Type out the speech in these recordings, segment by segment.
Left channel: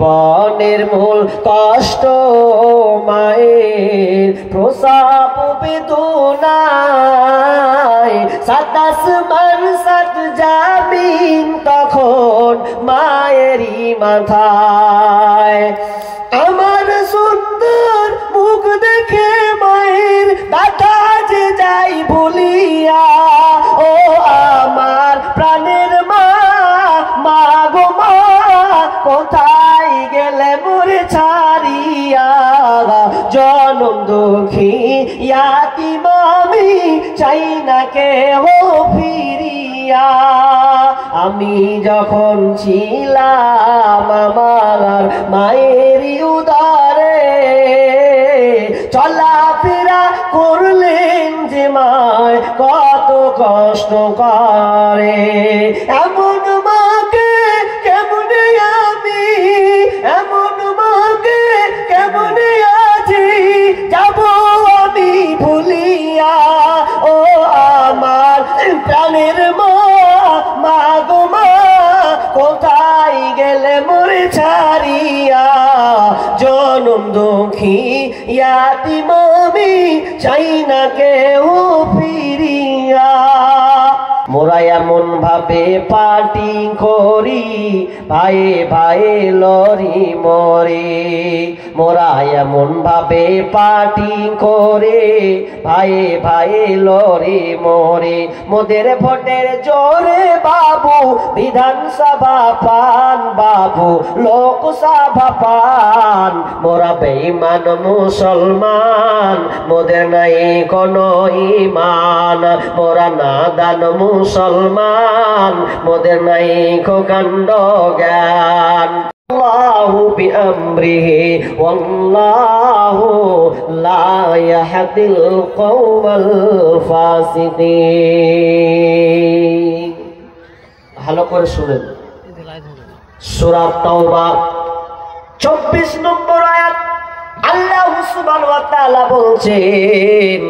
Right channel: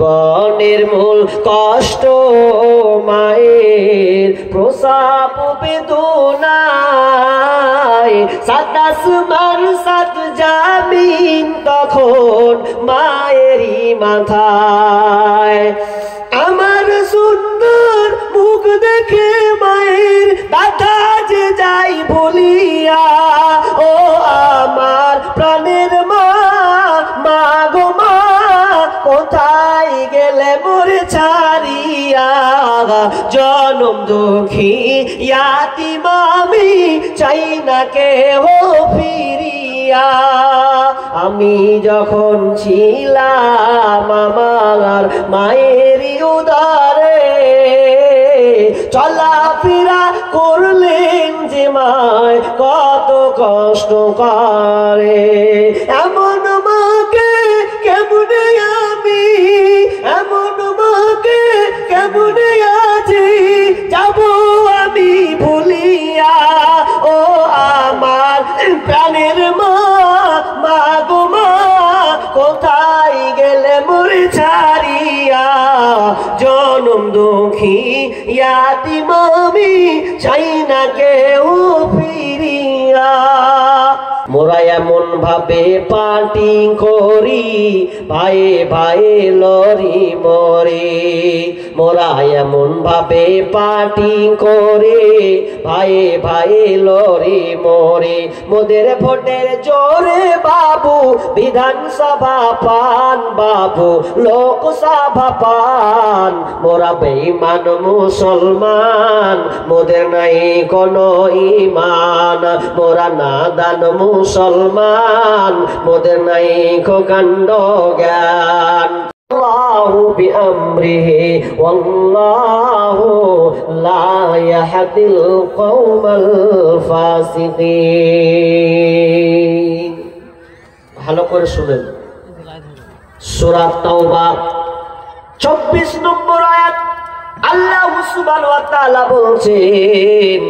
জীবনের মূল কষ্ট মায়ের প্রসব বেদনায় সাত আসমান সাত জামিন তখন মায়েরই মাথায় আমার সুন্দর মুখ দেখে মায়ের ব্যথা যে যাই ভুলিয়া ও আমার প্রাণের মা মা গো মা কোথায় গেলে মোরে ছাড়িয়া জনম দুঃখী ইয়াতিম আমি চাই না কেহ ফিরিয়া আমি যখন ছিলাম আমার মায়েরই উদারে চলাফেরা করলেন যে মায় কত কষ্ট করে এমন মাকে কেমনে আমি এমন মাকে কেমনে আছি যাব আমি ভুলিয়া ও আমার প্রাণের মা মা গো মা কোথায় গেলে মোরে ছাড়িয়া জনম দুঃখী ইয়াতিম আমি চাই না কেউ ফিরিয়া মোরা এমন ভাবে পার্টি করি ভাইয়ে ভাইয়ে লরি মরে মোরা এমন ভাবে পার্টি করে ভাইয়ে ভাইয়ে লরি মরে মোদের ভোটের জোরে বাবু বিধানসভা পান বাবু লোকসভা পান মোরা বেঈমান মুসলমান মোদের নাই কোনো ঈমান মোরা নাদান মুসলমান মোদের নাই কো কাণ্ড জ্ঞান আল্লাহু বিআমরিহি ওয়াল্লাহু লা ইয়াহদিল কওমাল ফাসিকিন। ভালো করে শুনেন সূরা তাওবা 24 নম্বর আয়াত আল্লাহ সুবহানাহু ওয়া তাআলা বলছেন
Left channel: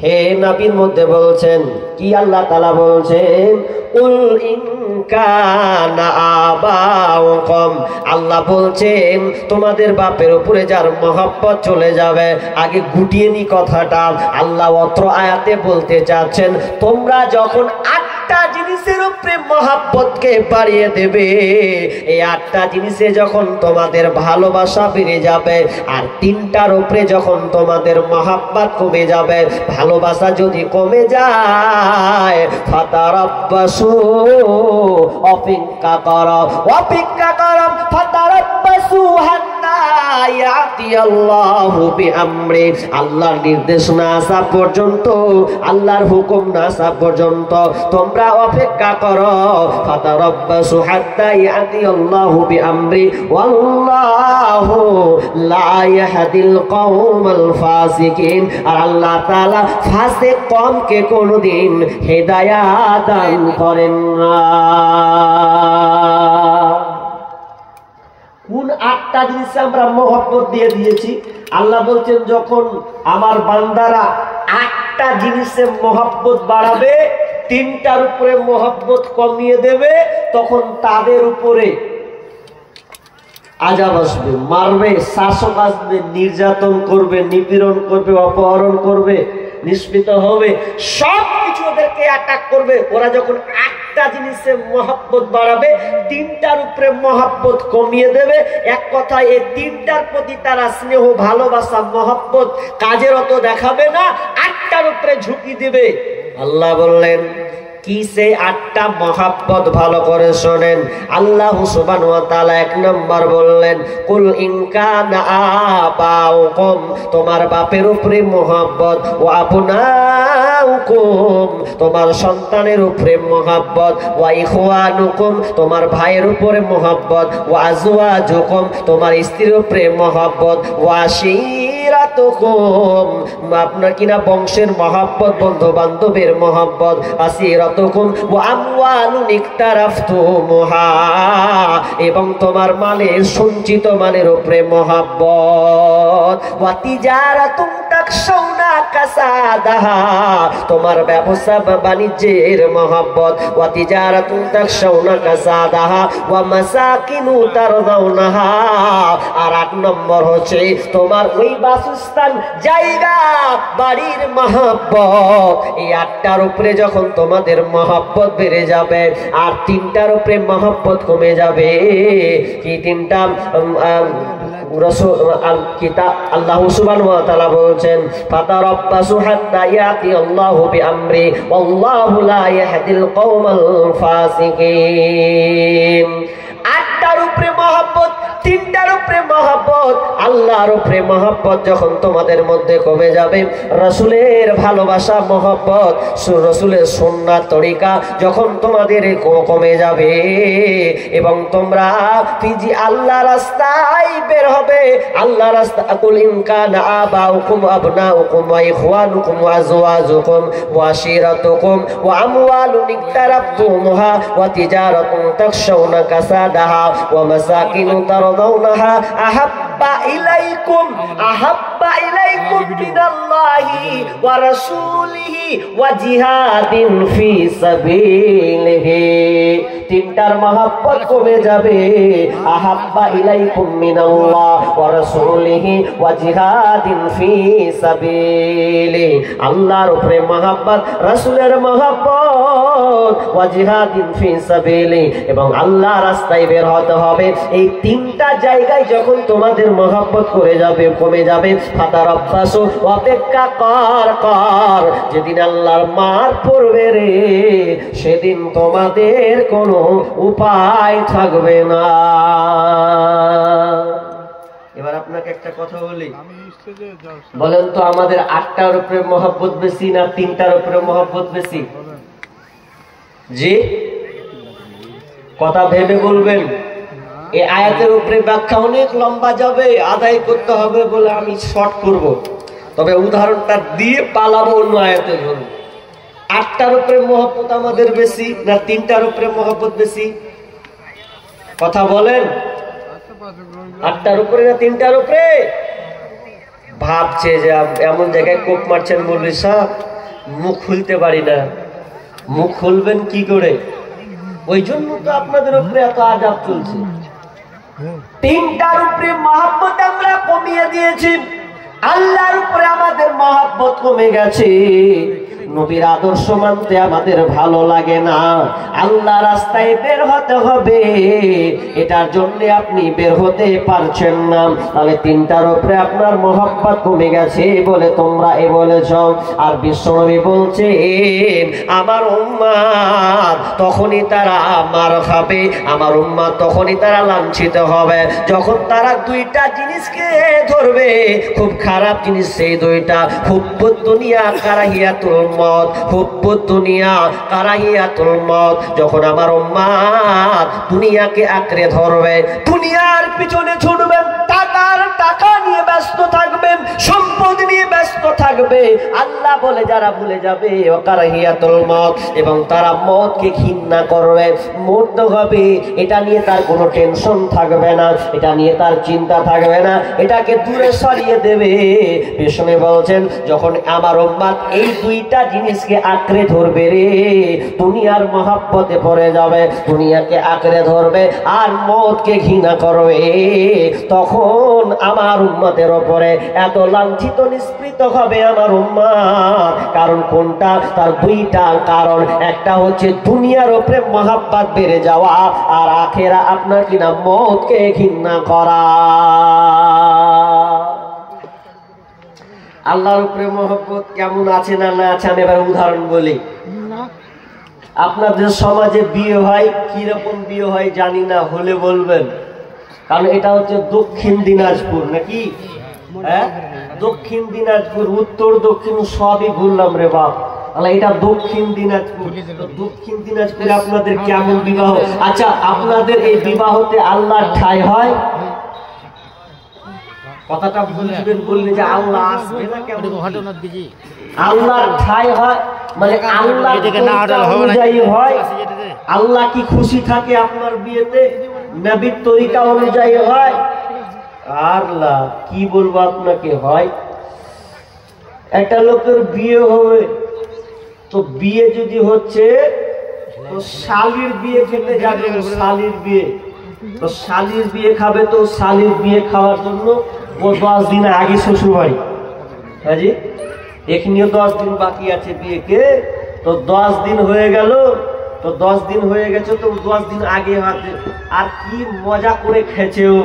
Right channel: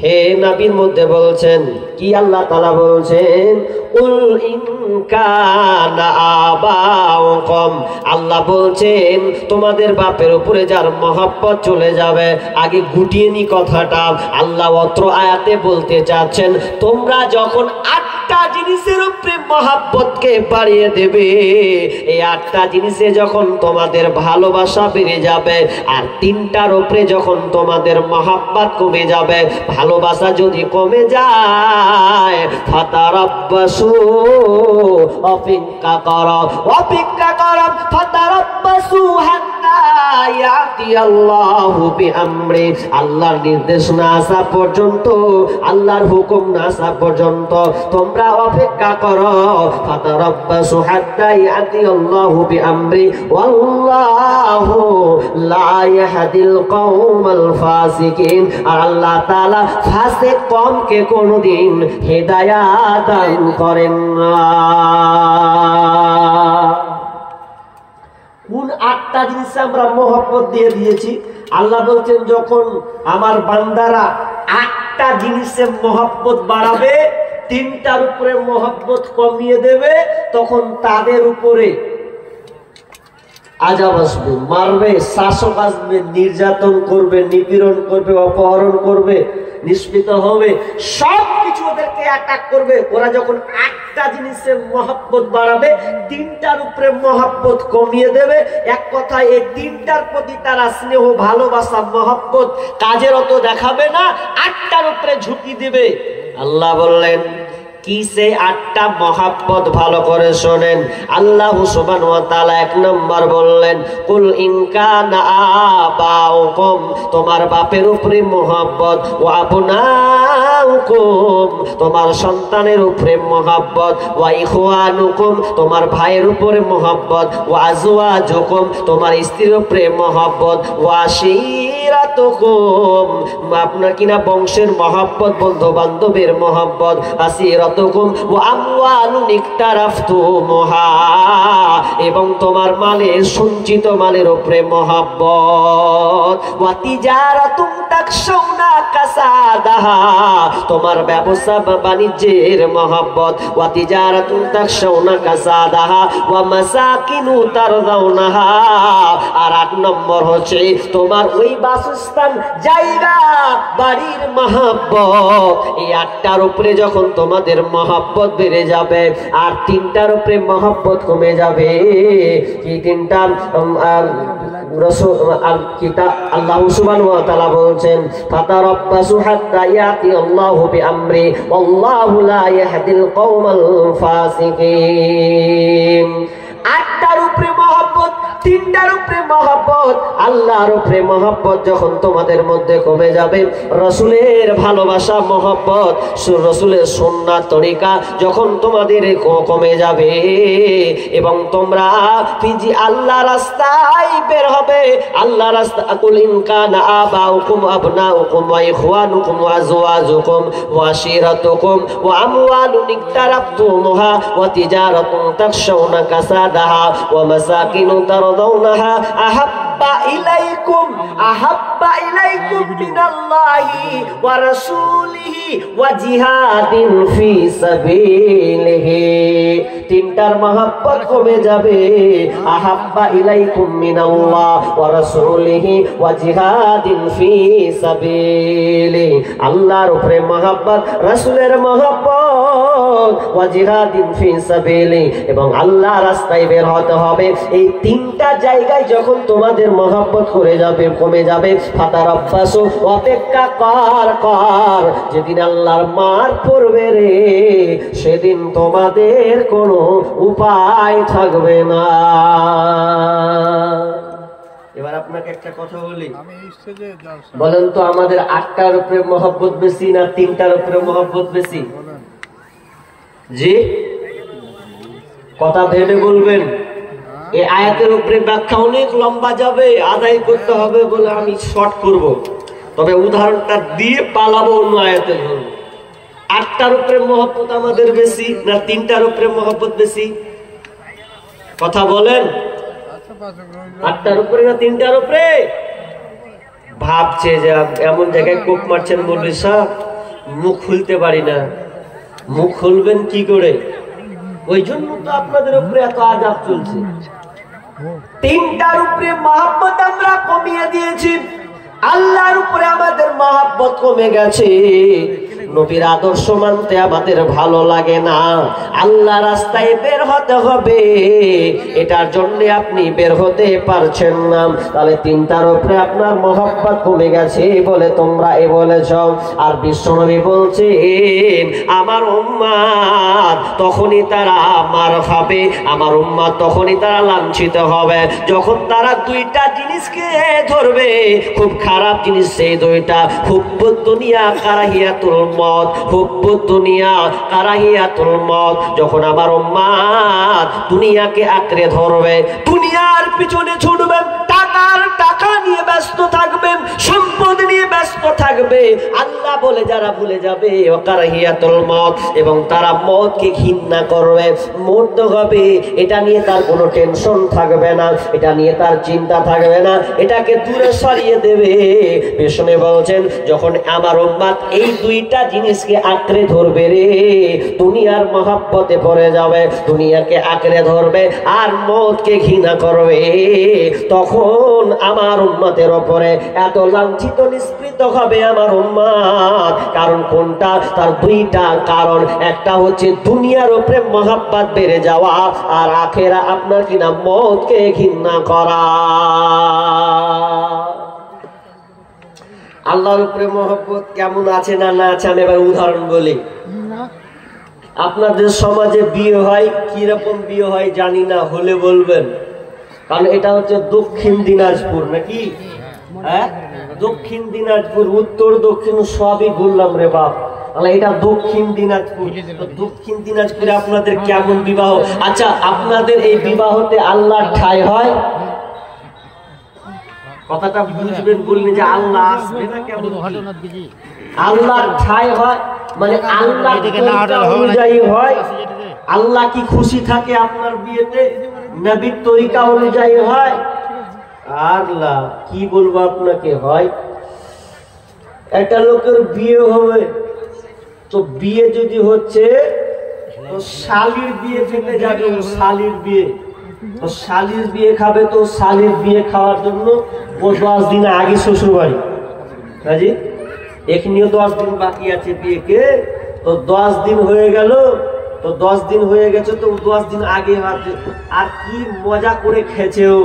হে নবীর মধ্যে বলছেন কি আল্লাহ তাআলা বলছেন উল ইন কানা আবাউকুম আল্লাহ বলছেন তোমাদের বাপের উপরে যার মহব্বত চলে যাবে আগে গুটিয়ে নি কথাটা আল্লাহ অত্র আয়াতে বলতে চাচ্ছেন তোমরা যখন 8টা জিনিসের উপরে মহব্বতকে বাড়িয়ে দেবে এই 8টা জিনিসে যখন তোমাদের ভালোবাসা বেড়ে যাবে আর 3টার উপরে যখন তোমাদের মহব্বত কমে যাবে ভালোবাসা যদি কমে যায় ফাতারাব্বাসু অপেক্ষা করো ফাতারাব্বাসু হাত্তা ইয়াতি আল্লাহু বিআমরি আল্লাহর নির্দেশ না আসা পর্যন্ত আল্লাহর হুকুম না আসা পর্যন্ত তোমরা অপেক্ষা করো ফাতারাব্বাসু হাত্তা ইয়াতি আল্লাহু বিআমরি ওয়াল্লাহু লা ইয়াহদিল কওমাল ফাসিকিন আর আল্লাহ তাআলা ফাসিক কওমকে কোনদিন হিদায়াত দান করেন না। কোন 8টা জিনিসে আমরা মহব্বত দিয়ে দিয়েছি আল্লাহ বলছেন যখন আমার বান্দারা 8টা জিনিসে মহব্বত বাড়াবে 3টার উপরে মহব্বত কমিয়ে দেবে তখন তাদের উপরে আযাব আসবে মারবে শাসক আসবে নির্যাতন করবে নিপীড়ন করবে অপহরণ করবে নিষ্পিত হবে সবকিছু ওদেরকে অ্যাটাক করবে ওরা যখন 8টা জিনিসে মহব্বত বাড়াবে 3টার উপরে মহব্বত কমিয়ে দেবে এক কথায় এই 3টার প্রতি তারা স্নেহ ভালোবাসা মহব্বত কাজের অত দেখাবে না 8টার উপরে ঝুঁকি দেবে আল্লাহ বললেন কিসে 8টা মহব্বত ভালো করে শোনেন আল্লাহ সুবহানাহু ওয়া তাআলা 1 নম্বর বললেন কুল ইন কানা আবাউকুম তোমার বাপের উপরে মহব্বত ওয়া আবনাউকুম তোমার সন্তানের উপরে মহব্বত ওয়া ইখওয়ানুকুম তোমার ভাইয়ের উপরে মহব্বত ওয়া আজওয়াজুকুম তোমার স্ত্রীর উপরে মহব্বত ওয়া আসিরাতুকুম, আপনার কিনা বংশের মহব্বত, বন্ধু বান্ধবের মহব্বত, আসিরাতুকুম ওয়া আমওয়ালুন ইকতারাফতুমুহা, এবং তোমার মালের সঞ্চিত মালের উপরে মহব্বত, ওয়া তিজারাতুন তাকশাউনা কাসাদাহা, তোমার ব্যবসা বাণিজ্যের মহব্বত, ওয়া তিজারাতুন তাকশাউনা কাসাদাহা ওয়া মাসাকিনু তারদাউনাহা, আর 8 নম্বর হচ্ছে তোমার ওই বাসস্থান জায়গা বাড়ির মহব্বত। এই 8টার উপরে যখন তোমাদের মহব্বত বেড়ে যাবে আর 3টার উপরে মহব্বত কমে যাবে, কি 3টা আল্লাহ সুবহানাহু ওয়া তাআলা বলেন ফাতারাব্বাসু হাত্তা ইয়াতি আল্লাহু বিআমরি আল্লাহু লা ইয়াহদিল কওমাল ফাসিকিন। 8টার উপরে মহব্বত, 3টার উপরে মহব্বত, আল্লাহর উপরে মহব্বত যখন তোমাদের মধ্যে কমে যাবে, রাসূলের ভালোবাসা মহব্বত, রাসূলের সুন্নাত তরিকা যখন তোমাদের কমে যাবে এবং তোমরা ফিজি আল্লাহ রাস্তায় বের হবে, আল্লাহ রাস্তা, কুল ইন কানা আবাউকুম আবনাউকুম ওয়া ইখওয়ানুকুম ওয়া আজওয়াজুকুম ওয়া আশিরাতুকুম ওয়া আমওয়ালুন ইকতারাফতুমুহা ওয়া তিজারাতুন তাখশাউনা কাসাদাহা ওয়া মাসাকিনু তারদাউনাহা আহাব্বা ইলাইকুম মিনাল্লাহি ওয়া রাসূলিহি ওয়া জিহাদিন ফি সাবিলিহি। 3টার মহব্বত কমে যাবে, আহাব্বা ইলাইকুম মিনাল্লাহ ওয়া রাসূলিহি ওয়া জিহাদিন ফি সাবিলিহি, আল্লাহর উপরে মহব্বত, রাসূলের মহব্বত, ওয়া জিহাদিন ফি সাবিলিহি, এবং আল্লাহ রাস্তায় বের হতে হবে। এই 3টা জায়গায় যখন তোমাদের মহব্বত করে যাবে, কমে যাবে, ফাতারাব্বাসু, অপেক্ষা কর, যেদিন আল্লাহর মার পড়বে রে, সেদিন তোমাদের কোনো উপায় থাকবে না। এবার আপনাকে একটা কথা বলি, বলেন তো আমাদের 8টার উপরে মহব্বত বেশি না 3টার উপরে মহব্বত বেশি? জি, কথা ভেবে বলবেন। এই আয়াতের উপরে ব্যাখ্যা অনেক লম্বা যাবে, আদায় করতে হবে বলে আমি শর্ট করব, তবে উদাহরণটা দিয়ে পালাবো অন্য আয়াতের জন্য। 8টার উপরে মহব্বত আমাদের বেশি না 3টার উপরে মহব্বত বেশি? কথা বলেন, 8টার উপরে না 3টার উপরে? ভাবছে যে এমন জায়গায় কোপ মারছেন মৌলভী সাহেব, মুখ খুলতে পারি না। মুখ খুলবেন কি করে? ওই জন্য তো আপনাদের উপরে এত আযাব চলছে। 3টার উপরে মহব্বত আমরা কমিয়ে দিয়েছি, আল্লাহর উপরে আমাদের মহব্বত কমে গেছে, নবীর আদর্শ মানতে আমাদের ভালো লাগে না, আল্লাহ রাস্তায় বের হতে হবে, এটার জন্য আপনি বের হতে পারছেন না, তাহলে 3টার উপরে আপনার মহব্বত কমে গেছে বলে তোমরা এ বলেছ। আর বিশ্বনবী বলছেন আমার উম্মত তখনই তারা মার খাবে, আমার উম্মত তখনই তারা লাঞ্ছিত হবে যখন তারা 2টা জিনিসকে ধরবে, খুব খারাপ জিনিস সেই 2টা, হুব্বুদ দুনিয়া কারাহিয়াতুল মত, হুব্বুদ দুনিয়া কারাহিয়াতুল মত। যখন আমার উম্মত দুনিয়াকে আঁকড়ে ধরবে, দুনিয়ার পিছনে ছুটবেন, টাকা নিয়ে ব্যস্ত থাকবেন, সম্পদ নিয়ে ব্যস্ত থাকবে, আল্লাহ বলে যারা ভুলে যাবে কারাহিয়াতুল মত, এবং তারা মতকে ঘৃণা করবে, মরতে হবে এটা নিয়ে তার কোনো টেনশন থাকবে না, এটা নিয়ে তার চিন্তা থাকবে না, এটাকে দূরে সরিয়ে দেবে। বিষ্ণু বলছেন যখন আমার উম্মত এই 2টা জিনিসকে আঁকড়ে ধরবে রে, দুনিয়ার মহব্বতে পড়ে যাবে, দুনিয়াকে আঁকড়ে ধরবে আর মতকে ঘৃণা করবে, তখন আমার উম্মতের উপরে এত লাঞ্ছিত নিষ্পৃত হবে আমার উম্মত। কারণ কোনটা? তার 2টা কারণ, একটা হচ্ছে দুনিয়ার উপরে মহব্বত বেড়ে যাওয়া, আর আখেরা আপনার কিনা মতকে ঘৃণা করা। আল্লাহর উপরে মহব্বত কেমন আছে না না আছে আমি এবার উদাহরণ বলি। আপনাদের সমাজে বিয়ে হয়, কিরকম বিয়ে হয় জানি না, হলে বলবেন, কারণ এটা হচ্ছে দক্ষিণ দিনাজপুর নাকি? হ্যাঁ, দক্ষিণ দিনাজপুর, উত্তর দক্ষিণ সবই বললাম রে বাপ, এটা দক্ষিণ দিনাজপুর। দক্ষিণ দিনাজপুরে আপনাদের কেমন বিবাহ? আচ্ছা, আপনাদের এই বিবাহতে আল্লাহর ঠাঁই হয়? কথাটা বুঝবেন বললে যে আল্লাহ আসবে না কেমন আল্লাহর ঠাই হয় মানে আল্লাহ অনুযায়ী হয়। আল্লাহ কি খুশি থাকে আপনার বিয়েতে? নবীর তরিকা অনুযায়ী হয়। আল্লাহ কি বলবো আপনাকে, হয় একটা লোকের বিয়ে হবে তো বিয়ে যদি হচ্ছে তো শালির বিয়ে খেতে যাবে, শালির বিয়ে তো শালির বিয়ে খাবে, তো শালির বিয়ে খাওয়ার জন্য ও 10 দিন আগে শ্বশুর বাড়ি, হাজি এখনিও 10 দিন বাকি আছে বিয়েকে, তো 10 দিন হয়ে গেল, তো 10 দিন হয়ে গেছে তো 10 দিন আগে হাতে আর কি মজা করে খেয়েছে ও,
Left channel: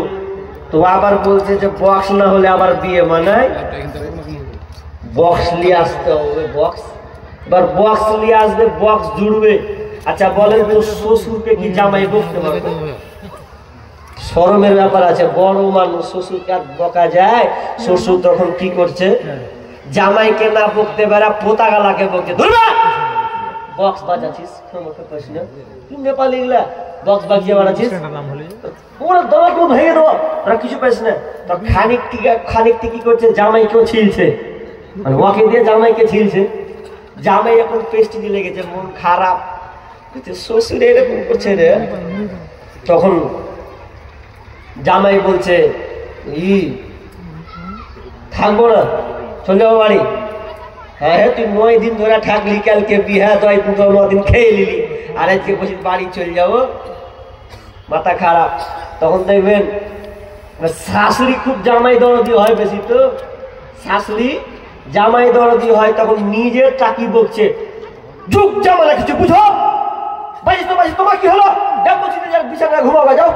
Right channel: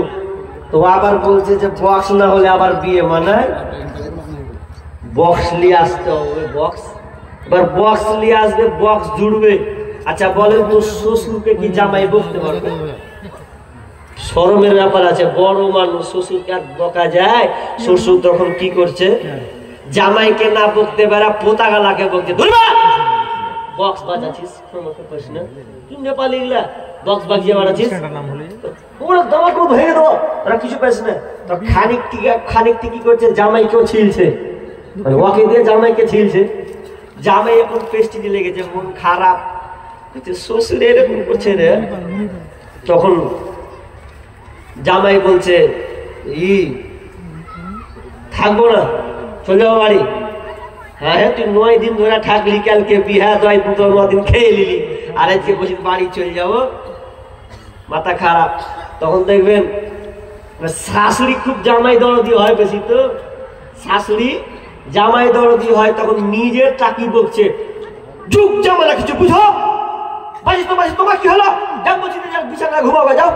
তো আবার বলছে যে বক্স না হলে আবার বিয়ে মানায়, বক্স নিয়ে আসতে হবে, বক্স এবার বক্স নিয়ে আসবে, বক্স জুড়বে। আচ্ছা বলেন তো শ্বশুরকে কি জামাই বকতে পারবে? শরমের ব্যাপার আছে, বড় মানুষ শ্বশুরকে আর বকা যায়? শ্বশুর তখন কি করছে, জামাইকে না বকতে পারা পোতা গালাকে বকছে, ধরবা বক্স বাজাচ্ছিস না তুই নেপালি গুলা বক্স বাজিয়ে বাড়াচ্ছিস, ওরা দমাকে ভেঙে দেবো, ওরা কিছু পাইস না। তো খানিকটি কি করছে, জামাইকেও ছিলছে, ওকে দিয়ে জামাইকে ছিলছে। জামাই এখন পেস্টি দিয়ে লেগেছে, মন খারাপ, শ্বশুর এরকম করছে রে। তখন জামাই বলছে থাকবো না, চলে যাবো বাড়ি। হ্যাঁ হ্যাঁ তুই 9 দিন ধরে থাকলি, কালকে বিহা 9 দিন খেয়ে নিলি, আর আজকে বলছি বাড়ি চলে যাবো, মাথা খারাপ। তখন দেখবেন শাশুড়ি খুব জামাই দরদি হয় বেশি, তো শাশুড়ি জামাই দরদি হয়, তখন নিজের চাকি বকছে, যুগ জামালা কিছু বুঝো, বাজিস তো বাজিস, তোমার কি হলো, যাও বলছি বিছানায় ঘুমাবে যাও।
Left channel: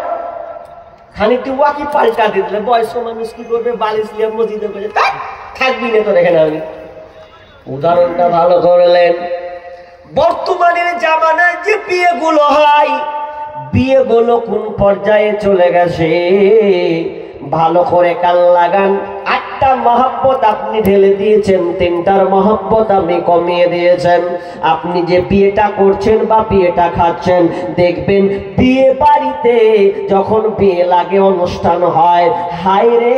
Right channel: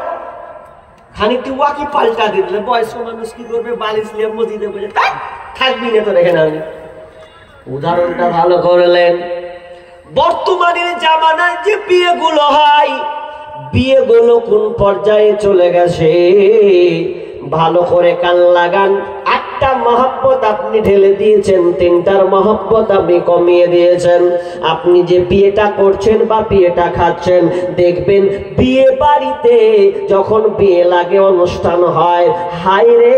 খানিকটি ওয়াকি পাল্টা দিয়ে দিলে বয়স্ক মানুষ কি করবে, বালিশ নিয়ে মসজিদে বসে থাকবি না তো রেখে নামি। উদাহরণটা ভালো করলেন। বর্তমানের জামানায় যে বিয়েগুলো হয়, বিয়েগুলো কোন পর্যায়ে চলে গেছে ভালো করে কান লাগান। 8টা মহব্বত আপনি ঢেলে দিয়েছেন, 3টার মহব্বত আপনি কমিয়ে দিয়েছেন। আপনি যে বিয়েটা করছেন বা বিয়েটা খাচ্ছেন, দেখবেন বিয়ে বাড়িতে যখন বিয়ে লাগে, অনুষ্ঠান হয়, হায় রে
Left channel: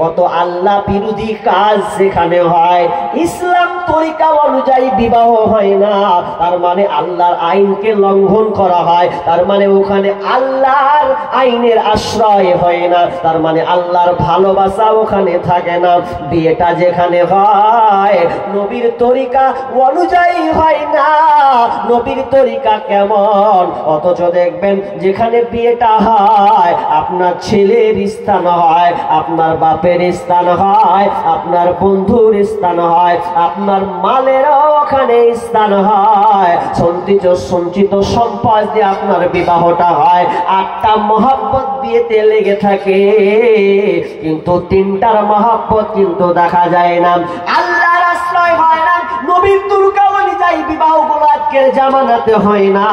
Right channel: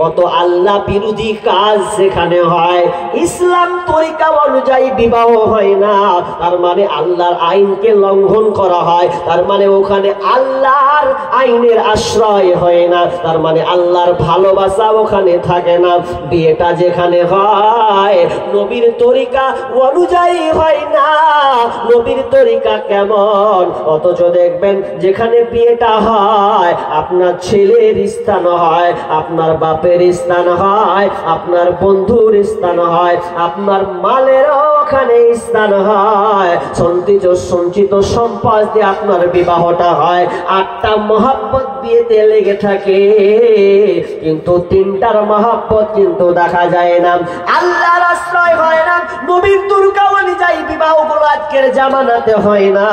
কত আল্লাহ বিরোধী কাজ সেখানে হয়। ইসলাম তরিকা অনুযায়ী বিবাহ হয় না, তার মানে আল্লাহর আইনকে লঙ্ঘন করা হয়, তার মানে ওখানে আল্লাহর আইনের আশ্রয় হয় না, তার মানে আল্লাহর ভালোবাসা ওখানে থাকে না। বিয়েটা যেখানে হয় নবীর তরিকা অনুযায়ী হয় না। নবীর তরিকা কেমন, অথচ দেখবেন যেখানে বিয়েটা হয় আপনার ছেলের স্থান হয়, আপনার বাপের স্থান হয়, আপনার বন্ধুর স্থান হয়, আপনার মালেরও ওখানে স্থান হয়, সঞ্চিত সম্পদ দিয়ে আপনার বিবাহটা হয়। 8টা মহব্বত বিয়েতে লেগে থাকে, কিন্তু 3টার মহব্বত কিন্তু দেখা যায় না, আল্লাহর আশ্রয় হয় না, নবীর তরিকা অনুযায়ী বিবাহ গুলো আজকের জামানাতে হয় না।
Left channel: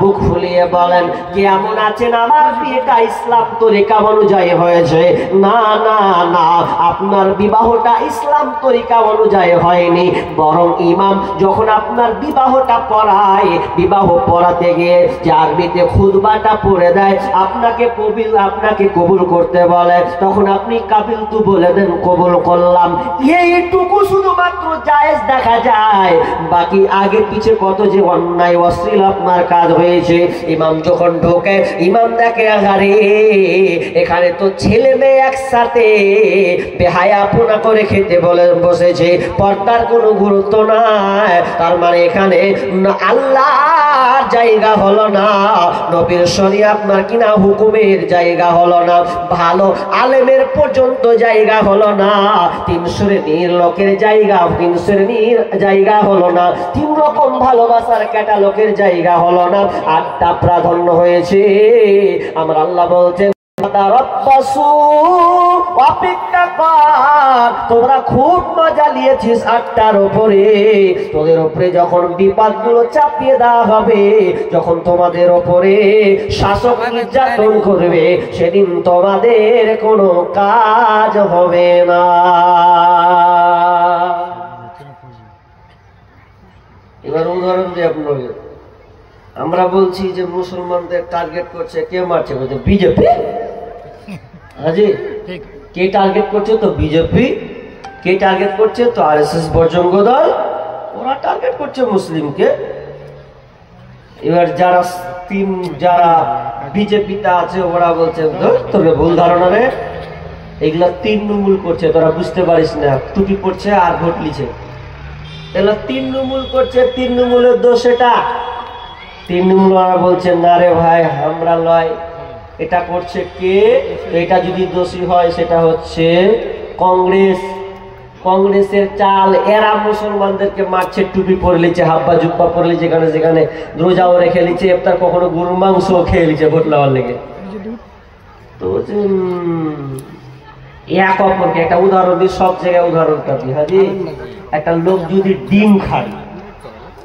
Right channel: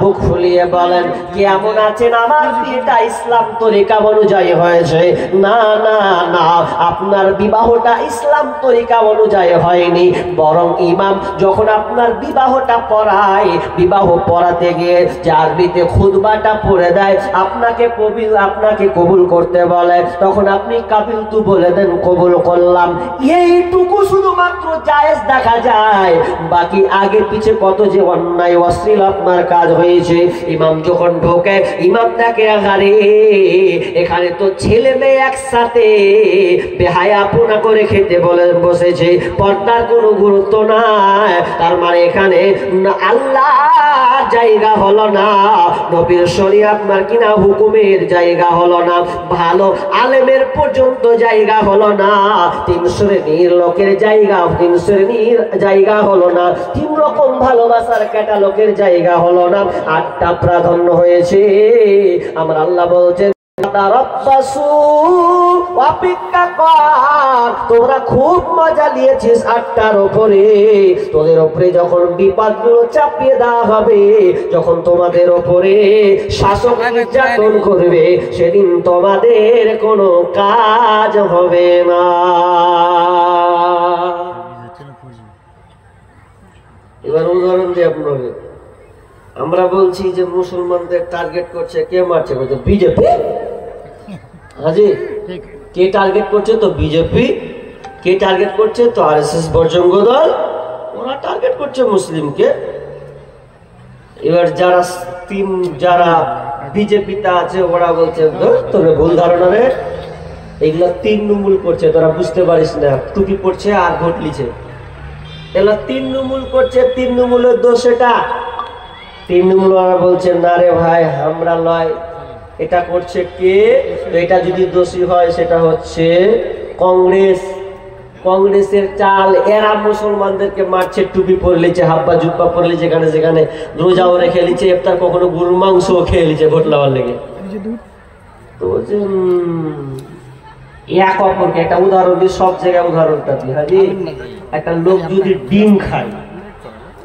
বুক ফুলিয়ে বলেন কেমন আছেন, আমার বিয়েটা ইসলাম তরিকা অনুযায়ী হয়েছে? না না না, আপনার বিবাহটা ইসলাম তরিকা অনুযায়ী হয়নি, বরং ইমাম যখন আপনার বিবাহটা পড়ায়, বিবাহ পড়াতে গিয়ে যে আরবিতে খুতবাটা পড়ে দেয়, আপনাকে কবুল করতে বলে, তখন আপনি কাবিল তু বলে দেন কবুল করলাম, এইটুকু শুধুমাত্র জায়েজ দেখা যায়। বাকি আগে পিছে কত যে অন্যায় অশ্লীল আপনার কাজ হয়েছে। ইমাম যখন ঢোকে, ইমাম দেখে আরে এখানে তো ছেলে মেয়ে একসাথে বেহায়াপনা করে খেতে বলে বসেছে, পর্দার কোনো গুরুত্ব নাই, তার মানে এখানে আল্লাহর জায়গা হলো না, নবীর শরীয়ত আপনার কিনা হুকুমের জায়গা হলো না, ভালো আলেমের পর্যন্ত জায়গা হলো না, 3 শ্রেণীর লোকের জায়গা, 3 শ্রেণীর জায়গা হলো না, 3 রকম ভালোবাসার ক্যাটালগের জায়গা হলো না, 8টা প্রাধান্য হয়েছে। আমার আল্লাহ বলছেন অপেক্ষা কর, তোমরা খুব মজা নিয়েছিস 8টার উপরে, তোদের উপরে যখন বিপদগুলো চাপিয়ে দেওয়া হবে, যখন তোমাদের উপরে শাসক নির্যাতন করবে, সেদিন তোমাদের কোনো কাজ হবে না। এবার উদাহরণ দিয়ে আপনাকে আমরা বলছি যে মুসলমানদের টার্গেট করছে, কে মারছে? বলছে বিজেপি। হাজি কে টার্গেট করছে? তো বিজেপি। কে টার্গেট করছে? তো আরএসএস বজরঙ্গ দল। ওরা টার্গেট করছে মুসলিমকে। এবার যারা বিজেপিতে আছে ওরা বলছে তোর ভুল ধারণা রে, এগুলা 3 নম্বর করছে, তোরা বুঝতে পারিস না, টুপি পড়ছে আর ভোট লিছে। এগুলা 3 নম্বর করছে, 3 নম্বরের দোষ এটা। 3 নম্বর ওরা বলছে না রে ভাই আমরা লয়, এটা করছে কে? এটা যদি দোষী হয় সেটা হচ্ছে কংগ্রেস। কংগ্রেসের চাল, এরা মুসলমানদেরকে মারছে, টুপি পরে লিছে, হাব্বা জুব্বা পরে লিছে, যেখানে যেখানে রোজাও রেখে লিছে, ইফতার কখনো গরুর মাংসও খেয়ে লিছে ভোট লাওয়ার লেগে। তো এক অপরকে একটা উদাহরণ দিই, সব জায়গায় উদাহরণটা দিই। হাজি, একটা লোক যদি ডিম খায়,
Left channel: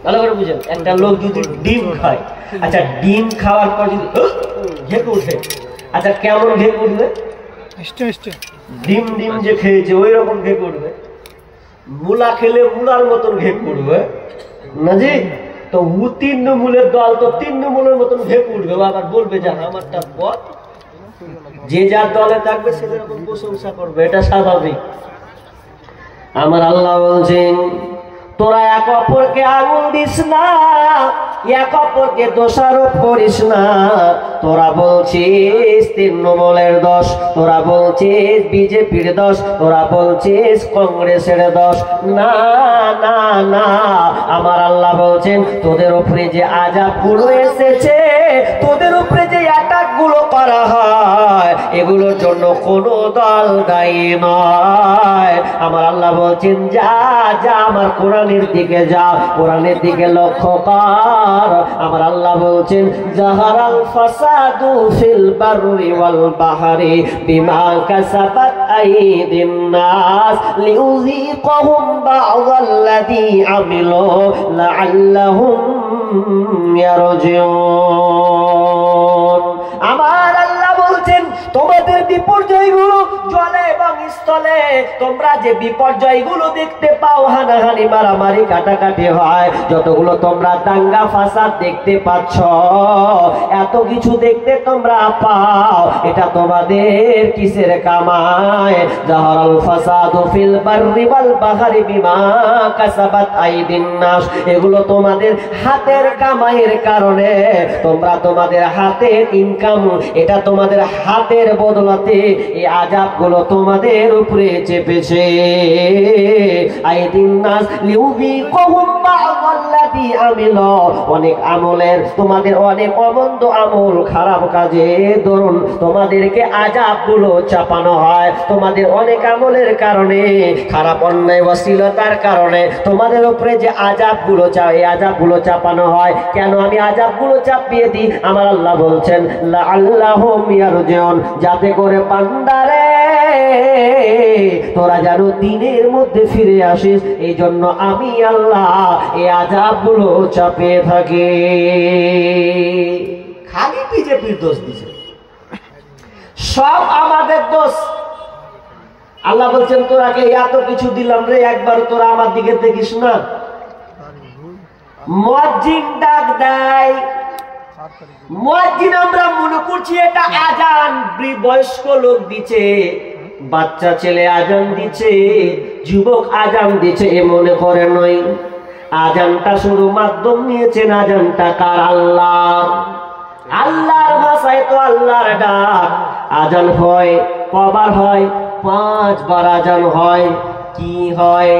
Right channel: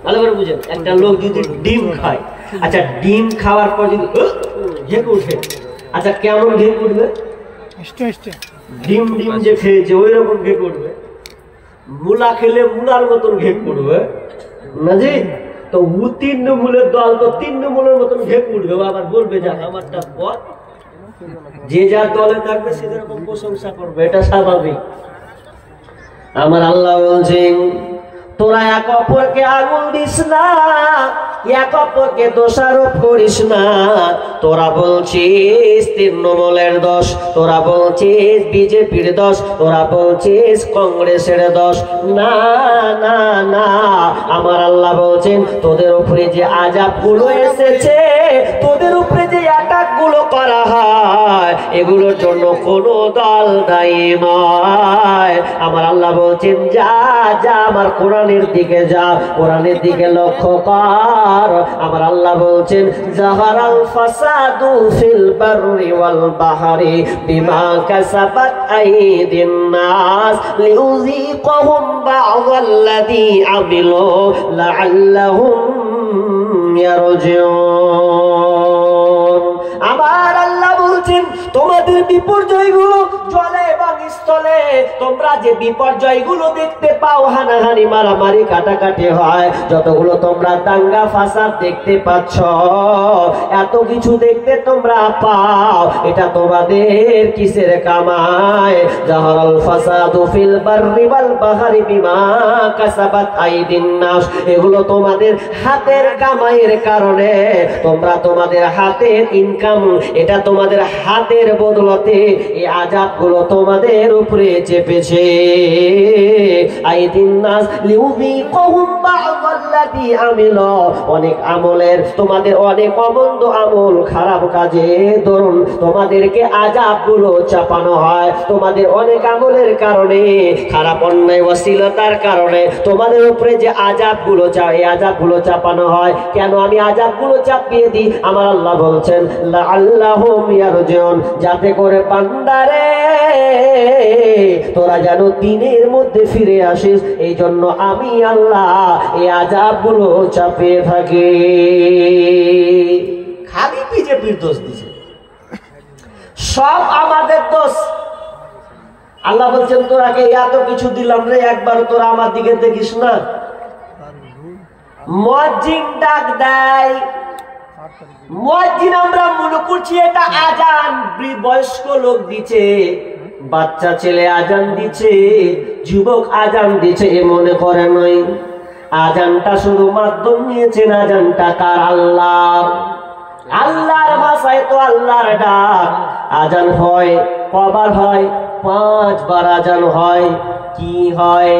ভালো করে বুঝেন, একটা লোক যদি ডিম খায়, আচ্ছা ডিম খাওয়ার পর যদি ঘেঁকে উঠে, আচ্ছা কেমন ঘেঁকে উঠবে? ডিম ডিম যে খেয়েছে ওই রকম ঘেঁকে উঠবে। মূলা খেলে মূলার মতন ঘেঁকে উঠবে না জি? তো 3 নম্বরের দল তো 3 নম্বরের মতন ঘেঁকে উঠবে, আবার বলবে যে আমারটা পথ। যে যার দলে থাকবে সে যেরকম প্রশংসা করবে, এটা স্বাভাবিক। আমার আল্লাহ বলছেন তোরা এক অপরকে আঙুল দিস না, এক অপরকে দোষারোপ করিস না। তোরা বলছিস তৃণমূলের দোষ, তোরা বলছিস বিজেপির দোষ, তোরা বলছিস কংগ্রেসের দোষ। না না না, আমার আল্লাহ বলছেন তোদের উপরে যে আযাব গুলো এসেছে, তোদের উপরে যে অ্যাটাক গুলো করা হয়, এগুলোর জন্য কোনো দল দায়ী নয়। আমার আল্লাহ বলছেন যা যা আমার কোরআনের দিকে যা, কোরআনের দিকে লক্ষ্য কর। আমার আল্লাহ বলছেন জাহারাল ফাসাদু ফিল বাররি ওয়াল বাহরি বিমা কাসাবাত আইদিন নাস লিউযীকাহুম বা'দাল্লাযী আমিলু লাআল্লাহুম ইয়ারজিউন। আমার আল্লাহ বলছেন তোমাদের বিপর্যয়গুলো জলে এবং স্থলে, তোমরা যে বিপর্যয়গুলো দেখতে পাও, হানাহানি মারামারি কাটাকাটি হয়, যতগুলো তোমরা দাঙ্গা ফাসাদ দেখতে পাচ্ছ, এত কিছু দেখতে তোমরা পাও, এটা তোমাদের কিসের কামায়? জাহারাল ফাসাদু ফিল বাররি ওয়াল বাহরি বিমা কাসাবাত আইদিন নাস, এগুলো তোমাদের হাতের কামাইয়ের কারণে, তোমরা তোমাদের হাতের ইনকাম, এটা তোমাদের হাতের বদলাতে এই আযাবগুলো তোমাদের উপরে চেপেছে। আইদিন নাস লিউযীকাহুম বা'দাল্লাযী আমিলু, অনেক আমলের, তোমাদের অনেক অমন্দ আমল, খারাপ কাজে ধরুন তোমাদেরকে আযাবগুলো চাপানো হয়। তোমাদের অনেক আমলের কারণে, খারাপ অন্যায় অশ্লীলতার কারণে তোমাদের উপরে যে আযাবগুলো এই আযাবগুলো চাপানো হয়। কেন আমি আযাবগুলো চাপিয়ে দিই? আমার আল্লাহ বলছেন লাআল্লাহুম ইয়ারজিউন, যাতে করে বান্দারে তোরা যেন দিনের মধ্যে ফিরে আসিস, এই জন্য আমি আল্লাহ এই আযাবগুলো চাপিয়ে থাকি। খালি বিজেপির দোষ দিছে, সব আমাদের দোষ। আল্লাহ বলছেন তোরাকে এত কিছু দিলাম রে, একবার তোরা আমার দিকে দেখিস না। মুয়াজ্জিন ডাক দেয়, মুয়াজ্জিন আমরা মনে করছি এটা আজান, বয়স্ক লোক দিচ্ছে, বাচ্চা ছেলে আজান দিচ্ছে, যুবক আজান দিচ্ছে, এ মনে করে নয়। আজানটা শুধু মাধ্যম নিয়েছেন, আজানটা কার? আল্লাহ। আল্লাহর ভাষায় তো আল্লাহর ডাক। আজান হয় কবার হয়? 5 বার আজান হয়। কি হয়?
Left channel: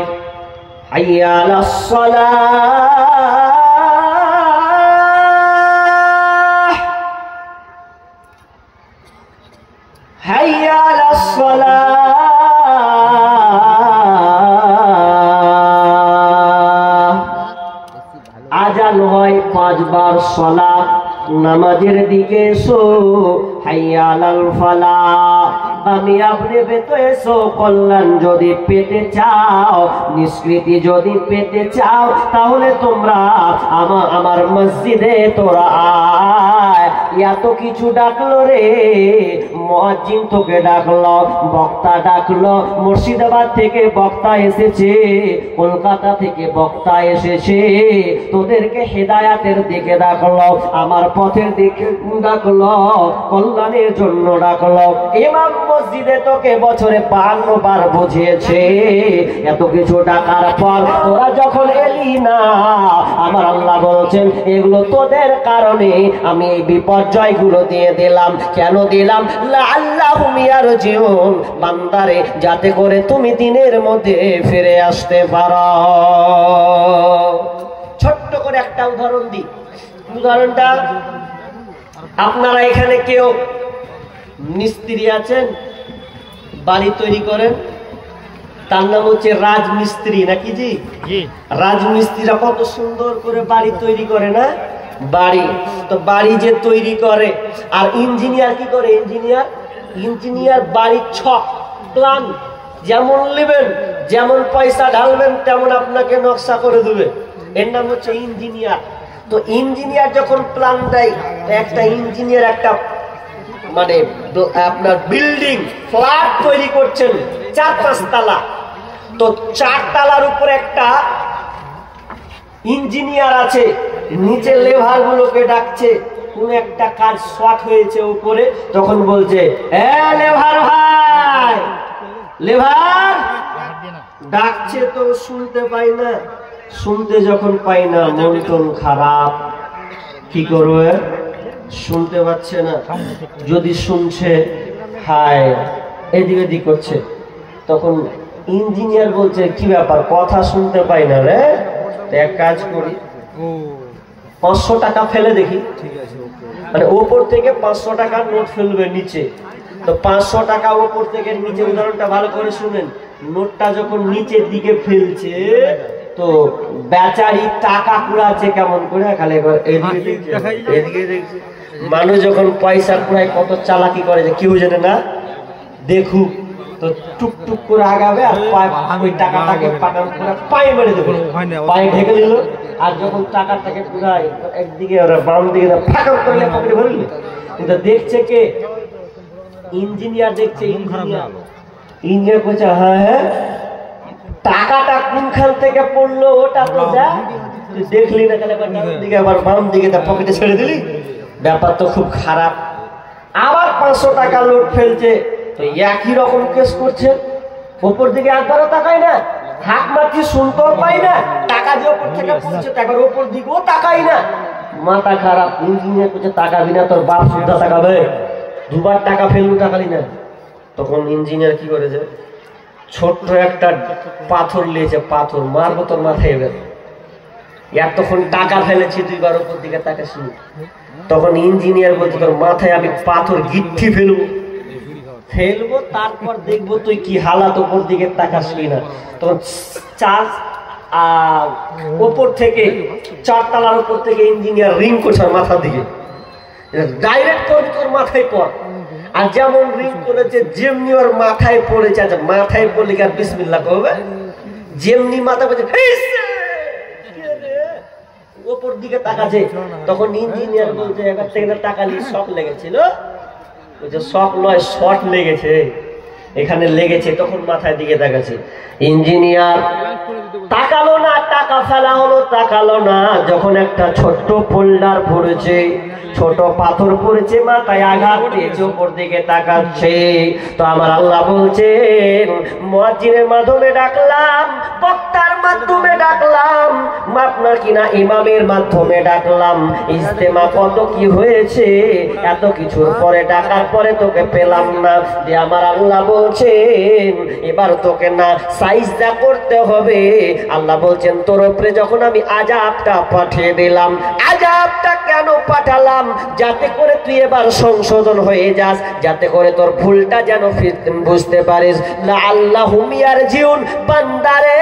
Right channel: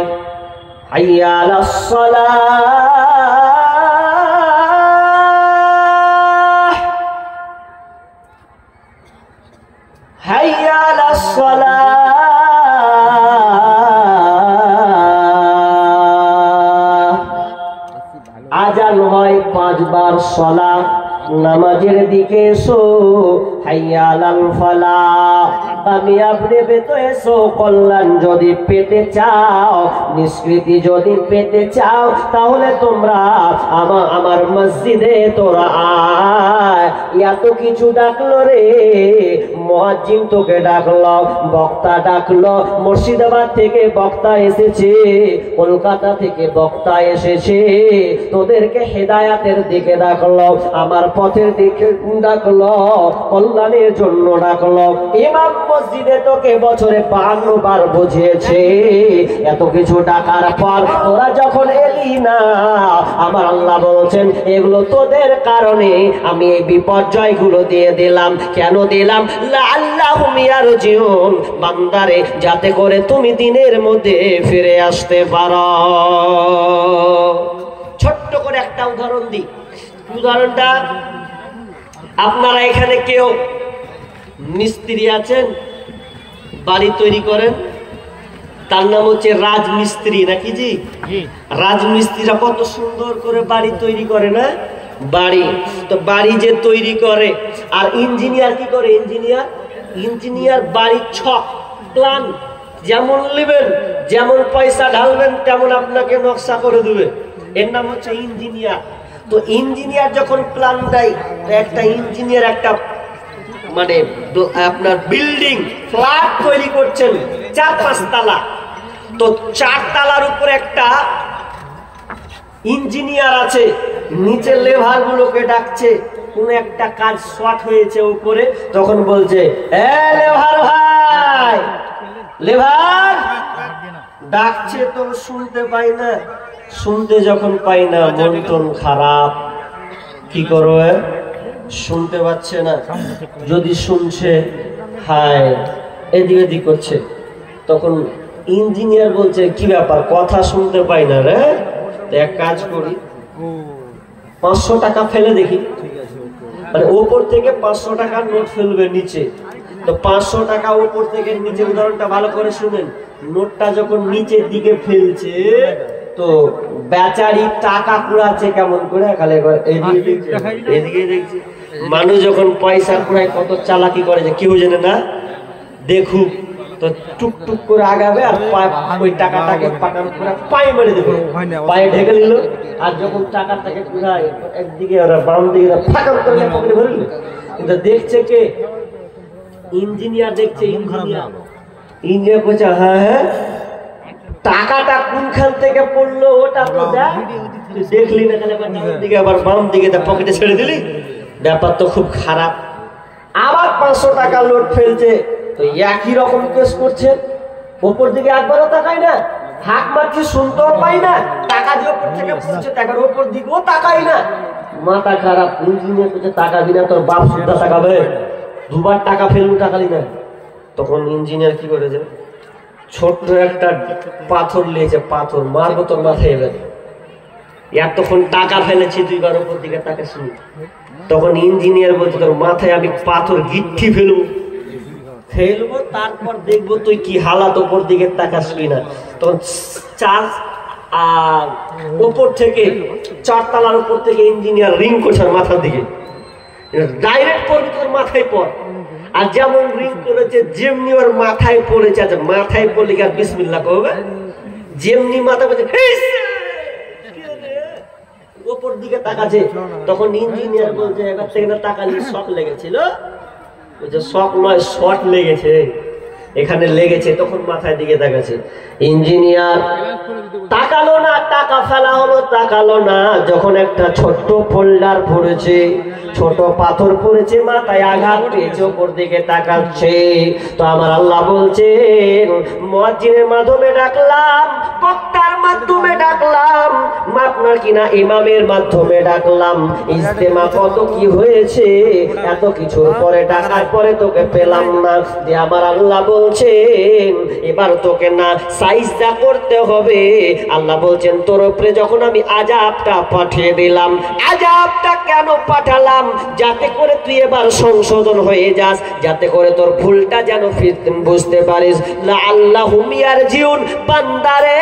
হাইয়া আলাস সালাহ, হাইয়া আলাস সালাহ। আজান হয় 5 বার। সালাহ, নামাজের দিকে এসো। হাইয়া আলাল ফালাহ, কামিয়াব পেতে এসো। কল্যাণ যদি পেতে চাও, নিষ্কৃতি যদি পেতে চাও, তাহলে তোমরা আমার মসজিদে তোরা আয়। এত কিছু ডাকলো রে, মুয়াজ্জিন তোকে ডাকলো, বক্তা ডাকলো, মুর্শিদাবাদ থেকে বক্তা এসেছে, কলকাতা থেকে বক্তা এসেছে, তোদেরকে হেদায়াতের দিকে ডাকলো, আমার পথের দিকে ডাকলো, কল্যাণের জন্য ডাকলো। ইমাম মসজিদে তোকে বছরে 52 বার বুঝিয়েছে, এত কিছু ডাকার পর তোরা যখন এলি না, আমার আল্লাহ বলছেন এগুলো তোদের কারণে আমি এই বিপর্যয় গুলো দিয়ে দিলাম। কেন দিলাম? লাআল্লাহুম ইয়ারজিউন, বান্দারে যাতে করে তুমি দিনের মধ্যে ফিরে আসতে পারো। ছোট্ট করে একটা উদাহরণ দিই। উদাহরণটা, আপনারা এখানে কেউ মিস্ত্রি আছেন, বাড়ি তৈরি করেন, তার নাম হচ্ছে রাজমিস্ত্রি, নাকি জি? রাজমিস্ত্রিরা কত সুন্দর করে বাড়ি তৈরি করে না? বাড়ি তো বাড়ি যে তৈরি করে, আর ইঞ্জিনিয়ার কি করে? ইঞ্জিনিয়ার বাড়ির ছক প্ল্যান যেমন নেবেন, যেমন পয়সা ঢালবেন তেমন আপনাকে নকশা করে দেবে, এর নাম হচ্ছে ইঞ্জিনিয়ার। তো ইঞ্জিনিয়ার যখন প্ল্যান দেয়, একটা ইঞ্জিনিয়ার একটা মানে আপনার বিল্ডিং ফ্ল্যাট তৈরি করছেন 4-5 তলা, তো 4 তলার উপর একটা ইঞ্জিনিয়ার আছে, নিচে লেভার গুলোকে ডাকছে, কোন একটা কাজ শর্ট হয়েছে উপরে, তখন বলছে এ লেভার ভাই, লেভার ডাকছে তো শুনতে পাই না, শুনতে যখন পাই না মন টন খারাপ, কি করবে? শুনতে পাচ্ছে না, যদি শুনছে হায় এদিক ওদিক করছে, তখন ইঞ্জিনিয়ার বলছে কি ব্যাপার, কথা শুনতে পাই না রে, এক কাজ করি 500 টাকা ফেলে দেখি। মানে ওপর থেকে 500 টাকার নোট ফেলবে নিচে, তো 500 টাকা ওপর থেকে নিচে, উদাহরণটা ভালো করে শুনেন, নোটটা যখন নিচের দিকে ফেলছে তো বেচারি টাকা কুড়াচ্ছে কেমন করে, খালি এদিকে দেখছে এদিকে দেখছে। মানুষ যখন পয়সা কুড়ায় কত চালাকি করে যে কেউ জানে না, দেখুক, তো টুকটুক করে আগাবে আর ওই টাকাটাকে পায়ে মেরে দেবে, পায়ে ঢেকে নিল, আর যখন টাকাটাকে কুড়ায় একদিকে বাম দিকে ফাঁকা করে পকেটে ভরল, কিন্তু দেখছে কে? ইঞ্জিনিয়ার দেখছে। ইঞ্জিনিয়ার বলছে হ্যাঁ হ্যাঁ, টাকাটা কোনখান থেকে পড়লো ওটা তো দেখলি না, কেন ডান দিকে আবার বাম দিকে পকেটে ছেড়ে দিলি, ব্যাপার তো খুব খারাপ। আবার 500 টাকা নোট ফেলছে, একই রকম কেস করছে, উপর দিকে একবারও তাকাই না, হাত মারছি শুনতেও পাই না, টাকা দিয়ে উপর থেকে পড়ছে, একবার উপর দিকেও তাকাই না, মাথা খারাপ। ইঞ্জিনিয়ার করছে টাকা দিনা তোর বাপ সুদ্ধা তাকাবে, 2 বার টাকা ফেলবো টাকালি না। তখন ইঞ্জিনিয়ার কি করেছে, ছোট্ট একটা পাথর নিয়েছে, পাথর মারবো তোর মাথায় এবার, এতক্ষণ টাকা ফেলেছি 2 বার উপর দিকে তাকাসনি। তখন ইঞ্জিনিয়ার বলছে তোর মাথায় আমি পাথর গিট্টি ফেলবো, তারপর দেখবো তুই কি হালাত, উপর দিকে তাকাসনি না। তখন উপর থেকে 4 তলার উপর থেকে ইঞ্জিনিয়ার রিং করছে মাথার দিকে, ডাইরেক্ট করবি তোর মাথায় পর, আর যেমন রিং করেছে যেমনি ওর মাথায় পড়েছে, আচ্ছা মাথায় পড়লে কি আর বিসমিল্লাহ করবে? যেমনি মাথা পড়ছে উপর দিকে তাকাচ্ছে, তখন ইঞ্জিনিয়ার বলছে এবার থেকে না তাকালি শক লেগেছিল, বলছে শক নয় শর্ট লেগেছে, এখানে লেগেছে, তখন মাথায় দিকে তাকাচ্ছে। ইঞ্জিনিয়ার তাকালো না, টাকা ফেলা হলো, তাকালো না, যখন একটা ছোট্ট পোল্ডার পড়েছে, ছোট পাথর পড়েছে, মাথায় আঘাত পেয়েছে, উপর দিকে তাকাচ্ছে। তো আমার আল্লাহ বলছেন মুয়াজ্জিনের মাধ্যমে ডাকলাম, বক্তার মাধ্যমে ডাকলাম, আপনার কিনা ইমামের মাধ্যমে ডাকলাম, ইজতেমা কত কি হয়েছে, এত কিছুর পরে ডাকার পরে তোকে পেলাম না, যে আমার আল্লাহ বলছেন এবার তোকে না সাইজদা করতে হবে। আল্লাহ বলছেন তোর উপরে যখন আমি আযাবটা পাঠিয়ে দিলাম, আযাবটা কেন পাঠালাম? যাতে করে তুই এবার সংশোধন হয়ে যাস, যাতে করে তোর ভুলটা যেন বুঝতে পারিস। লাআল্লাহুম ইয়ারজিউন, বান্দারে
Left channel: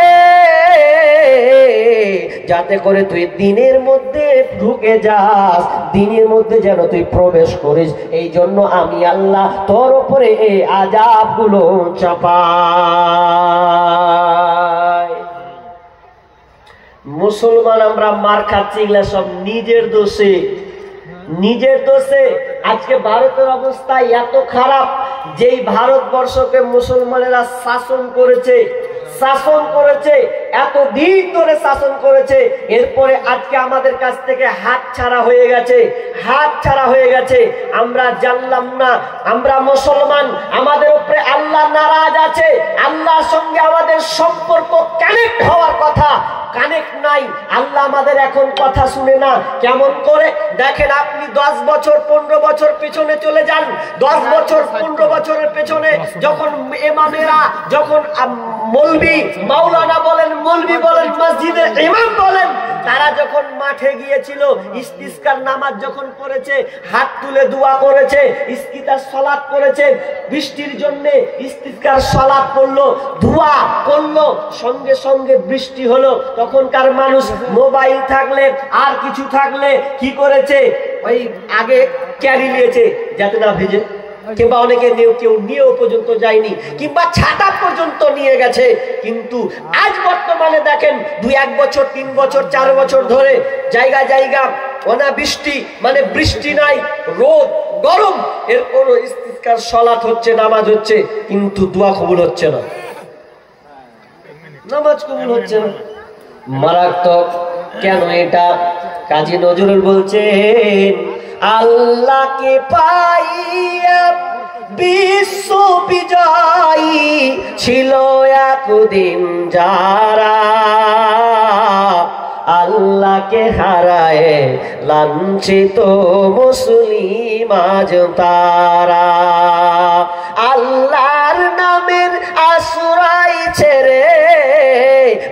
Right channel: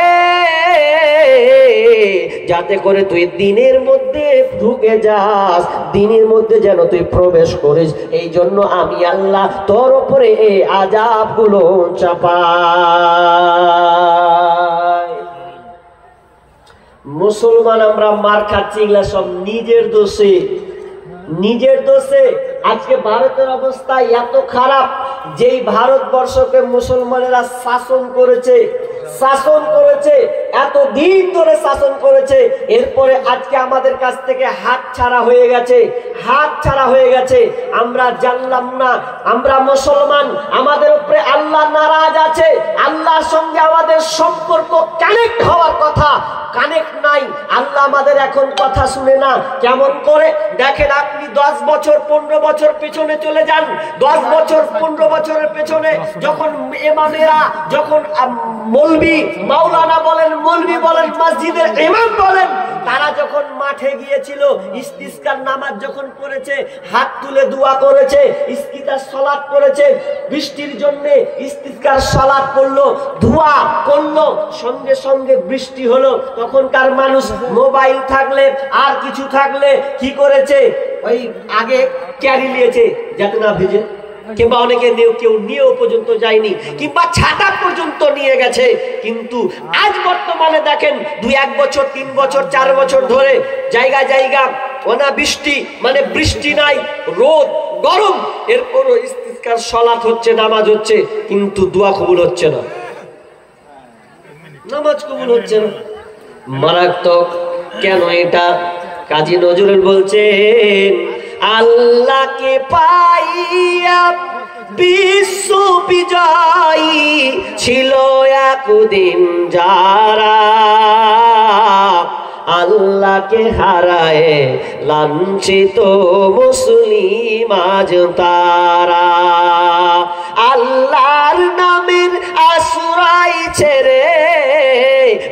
যাতে করে তুই দিনের মধ্যে ঢুকে যাস, দিনের মধ্যে যেন তুই প্রবেশ করিস, এই জন্য আমি আল্লাহ তোর উপরে এই আযাবগুলো চাপাই। মুসলমান আমরা মার খাচ্ছি, এগুলা সব নিজের দোষে, নিজের দোষে। আজকে ভারতের অবস্থা এত খারাপ, যেই ভারতবর্ষকে মুসলমানেরা শাসন করেছে এতদিন ধরে শাসন করেছে, এরপরে আজকে আমাদের কাছ থেকে হাত ছাড়া হয়ে গেছে। আমরা জানলাম না আমরা মুসলমান, আমাদের উপরে আল্লাহ নারাজ আছে, আল্লাহর সঙ্গে আমাদের সম্পর্ক কানেক্ট হওয়ার কথা, কানেক্ট নাই। আল্লাহ আমাদের এখন কথা শুনে না। কেমন করে দেখেন, আপনি 10 বছর 15 বছর পেছনে চলে যান। 10 বছর 15 বছরের পেছনে যখন ইমামেরা, যখন মৌলবি মাওলানা বলেন, মৌলবি বলেন, মসজিদের ইমাম বলেন, তারা যখন মাঠে গিয়েছিল, ইস্তিসকার নামাজ যখন পড়েছে, হাত তুলে দোয়া করেছে, ইস্তিসকার সালাত করেছে, বৃষ্টির জন্য ইস্তিসকার সালাত করলো, দোয়া করলো, সঙ্গে সঙ্গে বৃষ্টি হলো। তখনকার মানুষ মোবাইল থাকলে আর কিছু থাকলে কি করেছে, ওই আগে ক্যারি নিয়েছে যাতে না ভিজে, কিংবা অনেকে কেউ নিয়েও পর্যন্ত যায়নি, কিংবা ছাতা পর্যন্ত নিয়ে গেছে। কিন্তু আজ বর্তমানে দেখেন 2-1 বছর 3 বছর 4 বছর ধরে জায়গা অনাবৃষ্টি, মানে বৃষ্টি নাই, রোদ গরম, এরপরও ইস্তিসকার সালাত হচ্ছে, নামাজ হচ্ছে, কিন্তু দোয়া কবুল হচ্ছে না, নামাজ কবুল হচ্ছে না। মারাত্মক। কেন এটা? কাজী নজরুল বলছেন, আল্লাহকে পাইয়া বিশ্ব বিজয়ী ছিল একদিন যারা, আল্লাহকে হারায় লাঞ্ছিত মুসলিম আজ তারা। আল্লাহর নামের আশ্রয় ছেড়ে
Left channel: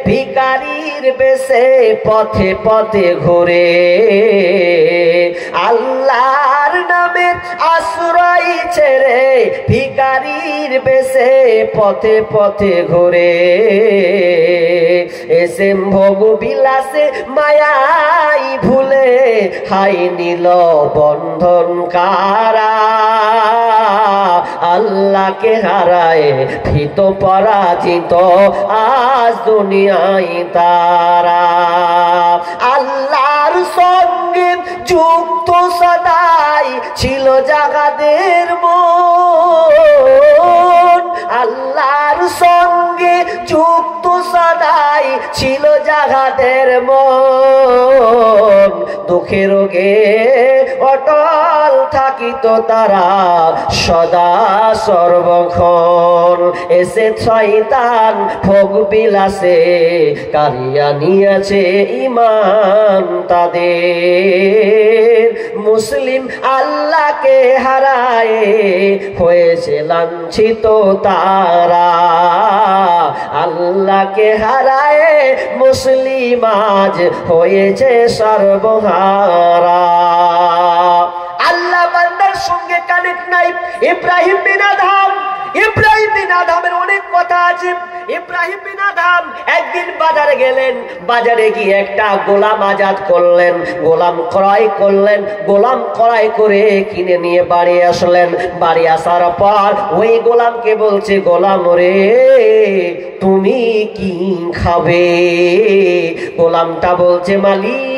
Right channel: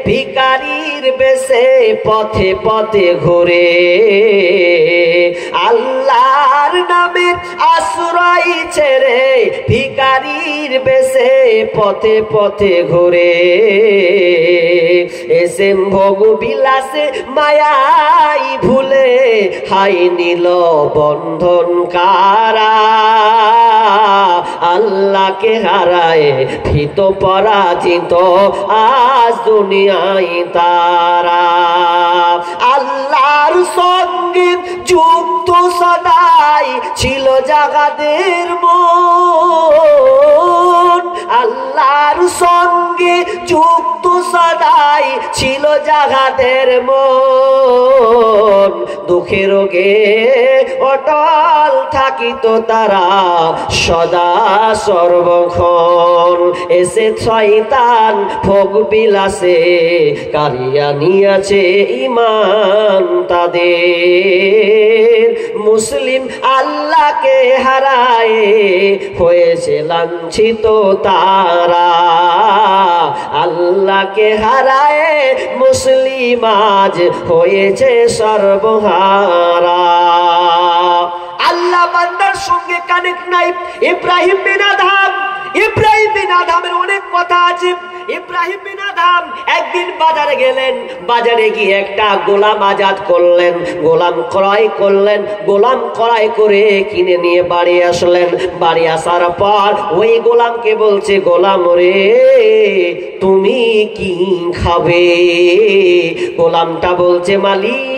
ভিখারির বেশে পথে পথে ঘুরে, আল্লাহর নামের আশ্রয় ছেড়ে ভিখারির বেশে পথে পথে ঘুরে, এসে ভোগ বিলাসে মায়াই ভুলে হাই নীল বন্ধন কারা, আল্লাহকে হারায় ভীত পরাজিত আজ দুনিয়ায় তারা। আল্লাহর সঙ্গে যুক্ত সদাই ছিল জাগাদের মন, আল্লাহর সঙ্গে যুক্ত সদাই ছিল জাগাদের মন, দুঃখে রোগে অটল থাকিত তারা সদা সর্বক্ষণ। এসে শয়তান ভোগ বিলাসে কারিয়া নিয়েছে ঈমান তাদের, মুসলিম আল্লাহকে হারায় হয়েছে লাঞ্ছিত তারা, আল্লাহকে হারায় মুসলিম আজ হয়েছে সর্বহারা। আল্লাহ বান্দার সঙ্গে কানেক্ট নাই। ইব্রাহিম বিন আদমের অনেক কথা আছে। ইব্রাহিম বিন আদম একদিন বাজারে গেলেন, বাজারে গিয়ে একটা গোলাম আজাদ করলেন, গোলাম ক্রয় করলেন, গোলাম ক্রয় করে কিনে নিয়ে বাড়ি আসলেন। বাড়ি আসার পর ওই গোলামকে বলছে, গোলাম রে তুমি কি খাবে? গোলামটা বলছে, মালিক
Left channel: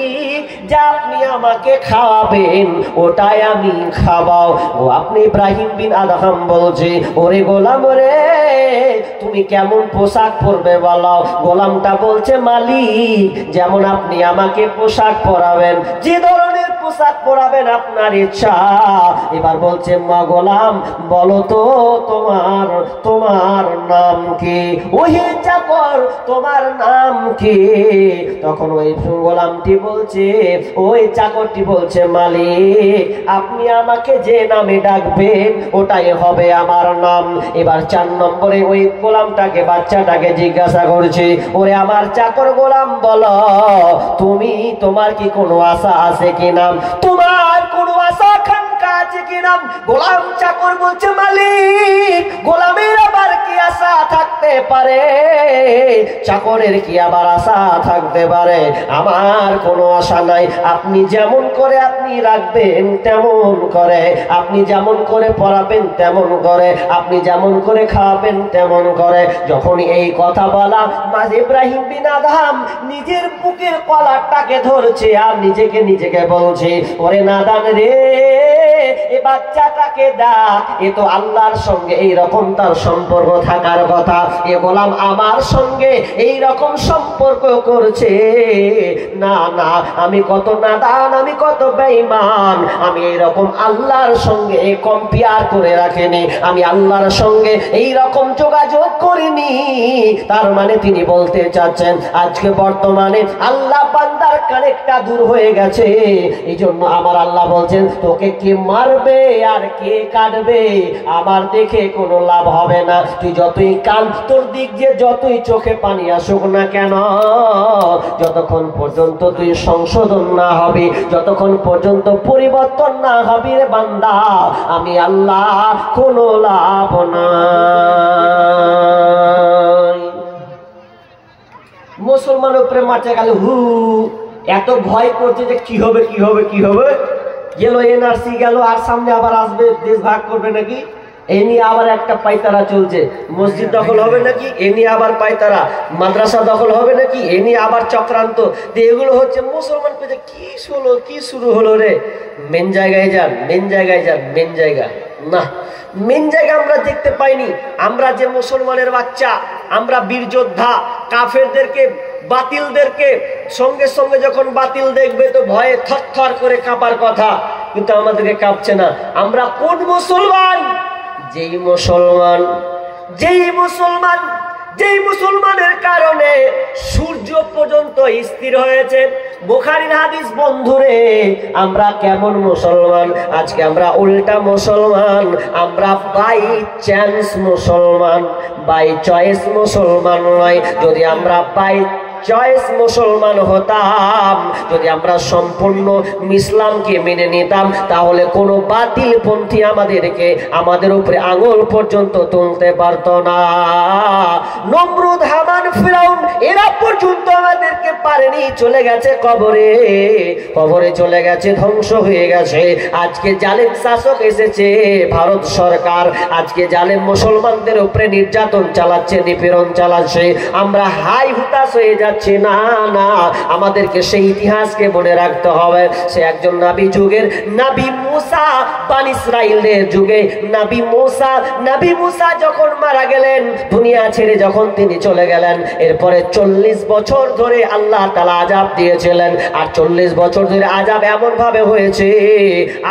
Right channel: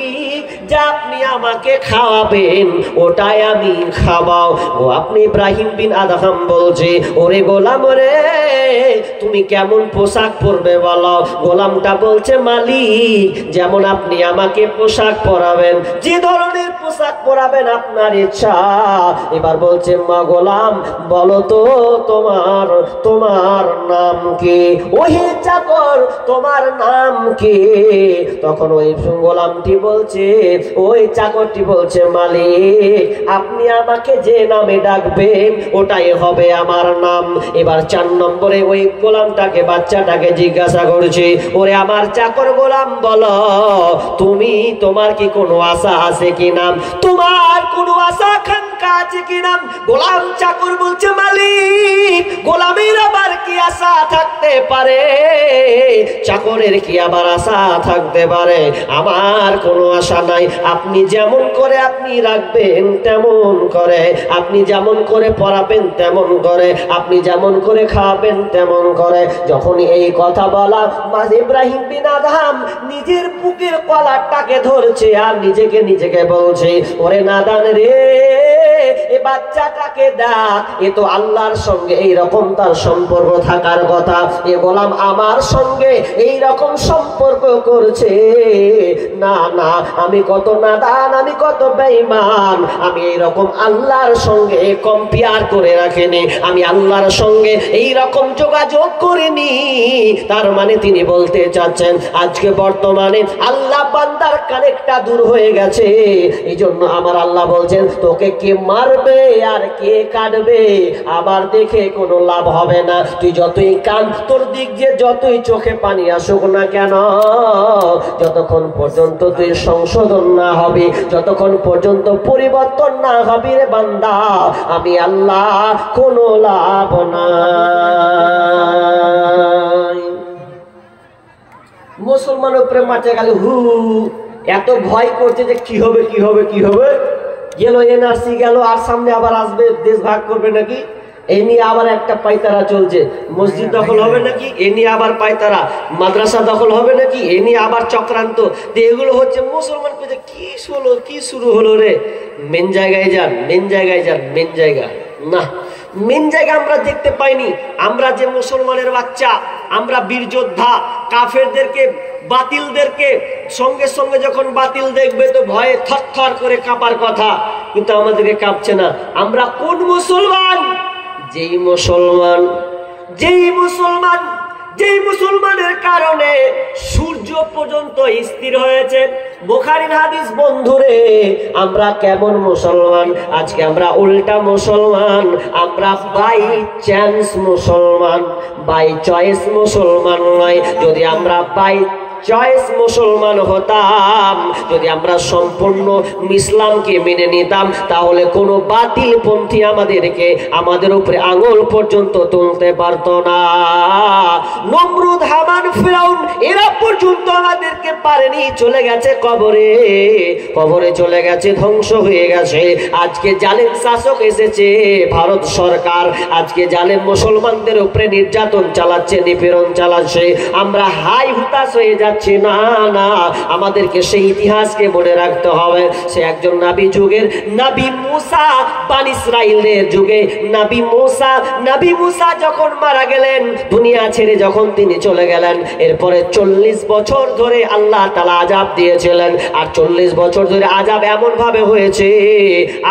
যা আপনি আমাকে খাওয়াবেন ওটাই আমি খাওয়াও। ও আপনি ইব্রাহিম বিন আদম বলছে, ওরে গোলাম রে তুমি কেমন পোশাক পরবে বলো? গোলামটা বলছে, মালিক যেমন আপনি আমাকে পোশাক পরাবেন, যে ধরনের পোশাক পরাবেন আপনার ইচ্ছা। এবার বলছে, মা গোলাম বলো তো তোমার নাম কি? ওহে চাকর তোমার নাম কি? তখন ওই গোলামটি বলছে, ওই চাকরটি বলছে, মালিক আপনি আমাকে যে নামে ডাকবেন ওটাই হবে আমার নাম। এবার 4 নম্বরে ওই গোলামটাকে, বাচ্চাটাকে জিজ্ঞাসা করছে, ওরে আমার চাকর গোলাম বলো তোমার কি কোনো আশা আছে কি নাম? তোমার কোনো আশা আকাঙ্ক্ষা আছে কি নাম? গোলাম চাকর বলছে, মালিক গোলামের আবার কি আশা থাকতে পারে? চাকরের কি আবার আশা থাকতে পারে? আমার কোনো আশা নাই। আপনি যেমন করে আপনি রাখবেন তেমন করে, আপনি যেমন করে পড়াবেন তেমন করে, আপনি যেমন করে খাওয়াবেন তেমন করে। যখন এই কথা বলা, ইব্রাহিম বিন আদম নিজের বুকের কলারটাকে ধরছে আর নিজেকে বলছে, ওরে নাদান রে এই বাচ্চাটাকে ডাক, এ তো আল্লাহর সঙ্গে এইরকম তার সম্পর্ক থাকার কথা, এ গোলাম আমার সঙ্গে এইরকম সম্পর্ক করছে। না না, আমি কত নাদান, আমি কত বেঈমান, আমি এইরকম আল্লাহর সঙ্গে কম্পেয়ার করে রাখিনি, আমি আল্লাহর সঙ্গে এইরকম যোগাযোগ করিনি। তার মানে তিনি বলতে চাচ্ছেন আজকে বর্তমানে আল্লাহ বান্দার কানেক্টটা দূর হয়ে গেছে। এই জন্য আমার আল্লাহ বলছেন তোকে কে মারবে আর কে কাটবে আমার দেখে কোনো লাভ হবে না। তুই যতই কান, তোর দিক যে যতই চোখে পানি আসুক না কেন, যতক্ষণ পর্যন্ত তুই সংশোধন না হবি, যতক্ষণ পর্যন্ত পরিবর্তন না হবি রে বান্দা, আমি আল্লাহ কোনো লাভ নাই। মুসলমানের উপরে মাঠে গেলে হু এত ভয় করছে যে কি হবে কি হবে কি হবে, গেল এনআরসি গেল, আর সামনে আবার আসবে দেশ ভাগ করবে নাকি, এ নিয়ে আবার একটা পায়তারা চলছে, মসজিদ দখল হবে নাকি, এ নিয়ে আবার পায়তারা, মাদ্রাসা দখল হবে নাকি, এ নিয়ে আবার চক্রান্ত। তো এগুলো হচ্ছে মুসলমান পেজে কি শুরু হলো রে। মেন জায়গায় যান, মেন জায়গায় যান, মেন জায়গা না, মেন জায়গা আমরা দেখতে পাইনি। আমরা যে মুসলমানের বাচ্চা, আমরা বীর যোদ্ধা, কাফেরদেরকে বাতিলদেরকে সঙ্গে সঙ্গে যখন বাতিল দেখবে তো ভয়ে থরথর করে কাঁপার কথা, কিন্তু আমাদেরকে কাঁপছে না। আমরা কোন মুসলমান? যেই মুসলমানের কারণে সূর্য পর্যন্ত স্থির হয়েছে। বুখারীর হাদিস বন্ধুরে, আমরা কেমন মুসলমান? আজকে আমরা উল্টা মুসলমান, আমরা বাই চান্স মুসলমান, বাই চয়েস মুসলমান নয়। যদি আমরা বাই চয়েস মুসলমান হতাম, যদি আমরা সম্পূর্ণ ইসলামকে মেনে নিতাম, তাহলে কোনো বাতিল পন্থী আমাদের উপরে আঙুল পর্যন্ত তুলতে পারত না। নমরুদ, হামান, ফিরাউন এরা পর্যন্ত আমাদেরকে পারেনি, চলে গেছে কবরে, কবরে চলে গেছে, ধ্বংস হয়ে গেছে। আজকে জালেম শাসক এসেছে ভারত সরকার, আজকে জালেম মুসলমানদের উপরে নির্যাতন চালাচ্ছে, নিপীড়ন চালাচ্ছে। আমরা হাই হুতাশ হয়ে যাচ্ছি। না না, আমাদেরকে সেই ইতিহাসকে মনে রাখতে হবে। সে একজন নবী যুগের নবী মুসা, বনি ইসরাইলের যুগে নবী মুসা যখন মারা গেলেন, দুনিয়া ছেড়ে যখন তিনি চলে গেলেন, এরপরে 40 বছর ধরে আল্লাহ তাআলা আযাব দিয়েছিলেন। আর 40 বছর ধরে আযাব এমন ভাবে হয়েছে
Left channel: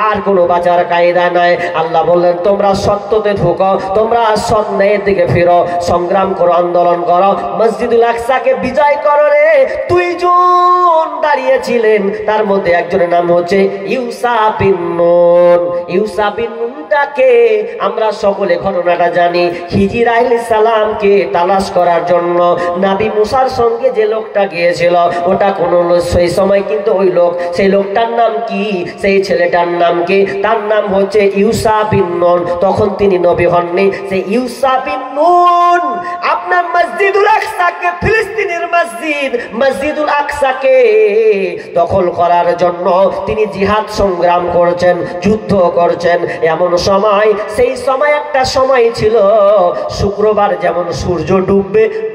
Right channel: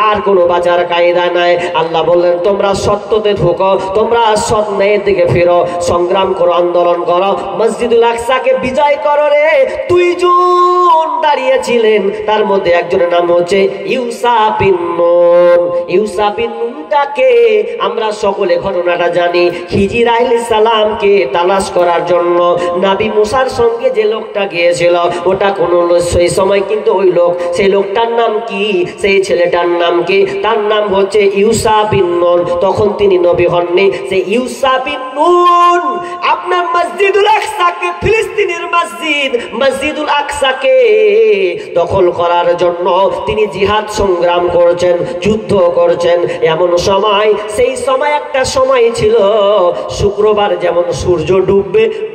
আর কোনো বাঁচার কায়দা নাই। আল্লাহ বললেন তোমরা সত্যতে ঢুকো, তোমরা সৎ ন্যায়ের দিকে ফিরো, সংগ্রাম করো, আন্দোলন করো, মসজিদুল আকসাকে বিজয় করো রে। 2 জন দাঁড়িয়েছিলেন, তার মধ্যে একজনের নাম হচ্ছে ইউসা বিন নুন। ইউসা বিন নুনটাকে আমরা সকলে ঘটনাটা জানি। খিজির আলাইহিস সালামকে তালাশ করার জন্য নবী মুসার সঙ্গে যে লোকটা গিয়েছিল, ওটা কোন সেই সময় কিন্তু ওই লোক, সেই লোকটার নাম কি, সেই ছেলেটার নাম কি? তার নাম হচ্ছে ইউসা বিন নুন। তখন তিনি নবী হননি। সেই ইউসা বিন নুন আপনার মসজিদুল আকসাকে, ফিলিস্তিনের মসজিদুল আকসাকে দখল করার জন্য তিনি জিহাদ সংগ্রাম করছেন, যুদ্ধ করছেন। এমন সময়, সেই সময় একটা সময় ছিল শুক্রবার যেমন সূর্য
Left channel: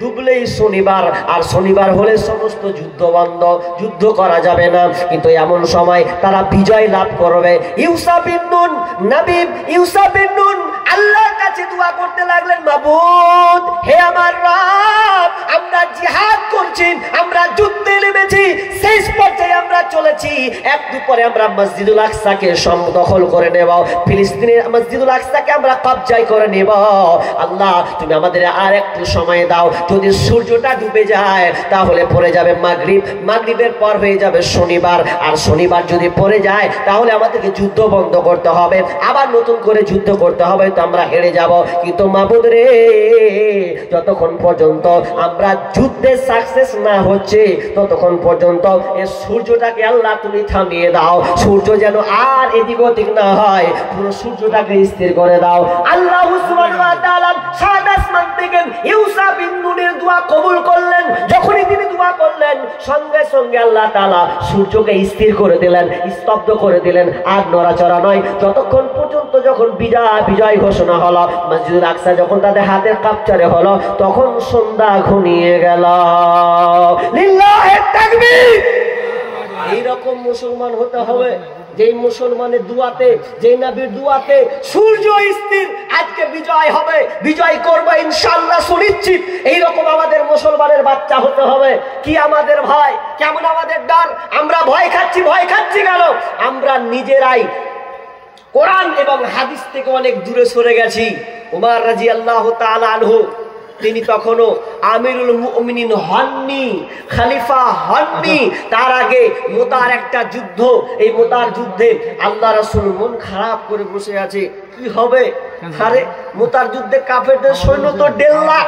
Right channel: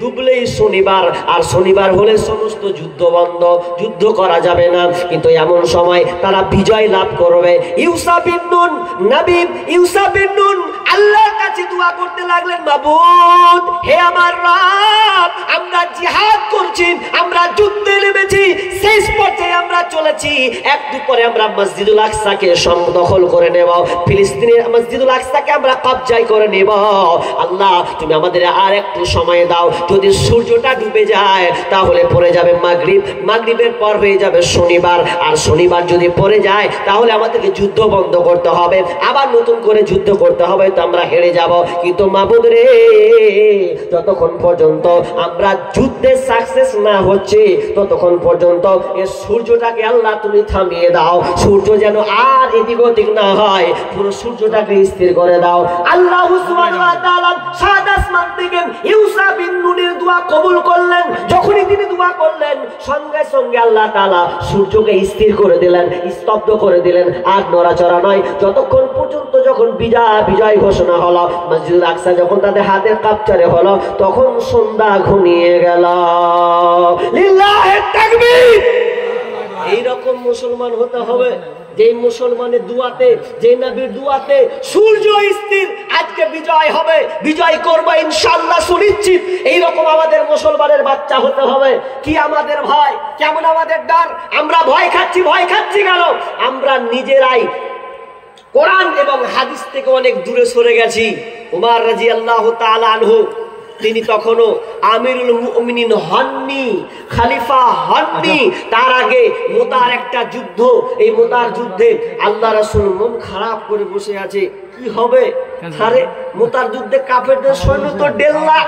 ডুবলেই শনিবার, আর শনিবার হলে সমস্ত যুদ্ধ বন্ধ, যুদ্ধ করা যাবে না। কিন্তু এমন সময় তারা বিজয় লাভ করবে। ইউসা বিন নুন, নবী ইউসা বিন নুন আল্লাহর কাছে দোয়া করতে লাগলেন, মাবুদ, হে আমার রব, আমরা জিহাদ করছি, আমরা যুদ্ধে নেমেছি, শেষ পর্যায়ে আমরা চলেছি, একটু পরে আমরা মসজিদুল আকসাকে দখল করে নেব, ফিলিস্তিনের মসজিদুল আকসাকে আমরা কবজায় করে নেব। আল্লাহ, তুমি আমাদের আর একটু সময় দাও। যদি সূর্যটা ডুবে যায় তাহলে পড়ে যাবে মাগরিব, মাগরিবের পর হয়ে যাবে শনিবার, আর শনিবার যদি পড়ে যায় তাহলে আমাদেরকে যুদ্ধ বন্ধ করতে হবে, আবার নতুন করে যুদ্ধ করতে হবে, তো আমরা হেরে যাব। কিন্তু মাবুদ রে, যতক্ষণ পর্যন্ত আমরা যুদ্ধে সাকসেস না হচ্ছে ততক্ষণ পর্যন্ত এই সূর্যটাকে আল্লাহ তুমি থামিয়ে দাও, সূর্য যেন আর এদিক ওদিক না হয়, পুরো সূর্যটাকে স্থির করে দাও। আল্লাহ সুবহানাহু ওয়া তাআলা সাত আসমান থেকে ইউসা বিন নুনের দোয়া কবুল করলেন। যখনই তিনি দোয়া করলেন, সঙ্গে সঙ্গে আল্লাহ তাআলা সূর্যকে স্থির করে দিলেন, স্তব্ধ করে দিলেন, আর নড়াচড়া নয়। যতক্ষণ পর্যন্ত যখন বিজয় ঘোষণা হলো, মসজিদুল আকসা যখন তাদের হাতের কাপচারে হলো, তখন সন্ধ্যা ঘনিয়ে গেল। লিল্লাহি তাকবীর। এইরকম মুসলমান হতে হবে। যেই মুসলমানের দুয়াতে, যেই নবীর দুয়াতে সূর্য স্থির আজকে বিজয় হবে, বিজয় করবে ইনশাআল্লাহ সুনিশ্চিত। এইরকম আমাদের মুসলমানের বাচ্চা হতে হবে। কি আমাদের ভয়, কেমন আমাদের ডর? আমরা ভয় খাচ্ছি কেন? আমরা নিজেরাই কোরআন এবং হাদিস থেকে অনেক দূরে সরে গেছি। উমর রাদিয়াল্লাহু তাআলা আনহু তিনি তখনও আমিরুল মুমিনিন হননি, খলিফা হননি। তার আগে মুতার একটা যুদ্ধ, এই মুতার যুদ্ধে আল্লাহ রাসূল মন খারাপ করে বসে আছে। কি হবে? আরে মুতার যুদ্ধে কাফেরদের সৈন্য তো 1.5 লাখ,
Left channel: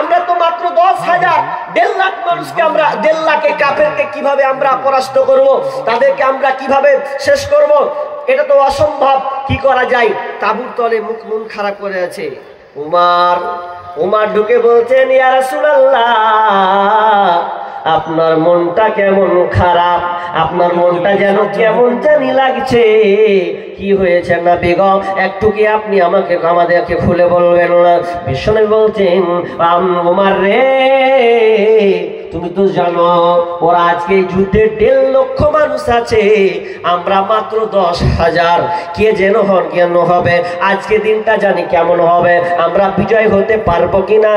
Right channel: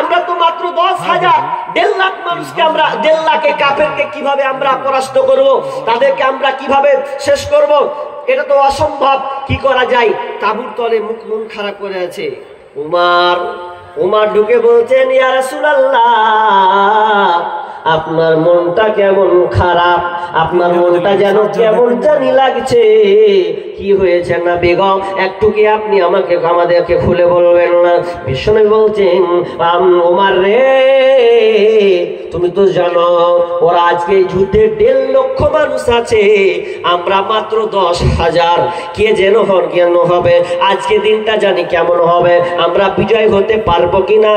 আমরা তো মাত্র 10,000। 1.5 লাখ মানুষকে আমরা, 1.5 লাখে কাফেরকে কিভাবে আমরা পরাস্ত করব? তাদেরকে আমরা কিভাবে শেষ করব? এটা তো অসম্ভব। কি করা যায়? তাঁবুর তলে মন খারাপ করে আছে। উমর ঢুকে বলছেন, ইয়া রাসূলুল্লাহ, আপনার মনটা কেমন খারাপ, আপনার মনটা যেন কেমন জানি লাগছে। কি হয়েছে না বেগম, একটু কি আপনি আমাদেরকে খুলে বলবেন না? বিশ্বনবী বলছেন, উমর রে, তুমি তো জানো ওরা আজকে যুদ্ধে 1.5 লক্ষ মানুষ আছে, আমরা মাত্র 10,000। কে যেন কেন হবে? আজকে দিনটা জানি কেমন হবে, আমরা বিজয় হতে পারবো কিনা?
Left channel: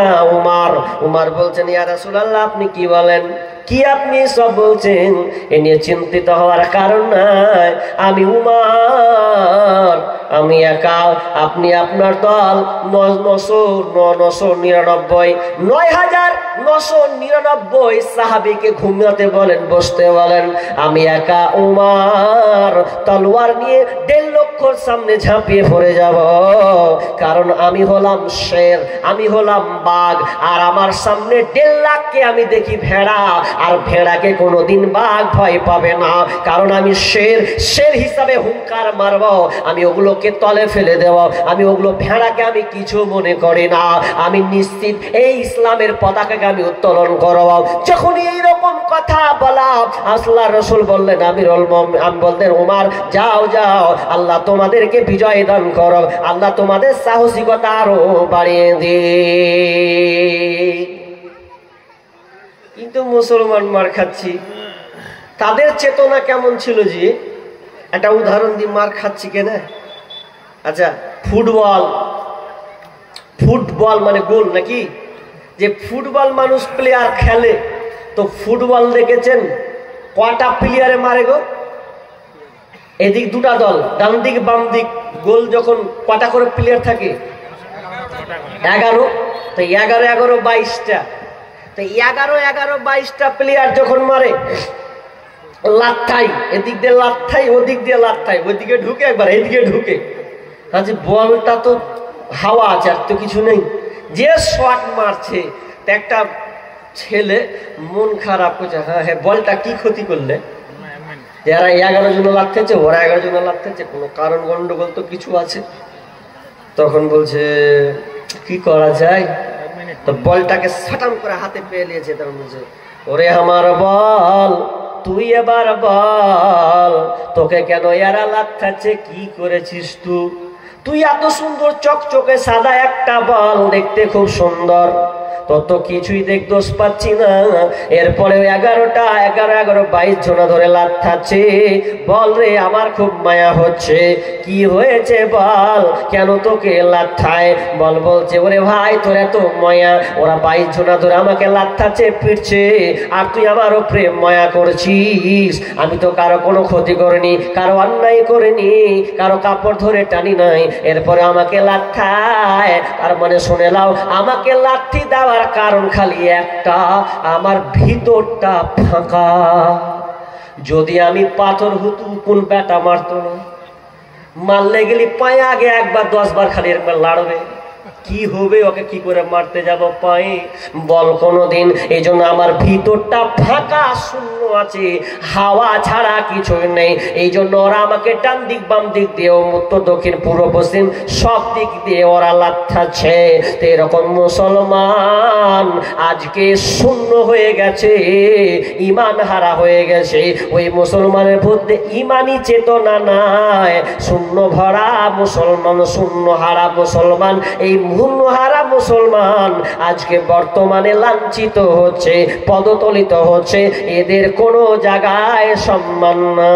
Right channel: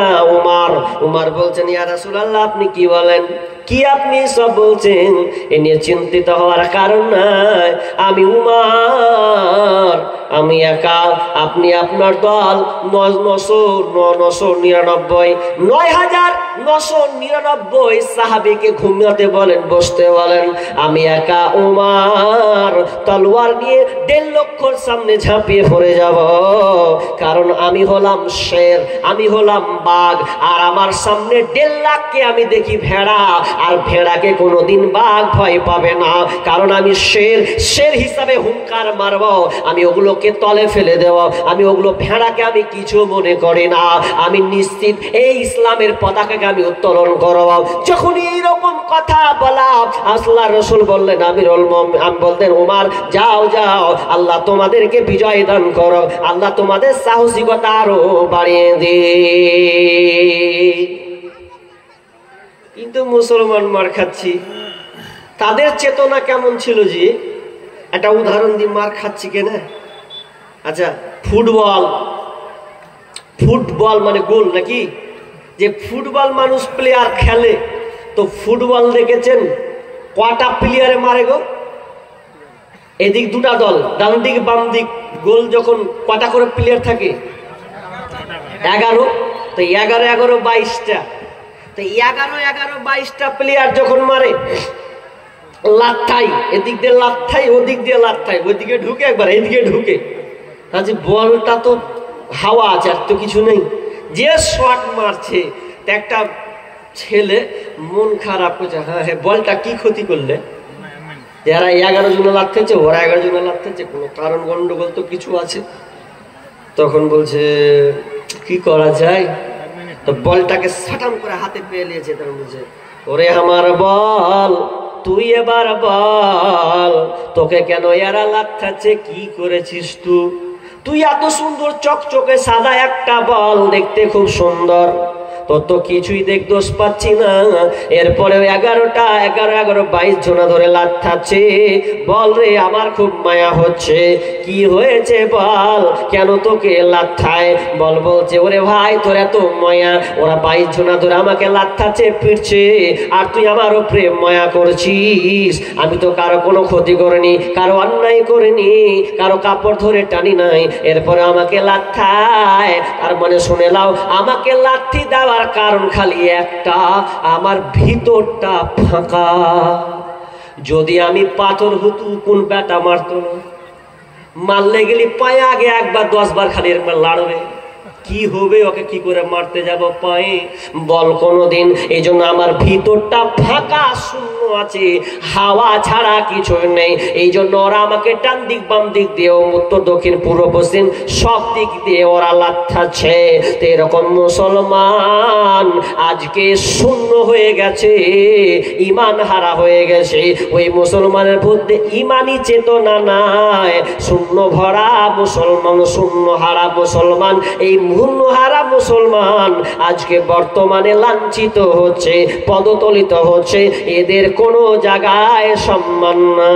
উমর বলছেন, ইয়া রাসূলুল্লাহ, আপনি কি বলেন? কি আপনি সব বলছেন? এ নিয়ে চিন্তিত হওয়ার কারণ নাই। আমি উমর, আমি একা, আপনি আপনার দল 9,999 সাহাবীকে ঘুমাতে বলেন, বসতে বলেন। আমি একা উমর তলোয়ার নিয়ে 1.5 লক্ষর সামনে ঝাঁপিয়ে পড়ে যাব। কারণ আমি হলাম শের, আমি হলাম বাঘ, আর আমার সামনে 1.5 লাখকে আমি দেখি ভেড়া, আর ভেড়াকে কোনোদিন বাঘ ভয় পাবে না। কারণ আমি শের হিসাবে হুঙ্কার মারব, আমি ওগুলোকে তলে ফেলে দেব, আমি ওগুলো ভেড়াকে আমি কিছু মনে করি না। আমি নিশ্চিত এই ইসলামের পতাকাকে আমি উত্তোলন করব। যখনই এইরকম কথা বলা, আল্লাহর রাসূল বললেন, আমি বলতেন, উমর যাও, আল্লাহ তোমাদেরকে বিজয় দান করো, আল্লাহ তোমাদের সাহসিকতা আরো বাড়িয়ে দিন। কিন্তু মুসলমান মার খাচ্ছি, তাদের চেতনা কেমন ছিল? যে একটা উদাহরণ দিয়ে মার খাচ্ছি কেন? আচ্ছা, ফুটবল মানে গোল নাকি? যে ফুটবল মানুষ প্লেয়ার খেলে, তো ফুটবল দেখেছেন কটা প্লেয়ারে মারে গো? এদিক 2টা দল, ডান দিক বাম দিক, গোল যখন কটা করে প্লেয়ার থাকে? 11। তো 11 22টা, তো 11-22টা প্লেয়ার যখন মারে, লাথাই এদিক দিয়ে লাথাই, ওদিক দিয়ে লাথাই, ওইদিকে ঢুকে একবার এইদিকে ঢুকে, তাহলে বলটা তো হাওয়া আছে, আর তো কিছু নেই। যে শট মারছে, তো একটা ছেলে মন খারাপ করছে, হ্যাঁ বলটা কি ক্ষতি করলে? যারা 11 জন লাথেছে, ওরা 11 জন লাথেছে, কোনো কারণ গন্ডগোল তো কিছু আছে। তখন বলছে কি করা যায়? তো বলটাকে সাটাম করে হাতে পেয়ে নিয়েছে। তখন বলছে, ওরে আমার বল, তুই এবার বল, তোকে কেন এরা লাথাচ্ছে? কি করেছিস তুই? এত সুন্দর চকচকে সাদা একটা বল, দেখতে খুব সুন্দর, তোর তো কিছুই দোষ পাচ্ছি না। এরপরেও 11 জনা ধরে লাথাচ্ছে। বল রে, আমার খুব মায়া হচ্ছে। কি হয়েছে বল, কেন তোকে লাথায়? বলছে, ওরে ভাই, তোর এত মায়া, ওরা 22 জনা ধরে আমাকে লাথাচ্ছে, পিটছে, আর তুই আমারও প্রেম মায়া করছিস। আমি তো কারো কোনো ক্ষতি করিনি, কারো অন্যায় করিনি, কারো কাপড় ধরে টানি নাই, এরপরে আমাকে লাথায়। তার মানে শুনে নাও, আমাকে লাথি দেওয়ার কারণ খালি একটা, আমার ভিতরটা ফাঁকা। যদি আমি পাথর হতু, কোন বেটা মারতো না? মারলে গেলি পায়ে আগে 1 বার 10 বার খালি এরকম লাড়বে। কি হবে? ওকে কি করে মারতে যাব পায়ে? বল কোনোদিন। এই জন্য আমার ভিতরটা ফাঁকা, শূন্য আছে, হাওয়া ছাড়া কিছু নেই। এই জন্য ওরা আমাকে ডান দিক বাম দিক দিয়ে, উত্তর দক্ষিণ পূর্ব পশ্চিম সব দিক দিয়ে ওরা লাথাচ্ছে। তো এরকম মুসলমান আজকে শূন্য হয়ে গেছে, ইমান হারা হয়ে গেছে। ওই মুসলমানের মধ্যে ইমানি চেতনা নাই, শূন্য ভরা মুসলমান, শূন্য হারা মুসলমান। এই হুন্নহারা মুসলমান আজকে বর্তমানে লাঞ্ছিত হচ্ছে, পদতলিত হচ্ছে, এদের কোনো জায়গায় সম্মান নাই।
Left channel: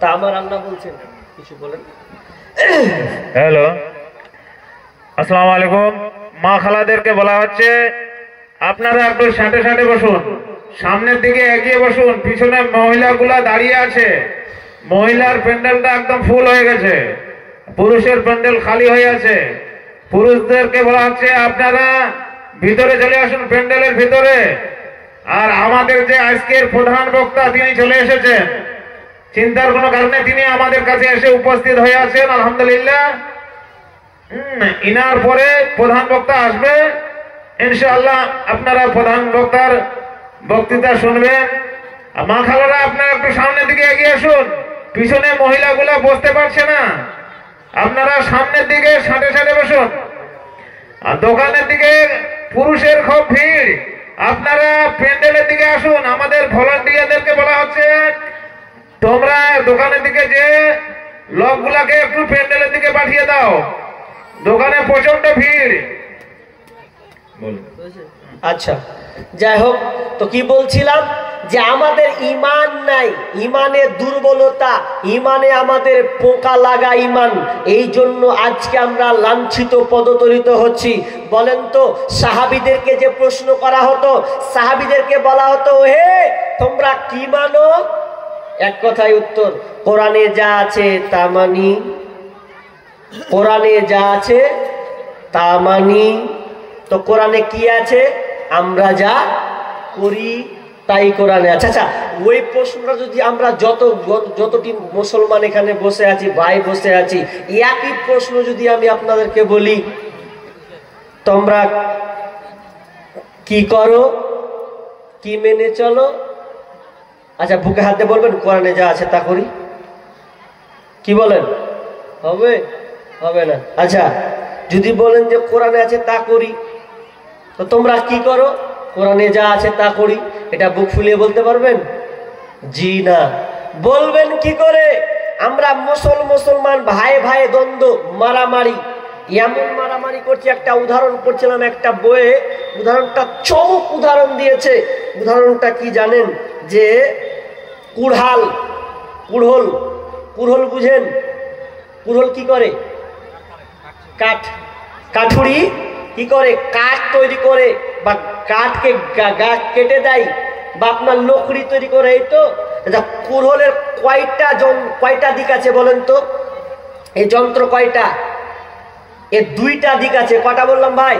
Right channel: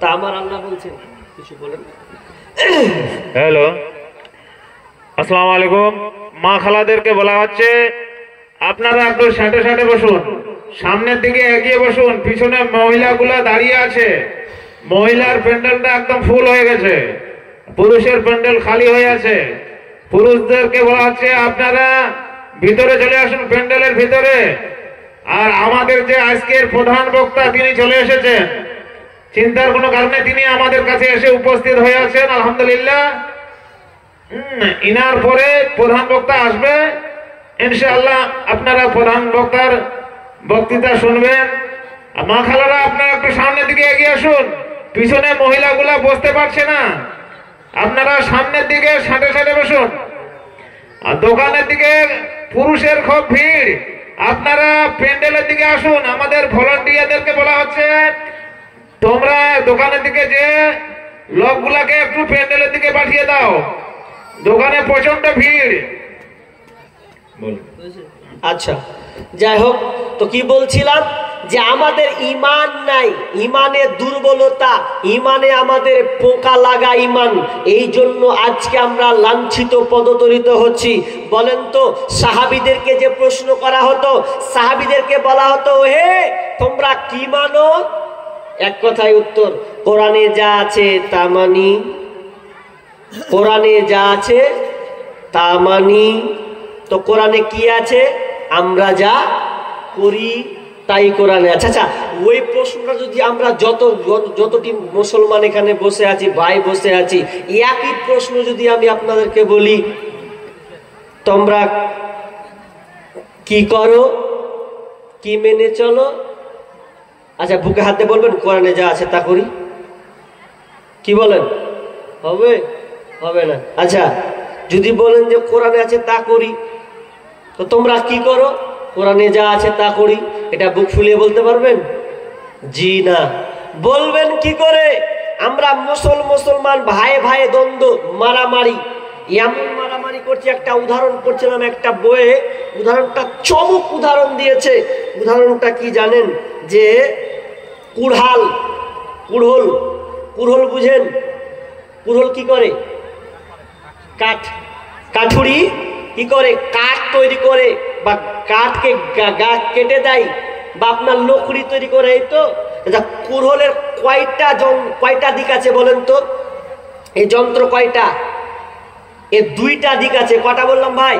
তা আমার আল্লাহ বলছেন, কিছু বলেন। হ্যালো, আসসালামু আলাইকুম। মা খালাদেরকে বলা হচ্ছে আপনারা একটু সাঁটে সাঁটে বসুন, সামনের দিকে এগিয়ে বসুন। পিছনে মহিলাগুলা দাঁড়িয়ে আছে, মহিলার প্যান্ডেলটা একদম ফুল হয়ে গেছে, পুরুষের প্যান্ডেল খালি হয়ে আছে। পুরুষদেরকে বলা হচ্ছে আপনারা ভিতরে চলে আসুন, প্যান্ডেলের ভিতরে। আর আমাদের যে আজকের প্রধান বক্তা তিনি চলে এসেছেন, চিন্তার কোনো কারণে তিনি আমাদের কাছে এসে উপস্থিত হয়ে আছেন, আলহামদুলিল্লাহ। ইনার পরে প্রধান বক্তা আসবে, ইনশাআল্লাহ আপনারা প্রধান বক্তার বক্তৃতা শুনবেন। মা খালারা আপনারা একটু সামনের দিকে এগিয়ে আসুন, পিছনে মহিলাগুলা বসতে পারছে না, আপনারা সামনের দিকে সাঁটে সাঁটে বসুন। আর দোকানের দিকে পুরুষের খুব ভিড়, আপনারা প্যান্ডেলের দিকে আসুন। আমাদের ভলান্টিয়ারদেরকে বলা হচ্ছে তোমরা দোকানের দিকে যে লোকগুলাকে একটু প্যান্ডেলের দিকে পাঠিয়ে দাও, দোকানে প্রচন্ড ভিড়। আচ্ছা, যাই হোক, তো কি বলছিলাম যে আমাদের ইমান নাই, ইমানের দুর্বলতা, ইমানে আমাদের পোকা লাগা ইমান, এই জন্য আজকে আমরা লাঞ্ছিত পদতলিত হচ্ছি। বলেন তো, সাহাবীদেরকে যে প্রশ্ন করা হতো, সাহাবীদেরকে বলা হতো হে তোমরা কি মানো? এক কথায় উত্তর, কোরআনে যা আছে তা মানি, কোরআনে যা আছে তা মানি। তো কোরআনে কি আছে? আমরা যা করি তাই কোরআনে আছে। আচ্ছা, ওই প্রশ্নটা যদি আমরা যতটি মুসলমান এখানে বসে আছি, ভাই বসে আছি, একই প্রশ্ন যদি আমি আপনাদেরকে বলি তোমরা কি করো, কি মেনে চলো? আচ্ছা, বুকে হাতে বলবেন কোরআনে যা আছে তা করি। কি বলেন? হবে? হবে না। আচ্ছা, যদি বলেন যে কোরআনে আছে তা করি, তো তোমরা কি করো? কোরআনে যা আছে তা করি। এটা বুক ফুলিয়ে বলতে পারবেন? জি না। বলবেন কি করে? আমরা মুসলমান ভাই ভাই দ্বন্দ্ব, মারামারি, এমন মারামারি করছি। একটা উদাহরণ করছিলাম একটা বইয়ে, উদাহরণটা চমক উদাহরণ দিয়েছে। উদাহরণটা কি জানেন? যে কুড়হল বুঝেন? কুড়হল কি করে? কাঠুরি কি করে? কাঠ তৈরি করে, বা কাঠকে গাছ কেটে দেয়, বা আপনার লকড়ি তৈরি করে। এই তো কুড়হলের কয়টা দিক আছে বলেন তো? এই যন্ত্র কয়টা? এর দুইটা দিক আছে। কটা বললাম ভাই?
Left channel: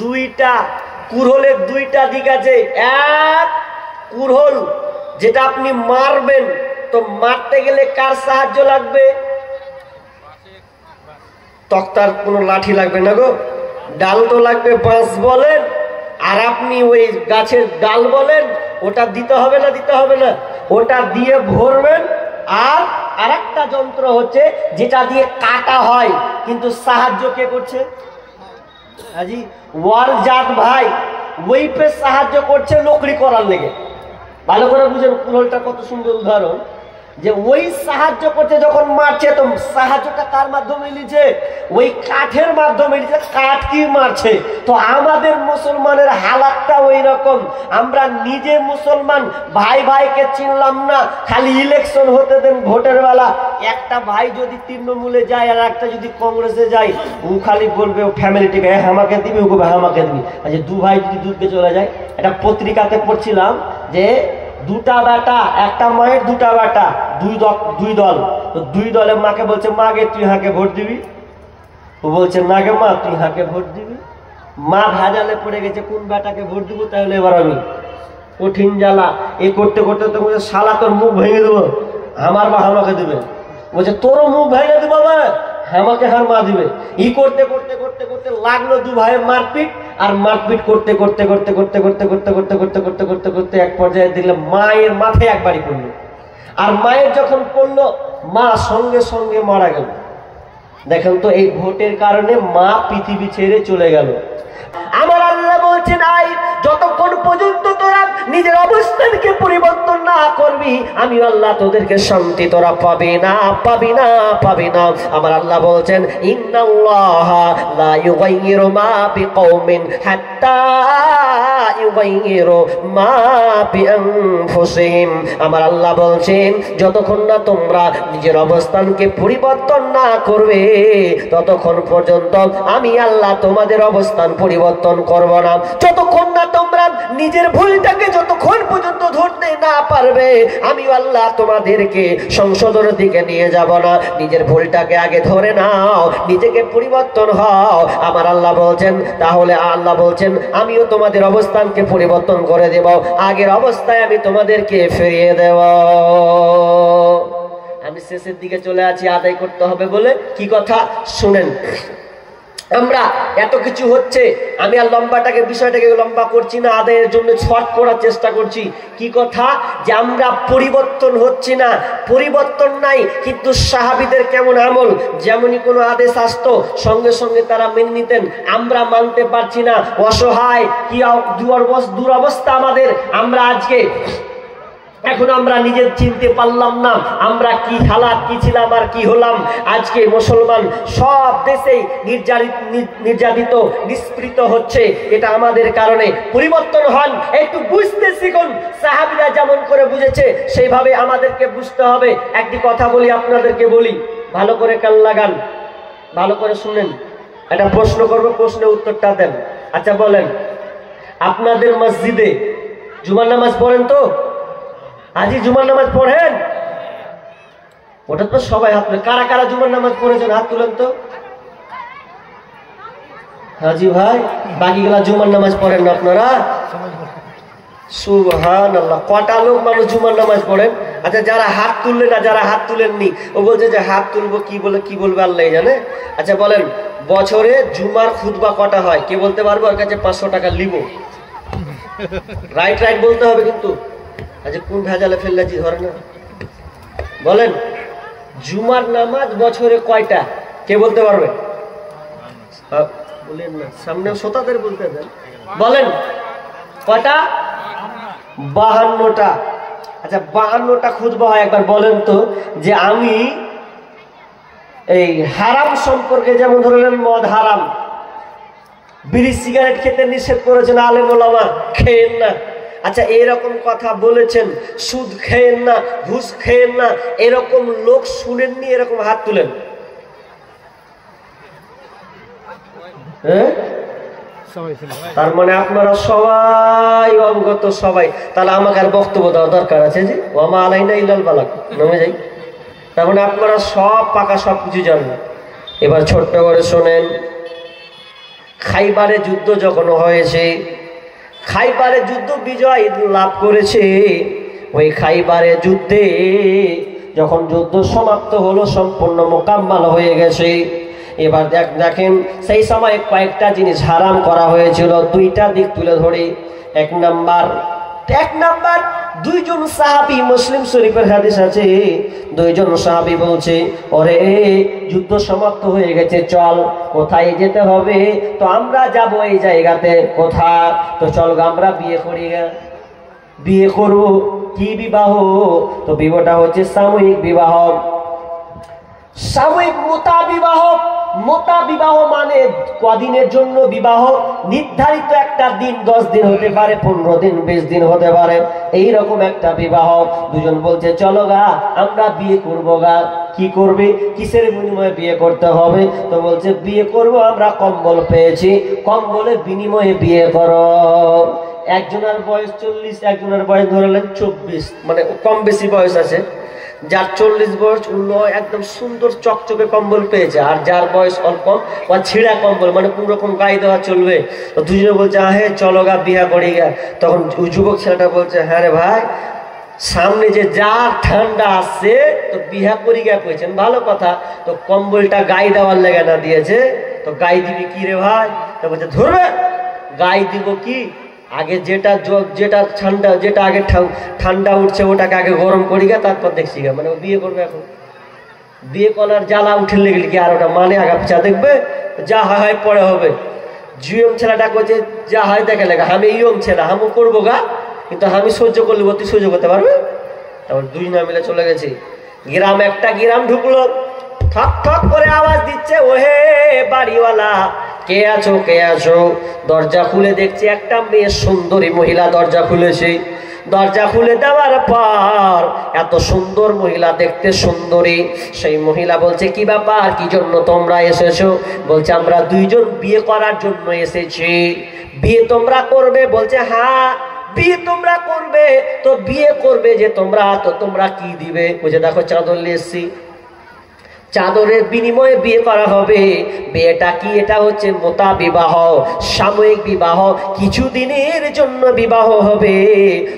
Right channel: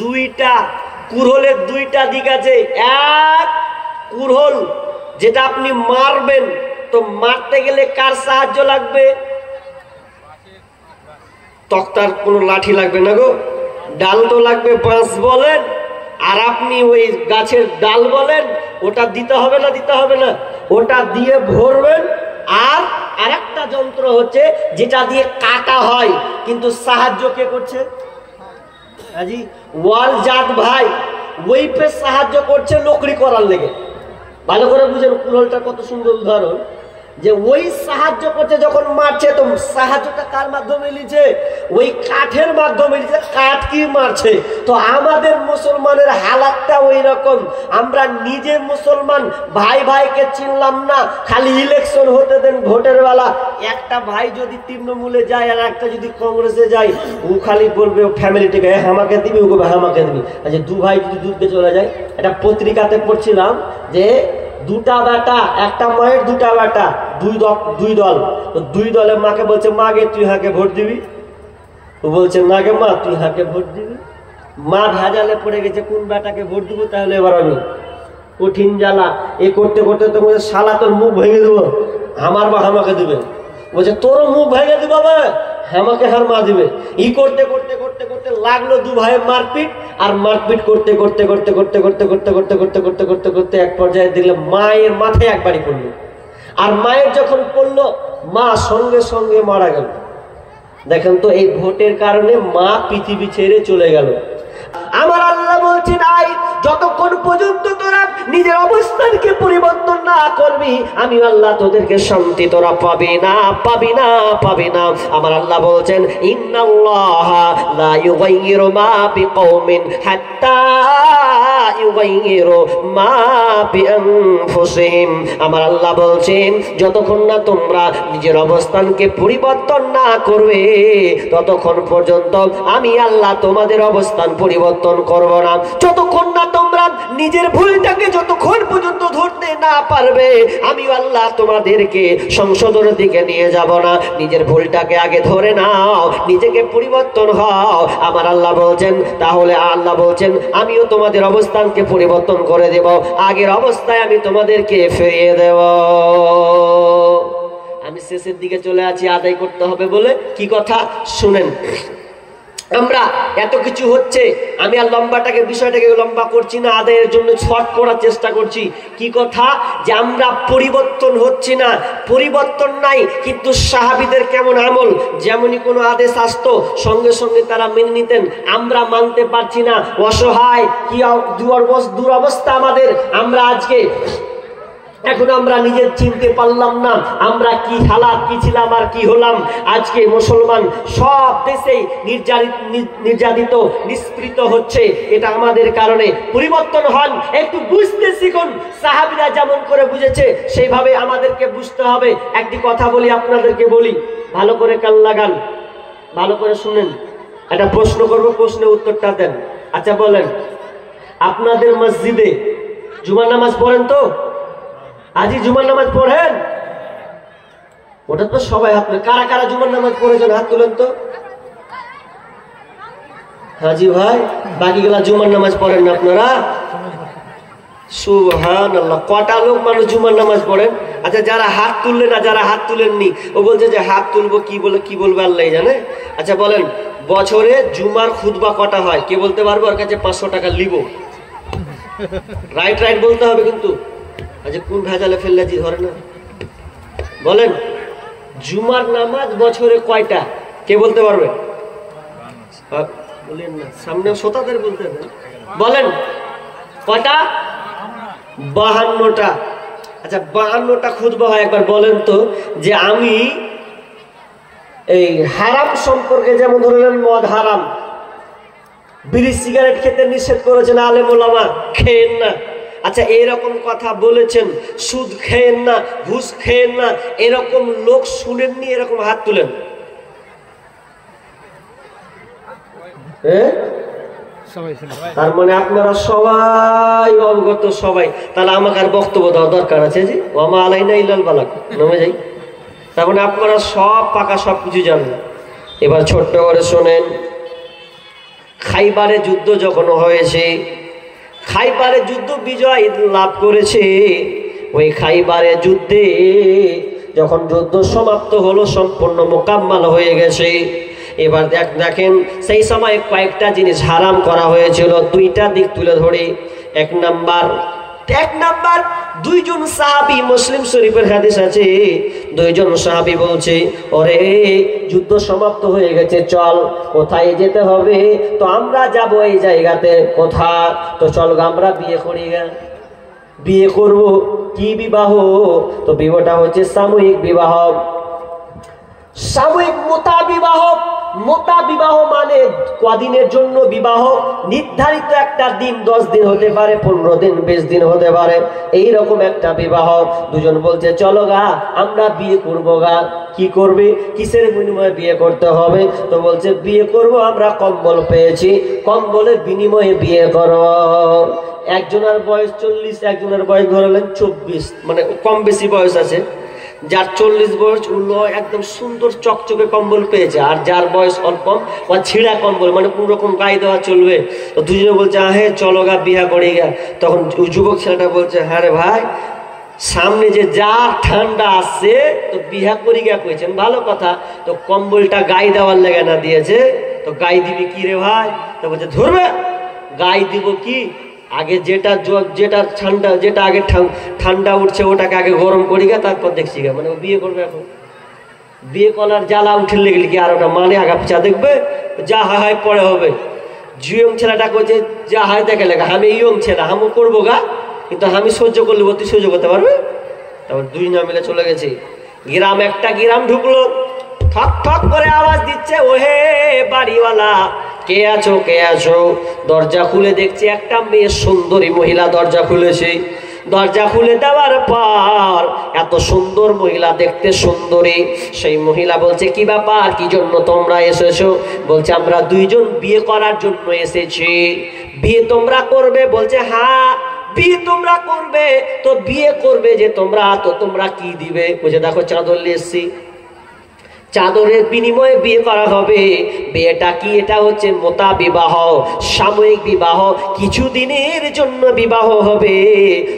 দুইটা। কুড়হলের দুইটা দিক আছে। এক, কুড়হল যেটা আপনি মারবেন, তো মারতে গেলে কার সাহায্য লাগবে? তক্তার কোনো লাঠি লাগবে না গো, ডাল তো লাগবে, বাঁশ বলেন, আর আপনি ওই গাছের ডাল বলেন, ওটা দিতে হবে না? দিতে হবে না? ওটা দিয়ে ভরবেন। আর আরেকটা যন্ত্র হচ্ছে যেটা দিয়ে কাটা হয়, কিন্তু সাহায্য কে করছে? হাজি ওয়াল জাত ভাই ওই পে সাহায্য করছে লকড়ি করার লেগে। ভালো করে বুঝেন, কুড়হলটা কত সুন্দর উদাহরণ। যে ওই সাহায্য করছে যখন মারছে, তো সাহায্যটা কার মাধ্যমে নিচ্ছে? ওই কাঠের মাধ্যমে নিচ্ছে। কাঠ কি মারছে? তো আমাদের মুসলমানের হালাতটা ওই রকম। আমরা নিজে মুসলমান, ভাই ভাইকে চিনলাম না। খালি ইলেকশন হতে দেন, ভোটের বেলা একটা ভাই যদি তৃণমূলে যায় আর একটা যদি কংগ্রেসে যায়, ও খালি বলবে ও ফ্যামিলিটিকে আমাকে দিবি, ও বলবে আমাকে দিবি। আচ্ছা, দু ভাই যদি দুধকে চলে যায়, একটা পত্রিকাতে পড়ছিলাম যে দুটা বেটা, একটা মায়ের দুটা বেটা, দুই দল। দুই দলের মাকে বলছে, মা গে তুই হাঁকে ভোট দিবি? ও বলছে না গে মা তুই হাঁকে ভোট দিবি। মা ভেজালে পড়ে গেছে, কোন বেটাকে ভোট দিব তাহলে এবার আমি? কঠিন জ্বালা। এ করতে করতে তো বলছে, শালা তোর মুখ ভেঙে দেবো, আমার মা আমাকে দেবে। বলছে তোরও মুখ ভেঙে দেবো, আমাকে হার মা দিবে। ই করতে করতে করতে করতে লাগলো দু ভাইয়ের মারপিট। আর মারপিট করতে করতে করতে করতে করতে করতে করতে করতে করতে করতে করতে এক পর্যায়ে দেখলাম মায়ের মাথায় একবারই পড়লো। আর মায়ের যখন পড়লো, মা সঙ্গে সঙ্গে মারা গেল। দেখেন তো, এই ভোটের কারণে মা পৃথিবী ছেড়ে চলে গেল। আমার আল্লাহ বলছেন, আই যতক্ষণ পর্যন্ত তোরা নিজের অবস্থানকে পরিবর্তন না করবি, আমি আল্লাহ তোদেরকে শান্তি তোরা পাবি না, পাবি না, পাবি না। আমার আল্লাহ বলছেন, ইন্নাল্লাহা লা ইউগাইয়িরু মা বিকওমিন হাত্তা ইউগাইয়িরু মা বিআনফুসিহিম। আমার আল্লাহ বলছেন, যতক্ষণ না তোমরা নিজের অবস্থানকে পরিবর্তন না করবে, ততক্ষণ পর্যন্ত আমি আল্লাহ তোমাদের অবস্থান পরিবর্তন করব না। যতক্ষণ না তোমরা নিজের ভুলটাকে যতক্ষণ পর্যন্ত ধরতে না পারবে, আমি আল্লাহ তোমাদেরকে সংশোধনের দিকে নিয়ে যাব না। নিজের ভুলটাকে আগে ধরে নাও, নিজেকে পরিবর্তন হও। আমার আল্লাহ বলছেন, তাহলে আল্লাহ বলছেন, আমিও তোমাদের অবস্থানকে পরিবর্তন করে দেব, আগের অবস্থায় আমি তোমাদেরকে ফিরিয়ে দেব। আমি শেষের দিকে চলে আছি, আদায় করতে হবে বলে। কি কথা শুনেন, আমরা এত কিছু হচ্ছে, আমি আর বিষয়টাকে লম্বা করছি না, আদায়ের জন্য শর্ট করার চেষ্টা করছি। কি কথা, যে আমরা পরিবর্তন হচ্ছি না, পরিবর্তন নাই, কিন্তু সাহাবীদের কেমন আমল, যেমনই কোনো আদেশ আসতো সঙ্গে সঙ্গে তারা মেনে নিতেন, আমরা মানতে পারছি না, অসহায়, কি দুরবস্থা আমাদের। আমরা আজকে এখন আমরা নিজের চিনতে পারলাম না আমরা কি হালাত, কি ছিলাম আর কি হলাম। আজকে মুসলমান সব দেশেই নির্যাতিত, নিষ্পৃত হচ্ছে। এটা আমাদের কারণে। পরিবর্তন হন, একটু বুঝতে শিখুন। সাহাবীরা যেমন করে বুঝেছে সেইভাবে আমাদেরকে বুঝতে হবে। একটি কথা বলি, আপনাদেরকে বলি, ভালো করে কান লাগান, ভালো করে শুনেন। একটা প্রশ্ন করবো, প্রশ্নের উত্তরটা দেন। আচ্ছা বলেন, আপনাদের মসজিদে জুমার নামাজ পড়েন তো? আজই জুমার নামাজ পড়েন? ওটা তো সবাই হাত তুলে। কারা কারা জুমার নামাজ পড়েছেন হাত তুলেন তো। হাজি ভাই, বাকিগুলা জুমার নামাজ পড়েন না আপনারা? সুবহানাল্লাহ। কটা লোক মানুষ জুমার নামাজ পড়েন? আচ্ছা, যারা হাত তুললেন না, যারা হাত তুলেননি, ও বলছে যে হাত তুলবো, কি বলবে আল্লাহ জানে। আচ্ছা বলেন, বছরে জুমার খুতবা কটা হয়? কে বলতে পারবে? ওর কাছে 500 টাকা লিবো। রাইট রাইট বলতে হবে কিন্তু। আচ্ছা, কোন ভেজালে ফেললাজি ধরে না? বলেন, জুমার নামাজ বছরে কয়টা? কে বলতে পারবে? বলেন না, সামনে শ্রোতাদের বলতে দেন। বলেন কয়টা? 52টা। আচ্ছা, 52টা খুতবা হয়। একবার বলেন তো, যে আমি এই হারাম সম্পর্কে, যেমন ধরলেন মদ হারাম, বিড়ি সিগারেট খেতে নিষেধ করেছেন আলেম ওলামা, খেয়েন না। আচ্ছা, এরকম কথা বলেছেন, সুদ খেয়েন না, ঘুষ খেয়েন না, এরকম লোক শুনেননি? এরকম হাত তুলেন। তার মানে আপনারা সবাই অবগত, সবাই। তাহলে আমাকে আর বক্তব্য দেওয়ার দরকার আছে? জি, ওমা আলাইনা ইল্লাল বালাগ, নামে যাই। তার মানে আপনারা সব পাকা, সব কিছু জানেন। এবার ছোট্ট করে শোনেন, খাইবারে যুদ্ধ যখন হয়েছে, খাইবারে যুদ্ধ বিজয় লাভ করেছে, ওই খাইবারে যুদ্ধে যখন যুদ্ধ সমাপ্ত হলো, সম্পূর্ণ মোকাম্মাল হয়ে গেছে, এবার দেখেন সেই সময় কয়েকটা জিনিস হারাম করা হয়েছিল। দুইটা দিক তুলে ধরে। এক নাম্বার, দুইজন সাহাবী, মুসলিম শরীফের হাদিস আছে, দুইজন সাহাবী বলছে, ওরে যুদ্ধ সমাপ্ত হয়ে গেছে, চল কোথায় যেতে হবে? তো আমরা যাব এই জায়গাতে। কোথা? তো চল আমরা বিয়ে করি গা। বিয়ে করব। কি বিবাহ? তো বিবাহটা হচ্ছে সামূহিক বিবাহ, সামূহিক মোতা বিবাহ। মোতা বিবাহ মানে কদিনের জন্য বিবাহ? নির্ধারিত একটা দিন, 10 দিন হতে পারে, 15 দিন, 20 দিন হতে পারে, এইরকম একটা বিবাহ। দুজন বলছে, চলো গা আমরা বিয়ে করবো গা। কি করবে? কিসের বিনিময়ে বিয়ে করতে হবে? তো বলছে, বিয়ে করব, আমরা কম্বল পেয়েছি, কম্বলের বিনিময়ে বিয়ে করো। একজনের বয়স 40, একজনের বয়স ধরলেন 24, মানে কম বেশি বয়স আছে। যার 40 বয়স, উল্লো একদম সুন্দর চকচকে কম্বল পেয়েছে, আর যার বয়স অল্প, বা ছিঁড়া কম্বল, মানে কোন রকম গায়ে দেওয়া চলবে। তো দুজনে বলছে, হে চলো গা বিয়া করি গা। তখন যুবক ছেলেটা বলছে, হ্যাঁ রে ভাই, সামনে যে যার ঠান্ডা আসছে, তো বিয়া করি গা কইছেন, ভালো কথা। তো কম্বলটা গায়ে দেওয়ার লেগে না দিয়েছে, তো গায়ে দিবি কি রে ভাই? তো বলছে, ধরবে গায়ে দিব কি, আগে যেটা ঠান্ডা, যেটা আগে ঠান্ডা উঠছে ওটাকে আগে গরম করি গা, তারপর দেখছি গা। মানে ও বিয়ে করবে এখন। বিয়ে করার জ্বালা উঠে লেগেলে কি আর ওটা মানে আগা পিছা দেখবে? যা হয় পরে হবে। ইয়ং ছেলেটা করছে যা হয় দেখে লেখা আমি ইয়ং ছেলে হামও করবো গা, কিন্তু আমি সহ্য করলে তুই সহ্য করতে পারবে? তারপর দুই না মিলে চলে গেছে। গ্রাম একটা গ্রাম ঢুকলো, ঠক ঠক করে আওয়াজ দিচ্ছে, ওহে বাড়িওয়ালা কে আছো কে আছো? দরজা খুলে দেখছে একটা মেয়ে সুন্দরী মহিলা দরজা খুলেছে। দরজা খুলে দেওয়ার পর এত সুন্দর মহিলা, দেখতে সুন্দরী, সেই মহিলা বলছে কি ব্যাপার, কি জন্য তোমরা এসেছো? বলছে আমরা দুইজন বিয়ে করার জন্য এসেছি। বিয়ে তোমরা করবে? বলছে হ্যাঁ বিয়ে তোমরা করবে। তো বিয়ে করবে যে তোমরা, তো তোমরা কি দিবে? বলছে দেখো চাদর নিয়ে এসছি, চাদরের বিনিময়ে বিয়ে করা হবে। বিয়েটা কি? এটা হচ্ছে মোতা বিবাহ, সাময়িক বিবাহ, কিছুদিনের জন্য বিবাহ হবে।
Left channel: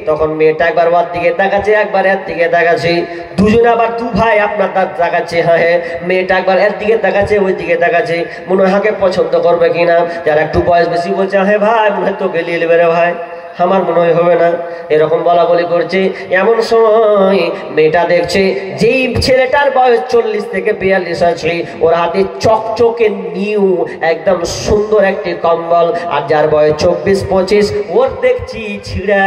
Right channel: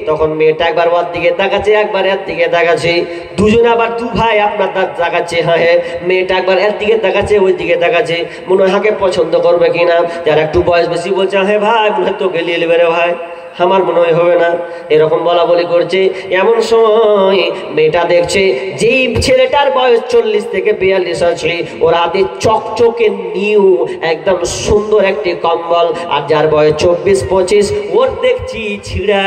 তখন মেয়েটা একবার ওর দিকে তাকাচ্ছে, একবার এর দিকে তাকাচ্ছে, দুজনে আবার দু ভাই আপনার তাকাচ্ছে। হ্যাঁ হ্যাঁ, মেয়েটা একবার এর দিকে তাকাচ্ছে, ওই দিকে তাকাচ্ছে, মনে হয় হাকে পছন্দ করবে কিনা। যারা একটু বয়স বেশি বলছে হ্যাঁ ভাই মনে হয় তো গেলিয়ে নেবে রে ভাই, আমার মনে হয় হবে না, এরকম বলা বলি করছে। এমন সময় মেয়েটা দেখছে যেই ছেলেটার বয়স 40 থেকে 42 আছে, ওর হাতে চকচকে নিউ একদম সুন্দর একটি কম্বল, আর যার বয়স 24-25 ওর দেখছি ছিঁড়া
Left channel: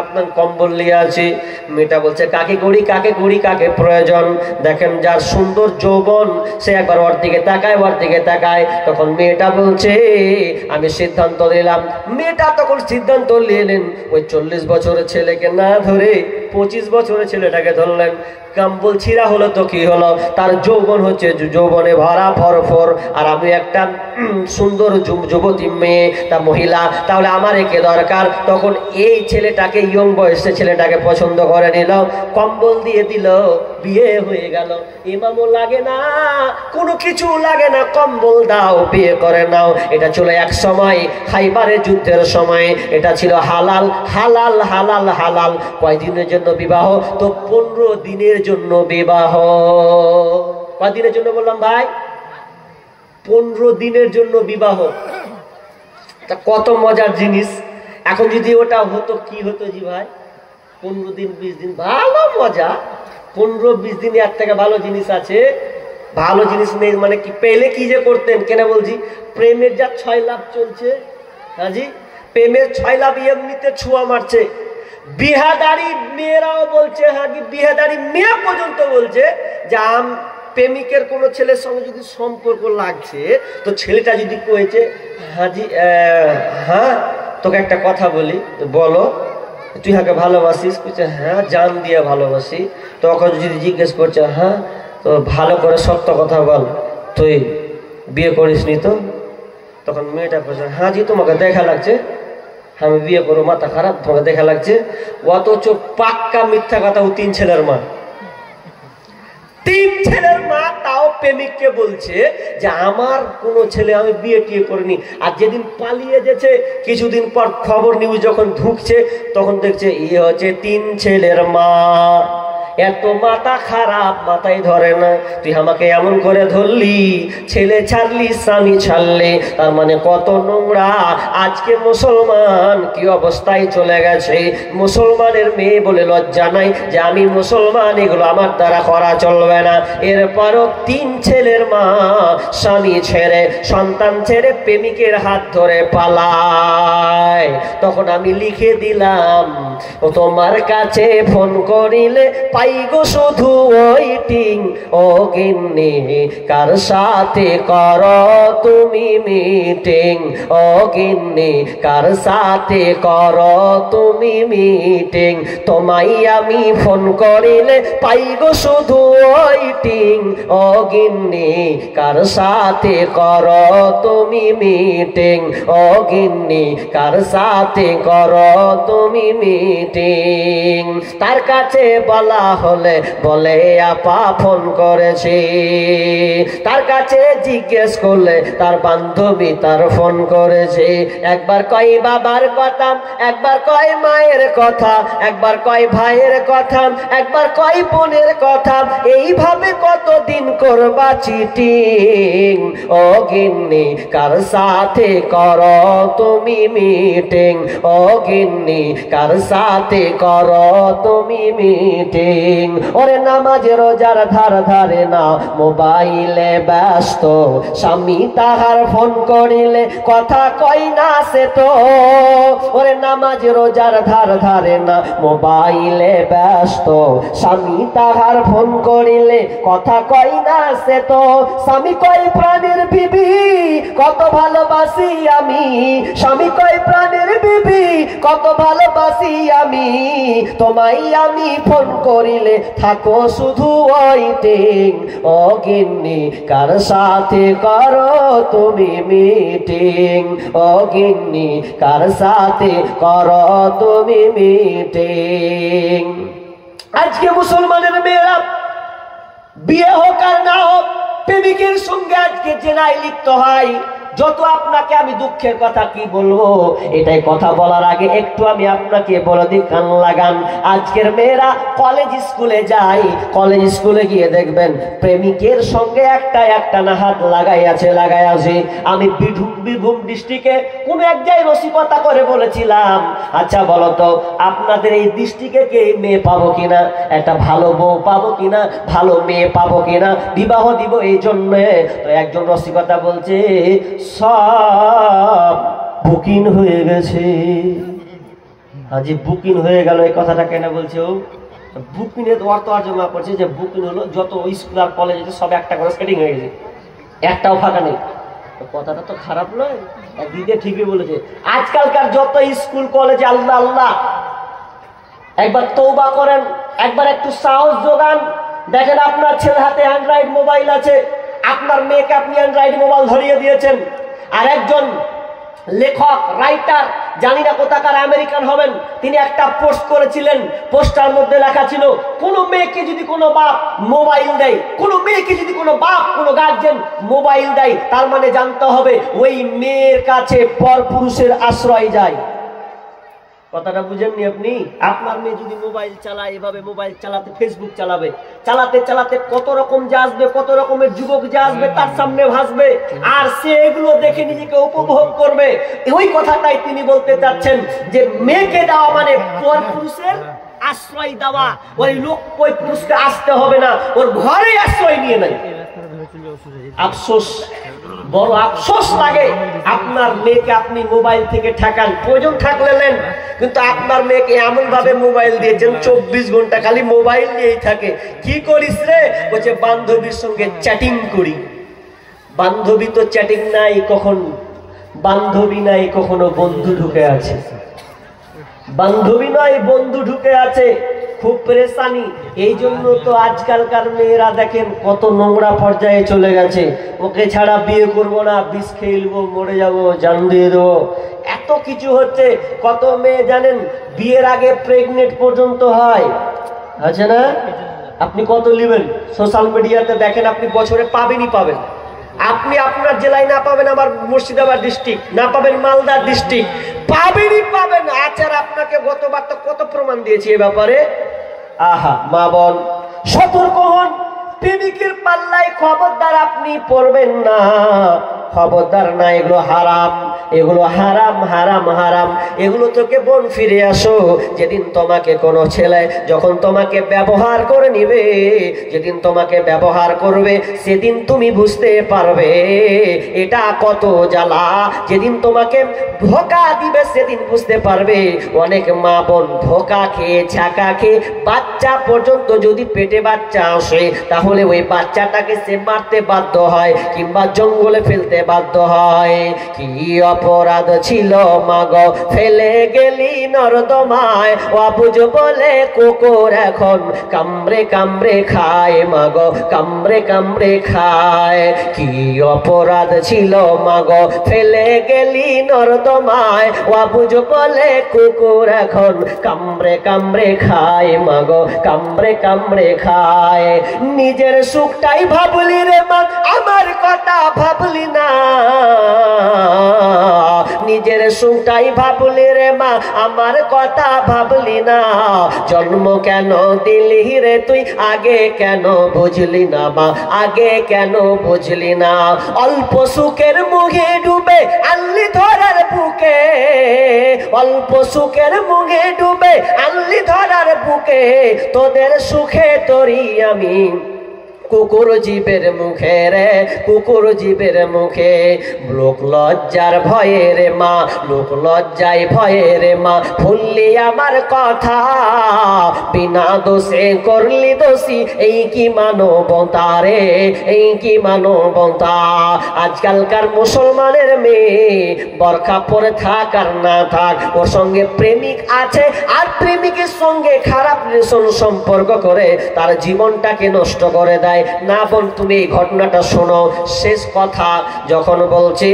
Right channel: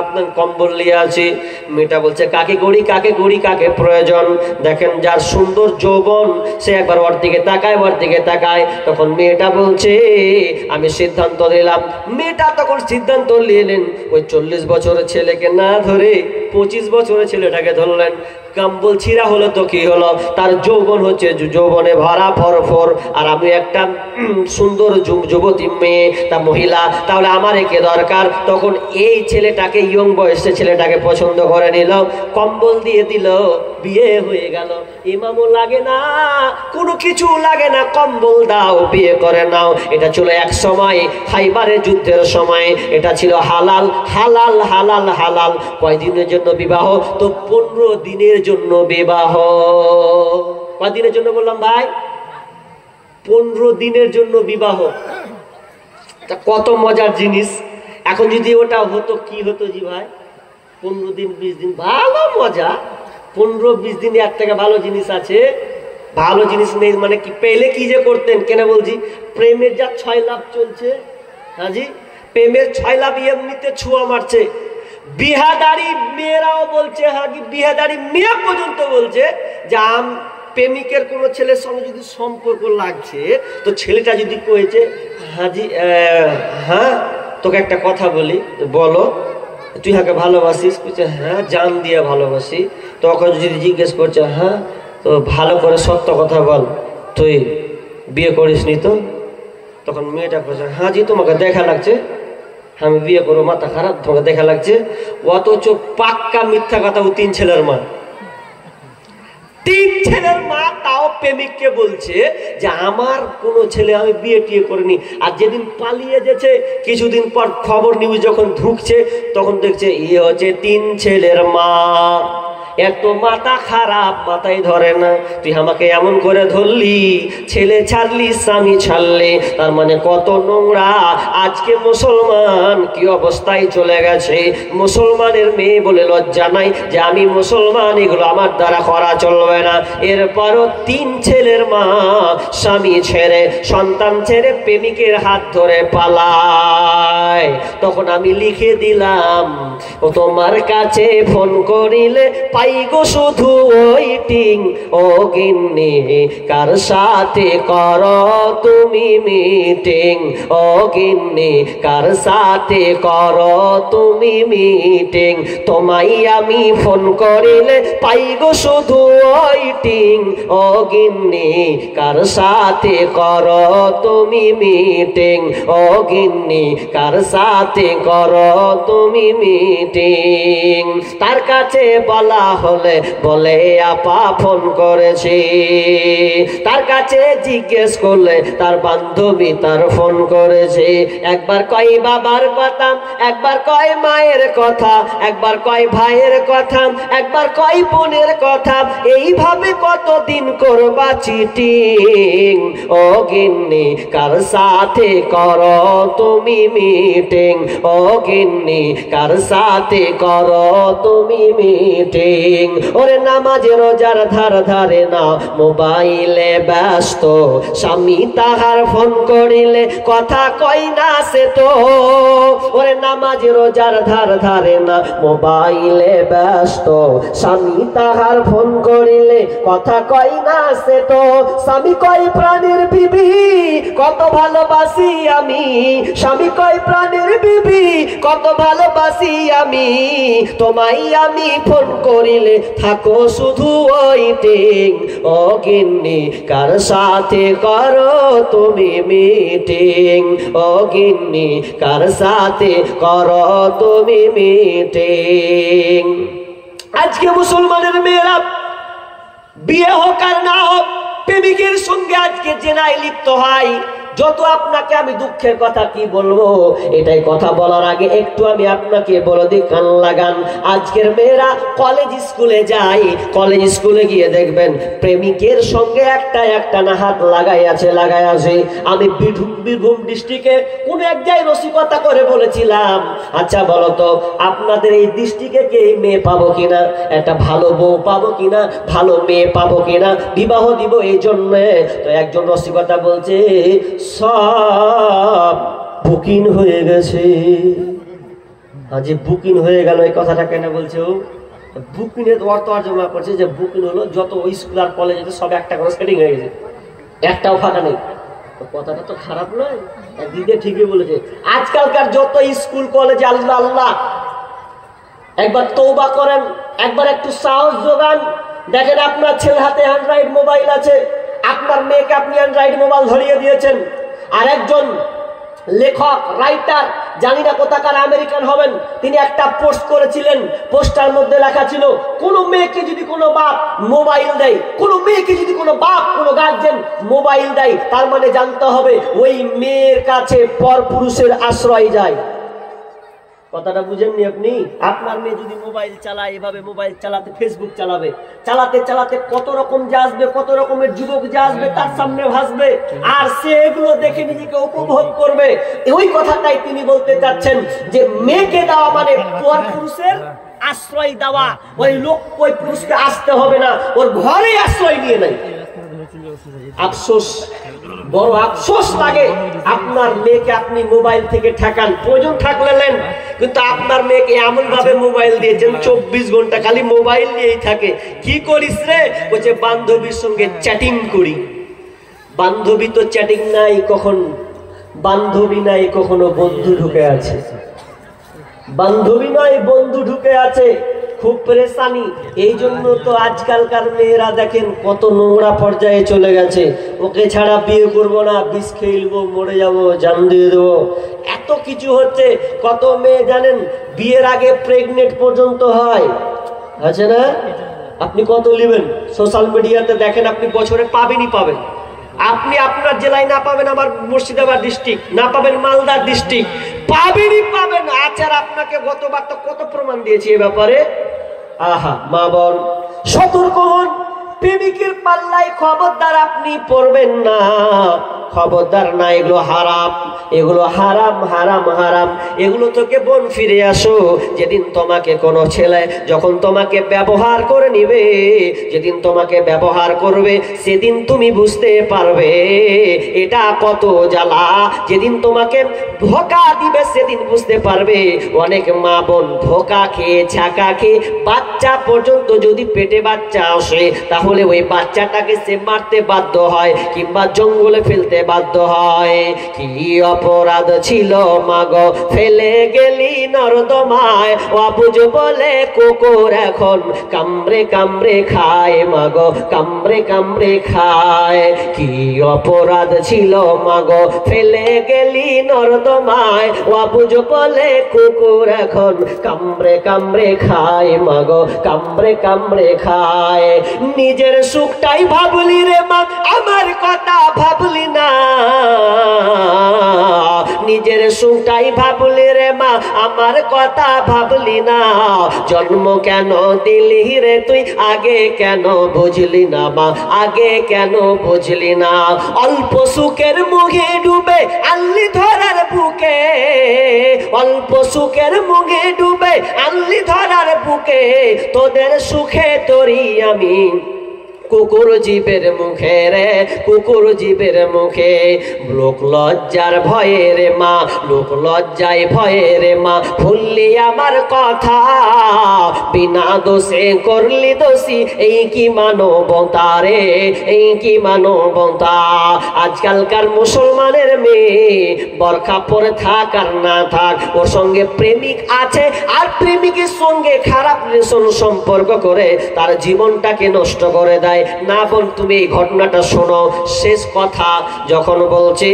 আপনার কম্বল নিয়ে আছে। মেয়েটা বলছে কাকে গড়ি কাকে গড়ি, কাকে প্রয়োজন? দেখেন যার সুন্দর যৌবন সে একবার ওর দিকে তাকায়, ওর দিকে তাকায়। তখন মেয়েটা বলছে আমি সিদ্ধান্ত নিলাম। মেয়েটা তখন সিদ্ধান্ত নিলেন ওই 40 বছরের ছেলেকে না ধরে 25 বছরের ছেলেটাকে ধরলেন। কম্বল ছিঁড়া হলো তো কি হলো, তার যৌবন হচ্ছে যৌবনে ভরা ফরফর, আর আমি একটা সুন্দর যুবতী মেয়ে, তা মহিলা, তাহলে আমার একে দরকার। তখন এই ছেলেটাকে ইয়ং বয়সের ছেলেটাকে পছন্দ করে নিল, কম্বল দিয়ে দিল, বিয়ে হয়ে গেল। ইমামও লাগে না, কোনো কিছু লাগে না, কম্বল দাও বিয়ে করে নাও। এটা ছিল এক সময় খাইবারের যুদ্ধের সময়, এটা ছিল হালাল হালাল হালাল হালাল। কয়দিনের জন্য বিবাহ? তো 15 দিনের জন্য বিবাহ। কয়দিনের জন্য বললাম ভাই? 15 দিনের জন্য বিবাহ। তা কত মজার জিনিস। এখন যদি ওটা হতো কি হতো জি ভাই? 15 দিন 20 দিন ভালো মজা। 15-20 দিন এর থেকে ভালো জিনিস আছে? ভালো জিনিস নেই মানে কি? পেলে কি যে করতেন, কেন বলছি প্রেমের যা 6 লাভ চলছে, হ্যাঁ জি, প্রেমের 6 লাভ এমনিতে ছুঁয়া মারছে। বিহাদারি মেয়েরাও বলছে, হ্যাঁ কি বিহাদারি মেয়ে পর্যন্ত বলছে যে প্রেমিকের কোনো ছেলের সঙ্গে যদি সম্পর্ক লাগছে, তো ছেলেটা যদি কয়েছে হাজি হ্যাঁ তোকে একটা কথা বলি, বলো তুই হাকে ভালোবাসিস? বলছে হ্যাঁ জান দিয়ে ভালোবাসি। তখন যদি জিজ্ঞেস করছে হ্যাঁ তো ভালো করে সত্য কথা বল, তুই বিয়ে করিস নি তো? তখন মেয়েটা বলছে হ্যাঁ জি তোমাকে দেখা লাগছে, আমি বিয়ে করবো, মাথা খারাপ, তোমাকে দেখা লাগছে। অথচ পাক্কা মিথ্যা কথা। ও 3 ছেলের মা, 3 ছেলের মা, তাও প্রেমিককে বলছে যে আমার কোনো ছেলে আমি বিয়ে টিয়ে করিনি। আর যেদিন পালিয়ে গেছে কিছুদিন পর খবর নিউজ যখন ঢুকছে তখন দেখছে ইয়ে হচ্ছে 3 ছেলের মা। এত মাথা খারাপ, মাথায় ধরে না। তুই আমাকে এমন করে ধরলি, ছেলে ছাড়লি স্বামী ছাড়লে, তার মানে কত নোংরা। আজকে মুসলমান কি অবস্থায় চলে গেছে। মুসলমানের মেয়ে বলে লজ্জা নাই যে আমি মুসলমান, এগুলো আমার দ্বারা করা চলবে না। এরপরও 3 ছেলের মা স্বামী ছেড়ে সন্তান ছেড়ে প্রেমিকের হাত ধরে পালায়। তখন আমি লিখে দিলাম ও তোমার কাছে ফোন করিলে পাই গো শুধু ওয়েটিং, ও গিন্নি কার সাথে করো তুমি মিটিং, ও গিন্নি কার সাথে করো তুমি মিটিং, তোমায় আমি ফোন করিলে পাই গো শুধু ওয়েটিং, ও গিন্নি কার সাথে করো তুমি মিটিং, ও গিন্নি কার সাথে করো তুমি মিটিং। তার কাছে বলা হলে বলে আপা ফোন করেছি, তার কাছে জিজ্ঞেস করলে তার বান্ধবী তার ফোন করেছে। একবার কয় বাবার কথা, একবার কয় মায়ের কথা, একবার কয় ভাইয়ের কথা, একবার কয় বোনের কথা। এইভাবে কতদিন করবা চিটিং, মিটিং, ও গিন্নি কার সাথে করো তুমি মিটিং, ও গিন্নি কার সাথে করো তুমি মিটিং। ওরে নামাজ রোজার ধার ধারে না, মোবাইলে ব্যস্ত, স্বামী তাহার ফোন করিলে কথা কই না সে তো। ওরে নামাজ রোজার ধার ধারে না, মোবাইলে ব্যস্ত, স্বামী তাহার ফোন করিলে কথা কই না সে তো। স্বামী কই প্রাণের বিবি কত ভালোবাসি আমি, স্বামী কই প্রাণের বিবি কত ভালোবাসি আমি, তোমায় আমি ফোন করিলে থাকো শুধু ওয়েটিং, ও গিন্নি কার সাথে করো তুমি মিটিং, ও গিন্নি কার সাথে করো তুমি মিটিং। আজকে মুসলমানের মেয়েরা বিয়ে হোক আর না হোক প্রেমিকের সঙ্গে আজকে জেনায় লিপ্ত হয়। যত আপনাকে আমি দুঃখের কথা কি বলবো, এটাই কথা বলার আগে একটু আমি আপনাকে বলে দিই, কান লাগান। আজকের মেয়েরা কলেজ স্কুলে যায়, কলেজ স্কুলে গিয়ে দেখবেন প্রেমিকের সঙ্গে একটা না হাত লাগাই আছে। আমি বীরভূম ডিস্ট্রিক্টে কোন এক জায়গায় রসিকতা করে বলেছিলাম, আচ্ছা বলো তো আপনাদের এই ডিস্ট্রিক্টে কে মেয়ে পাবো কিনা, একটা ভালো বউ পাবো কিনা, ভালো মেয়ে পাবো কিনা, বিবাহ দিব এই জন্য। তো একজন রসিকতা বলছে সব বুকিং হয়ে গেছে। আজ বুকিং হয়ে গেল, এই কথাটা কেন বলছে ও? বুকিং এর অর্থ জমা করছে যে বুকিং হলো যত স্কুল আর কলেজ আছে সব একটা করে সেটিং হয়ে গেছে, একটাও ফাঁকা নেই। কথাটা তো খারাপ নয়, একদিকে ঠিকই বলেছে। আজকালকার যত স্কুল কলেজে আল্লাহ আল্লাহ, একবার তওবা করেন, একবার একটু সাহস যোগান। দেখেন আপনার ছেলের হাতে অ্যান্ড্রয়েড মোবাইল আছে, আপনার মেয়েকে আপনি অ্যান্ড্রয়েড মোবাইল ধরিয়ে দিয়েছেন। আর একজন লেখক রাইটার, জানি না কোথাকার আমেরিকান হবেন, তিনি একটা পোস্ট করেছিলেন, পোস্টার মধ্যে লেখা ছিল কোনো মেয়েকে যদি কোনো বাপ মোবাইল দেয়, কোনো মেয়েকে যদি কোনো বাপ কোনো গার্জেন মোবাইল দেয়, তার মানে জানতে হবে ওই মেয়ের কাছে পরপুরুষের আশ্রয় যায়। কথাটা বুঝেননি আপনি? আপনার মেয়ে যদি মোবাইল চালায়, এভাবে মোবাইল চালাতে, ফেসবুক চালাবে, চালাতে চালাতে কত রকম যা আসবে, কত রকমের যুবক যা আসবে তার সামনে ভাসবে, আর সে এগুলো দেখে নিজেকে উপভোগ করবে। ওই কথাটাই তিনি বলতে চাচ্ছেন যে মেয়েকে দেওয়া মানে পরপুরুষের আশ্রয় দেওয়া। ওই লোক ওই পুরুষকে আসতে হবে না, ওর ঘরে আশ্রয় নিয়ে নেয়। আফসোস, বড় আফসোস লাগে। আপনার মেয়েকে আপনি মোবাইল থেকে ঠেকান, প্রয়োজন থাকলে নেন, কিন্তু আপনার মেয়েকে এমন ভাবে মোবাইল দিয়েছেন 24 ঘন্টা খালি মোবাইল নিয়েই থাকে। কি করিস রে? বলছে বান্ধবীর সঙ্গে চ্যাটিং করি। বান্ধবী তো চ্যাটিং নাই কখন, বান্ধবী নাই কখনো বন্ধু ঢুকে আছে, বান্ধবী নয় বন্ধু ঢুকে আছে, খুব পরেশানি। এই জন্য তো আজকালকার মেয়েরা দেখেন কত নোংরা পর্যায়ে চলে গেছে। ওকে ছাড়া বিয়ে করব না, বিষ খেয়ে নেবো, মরে যাবো, জান দিয়ে দেবো, এত কিছু হচ্ছে। কত মেয়ে জানেন বিয়ের আগে প্রেগনেন্ট পর্যন্ত হয়, আছে না? আপনি কত নেবেন? সোশ্যাল মিডিয়াতে দেখেন, আপনি বছরে পাবেনই পাবেন। আপনি আপনার জেলায় না পাবেন আমার মুর্শিদাবাদ ডিস্ট্রিক্ট, না পাবেন মালদা ডিস্ট্রিক্ট, পাবেনই পাবেন। আচার আপনাকে গতবার তো কত প্রমাণ দিয়েছি এ ব্যাপারে। আহা মা বোন সতর্ক হন, প্রেমিকের পাল্লায় খবরদার আপনি পড়বেন না, খবরদার না। এগুলো হারাম, এগুলো হারাম হারাম হারাম। এগুলো থেকে বোন ফিরে আসো। যেদিন তোমাকে কোনো ছেলে যখন তোমাকে ব্যবহার করে নিবে, যেদিন তোমাকে ব্যবহার করবে, সেদিন তুমি বুঝতে পারবে এটা কত জ্বালা। যেদিন তোমাকে ধোঁকা দিবে সেদিন বুঝতে পারবে। অনেক মা বোন ধোঁকা খেয়ে, ছাকা খেয়ে, বাচ্চা পর্যন্ত যদি পেটে বাচ্চা আসে, তাহলে ওই বাচ্চাটাকে সে মারতে বাধ্য হয় কিংবা জঙ্গলে ফেলতে বাধ্য হয়। কি অপরাধ ছিল মাগো ফেলে গেলি নর্দমায়, অবুঝ বলে কুকুর এখন কামড়ে কামড়ে খায়, মাগো কামড়ে কামড়ে খায়। কি অপরাধ ছিল মাগো ফেলে গেলি নর্দমায়, অবুঝ বলে কুকুর এখন কামড়ে কামড়ে খায়, মাগো কামড়ে কামড়ে খায়। নিজের সুখটাই ভাবলি রে মা, আমার কথা ভাবলি না। নিজের সুখটাই ভাবলি রে মা, আমার কথা ভাবলি না। জন্ম কেন দিলি রে তুই, আগে কেন বুঝলি না মা, আগে কেন বুঝলি না। অল্প সুখের মুখে ডুবে আনলি ধরার বুকে, অল্প সুখের মুখে ডুবে আনলি ধরার বুকে, তোদের সুখে তোরি আমি কুকুর জীবের মুখে রে, কুকুর জীবের মুখে। লোক লজ্জার ভয়ে রে মা, লোক লজ্জায় ভয়ে রে মা, ভুললি আমার কথা, বিনা দোষে করলি দোষী, এই কি মানবতা রে, এই কি মানবতা। আজকালকার মুসলমানের মেয়ে বরখা পরে থাক আর না থাক, ওর সঙ্গে প্রেমিক আছে আর প্রেমিকের সঙ্গে খারাপ রিলেশন সম্পর্ক করে তার জীবনটাকে নষ্ট করে দেয়। না বোন, তুমি এই ঘটনাটা শোনো। শেষ কথা যখন বলছে,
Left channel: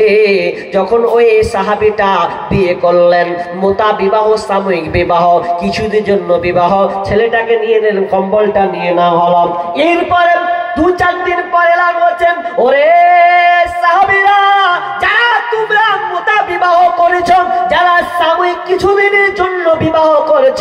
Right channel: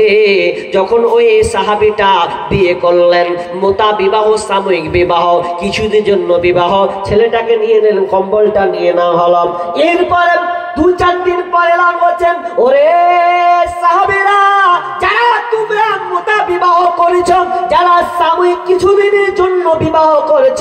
যখন ওই সাহাবীটা বিয়ে করলেন, মোতা বিবাহ, সাময়িক বিবাহ, কিছুদিনের জন্য বিবাহ, ছেলেটাকে নিয়ে নিলেন, কম্বলটা নিয়ে না হলাম। এরপরে 2-4 দিন পরে এলাম বলছেন, ওরে সাহাবীরা, যারা তোমরা মোতা বিবাহ করেছ, যারা সাময়িক কিছুদিনের জন্য বিবাহ করেছ,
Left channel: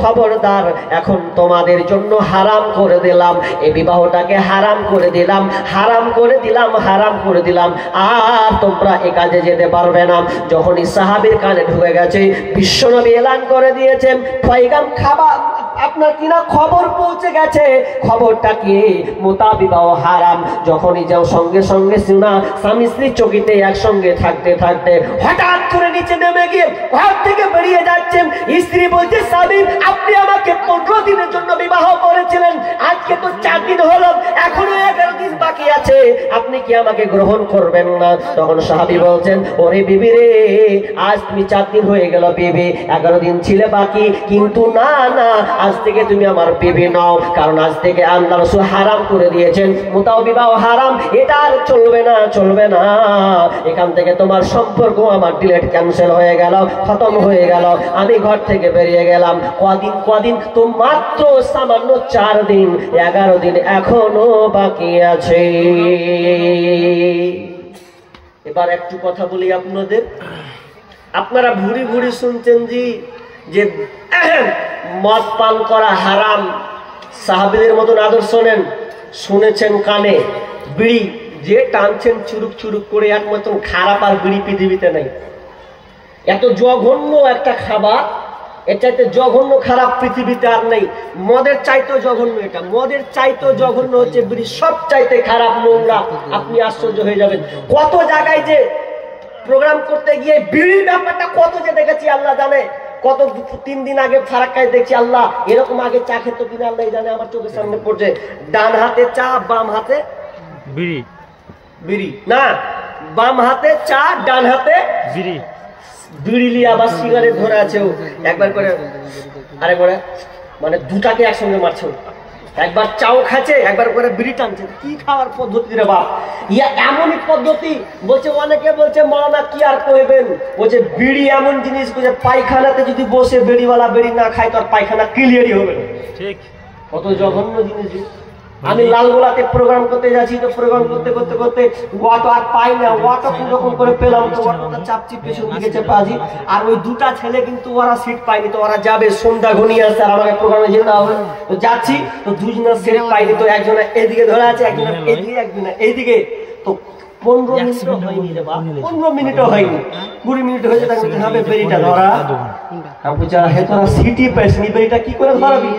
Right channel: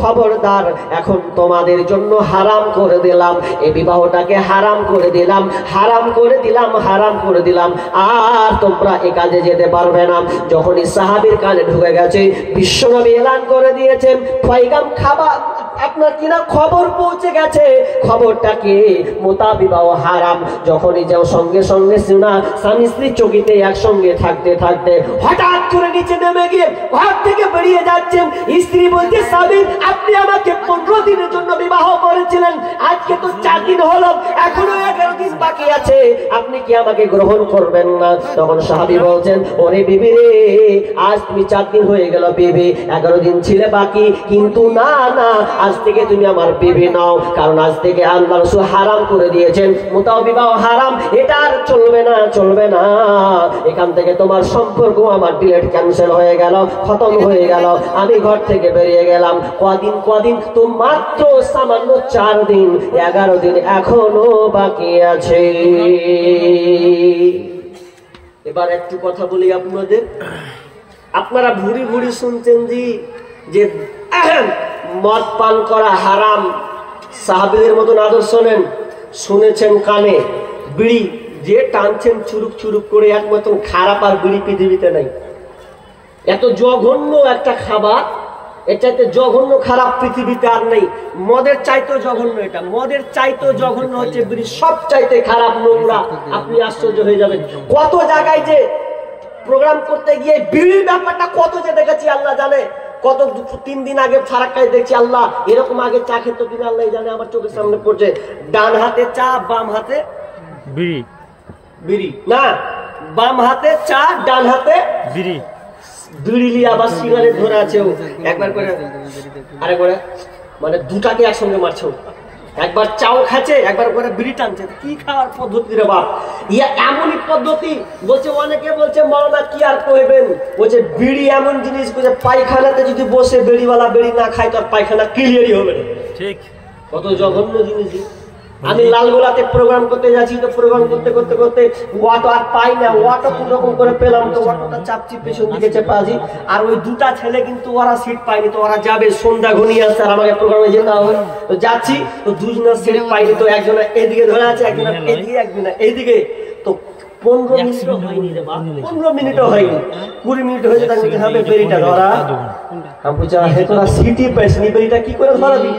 খবরদার, এখন তোমাদের জন্য হারাম করে দিলাম, এই বিবাহটাকে হারাম করে দিলাম, হারাম করে দিলাম, হারাম করে দিলাম, আর তোমরা এ কাজে যেতে পারবে না। যখনই সাহাবীর কানে ঢুকে গেছে, বিশ্বনবী এলান করে দিয়েছেন, পয়গাম খাবার আপনার কিনা খবর পৌঁছে গেছে, খবরটা কি, মোতা বিবাহ হারাম। যখনই যাও সঙ্গে সঙ্গে সিনা স্বামী স্ত্রী চকিতে একসঙ্গে থাকতে থাকতে হঠাৎ করে নিচে নেমে গিয়ে ঘর থেকে বেরিয়ে যাচ্ছেন। স্ত্রী বলছে, স্বামী আপনি আমাকে 15 দিনের জন্য বিবাহ করেছিলেন, আজকে তো 4 দিন হলো, এখনো 11 দিন বাকি আছে, আপনি কি আমাকে গ্রহণ করবেন না? তখন সাহাবী বলছেন, ওরে বিবি রে, আজ তুমি 4 দিন হয়ে গেল বিবি, 11 দিন ছিলে বাকি, কিন্তু না না, আজ থেকে তুমি আমার বিবি নাও, কারণ আজ থেকে আল্লাহ রাসূল হারাম করে দিয়েছেন, মোতা বিবাহ হারাম, এটা আর চলবে না, চলবে না। এখান থেকে তোমার সম্পর্ক আমার ডিলেট ক্যান্সেল হয়ে গেল, খতম হয়ে গেল, আমি ঘর থেকে বেরিয়ে গেলাম। কদিন তো মাত্র সামান্য 4 দিন, 11 দিন এখনো বাকি আছে। এবার একটু কথা বলি আপনাদের, আপনারা ভুরি ভুরি শুনছেন যে মদ পান করা হারাম, সাহাবীদের মতন আদর্শ নেন, শুনেছেন কানে, বিড়ি যে টানছেন চুরুক চুরুক করে, এক মতন খারাপ আর বিড়ি পৃথিবীতে নাই। এত জঘন্য একটা খাবার, এটাতে জঘন্য খারাপ পৃথিবীতে আর নেই। মদের চাইতেও জঘন্য এটা, মদের চাইতেও জঘন্য হচ্ছে বিড়ি, সব চাইতে খারাপ, নোংরা। আপনি আশ্চর্য হয়ে যাবেন, কত জায়গায় যে প্রোগ্রাম করতে গিয়ে বিড়ির ব্যাপারটা কত যে দেখেছি আল্লাহ জানে। কত 3 দিন আগে ফারাক্কায় দেখছি, আল্লাহ এরকম আগে চা খেত কিনা আল্লাহ জানে, আমার চোখের সামনে পড়ছে, ডান হাতে চা, বাম হাতে বিড়ি, বিড়ি না, বাম হাতে চা, ডান হাতে বিড়ি, বিড়ি লিয়ে আবার সিগারেট ধরে আছে ও, একবার করে আরে করে, মানে দুটাকে একসঙ্গে মারছে ও, একবার চাও খাচ্ছে, একবার করে বিড়ি টানছে। কি খাওয়ার পদ্ধতি রে বাপ, ইয়া এমনই পদ্ধতি। বলছে, অনেকে বলছে মাওলানা কি আর কইবেন, বলছে বিড়ি এমন জিনিস, বলছে পায়খানাতে যদি বসে বিড়িওয়ালা বিড়ি না খায় তো আর পায়খানা ক্লিয়ারই হবে না। ঠিক, কত জঘন্য জিনিস। আমি লালগোলাতে প্রোগ্রাম করতে যাচ্ছি, তো প্রোগ্রাম করতে করতে করতে অটো আর পাই না, অটো কোন রকম করে পেলাম, তো অটোটা চাপচি পেছন দিকে চেপে আছি, আর ওই দুটা ছেলে কিন্তু ওরা সিট পায়নি, তো ওরা যাবে, সন্ধ্যা ঘনিয়ে আসছে, আর আমাকে প্রোগ্রামে যেতে হবে, তো যাচ্ছি, তো দুজনের সিট পাইনি, তো একজনে এদিকে ধরে আছে, একজনে এদিকে, একজনে এইদিকে, তো 15 মিনিটও হয়নি রে বাপ, 15 মিনিটও হয়নি, 20 মিনিট হয়েছে, তাকে বলতে হবে বেরিটা ধরা। আমি বলছি, হে তোরা সিটি পাইসনি, বেরিটা কি করে ধরাবি?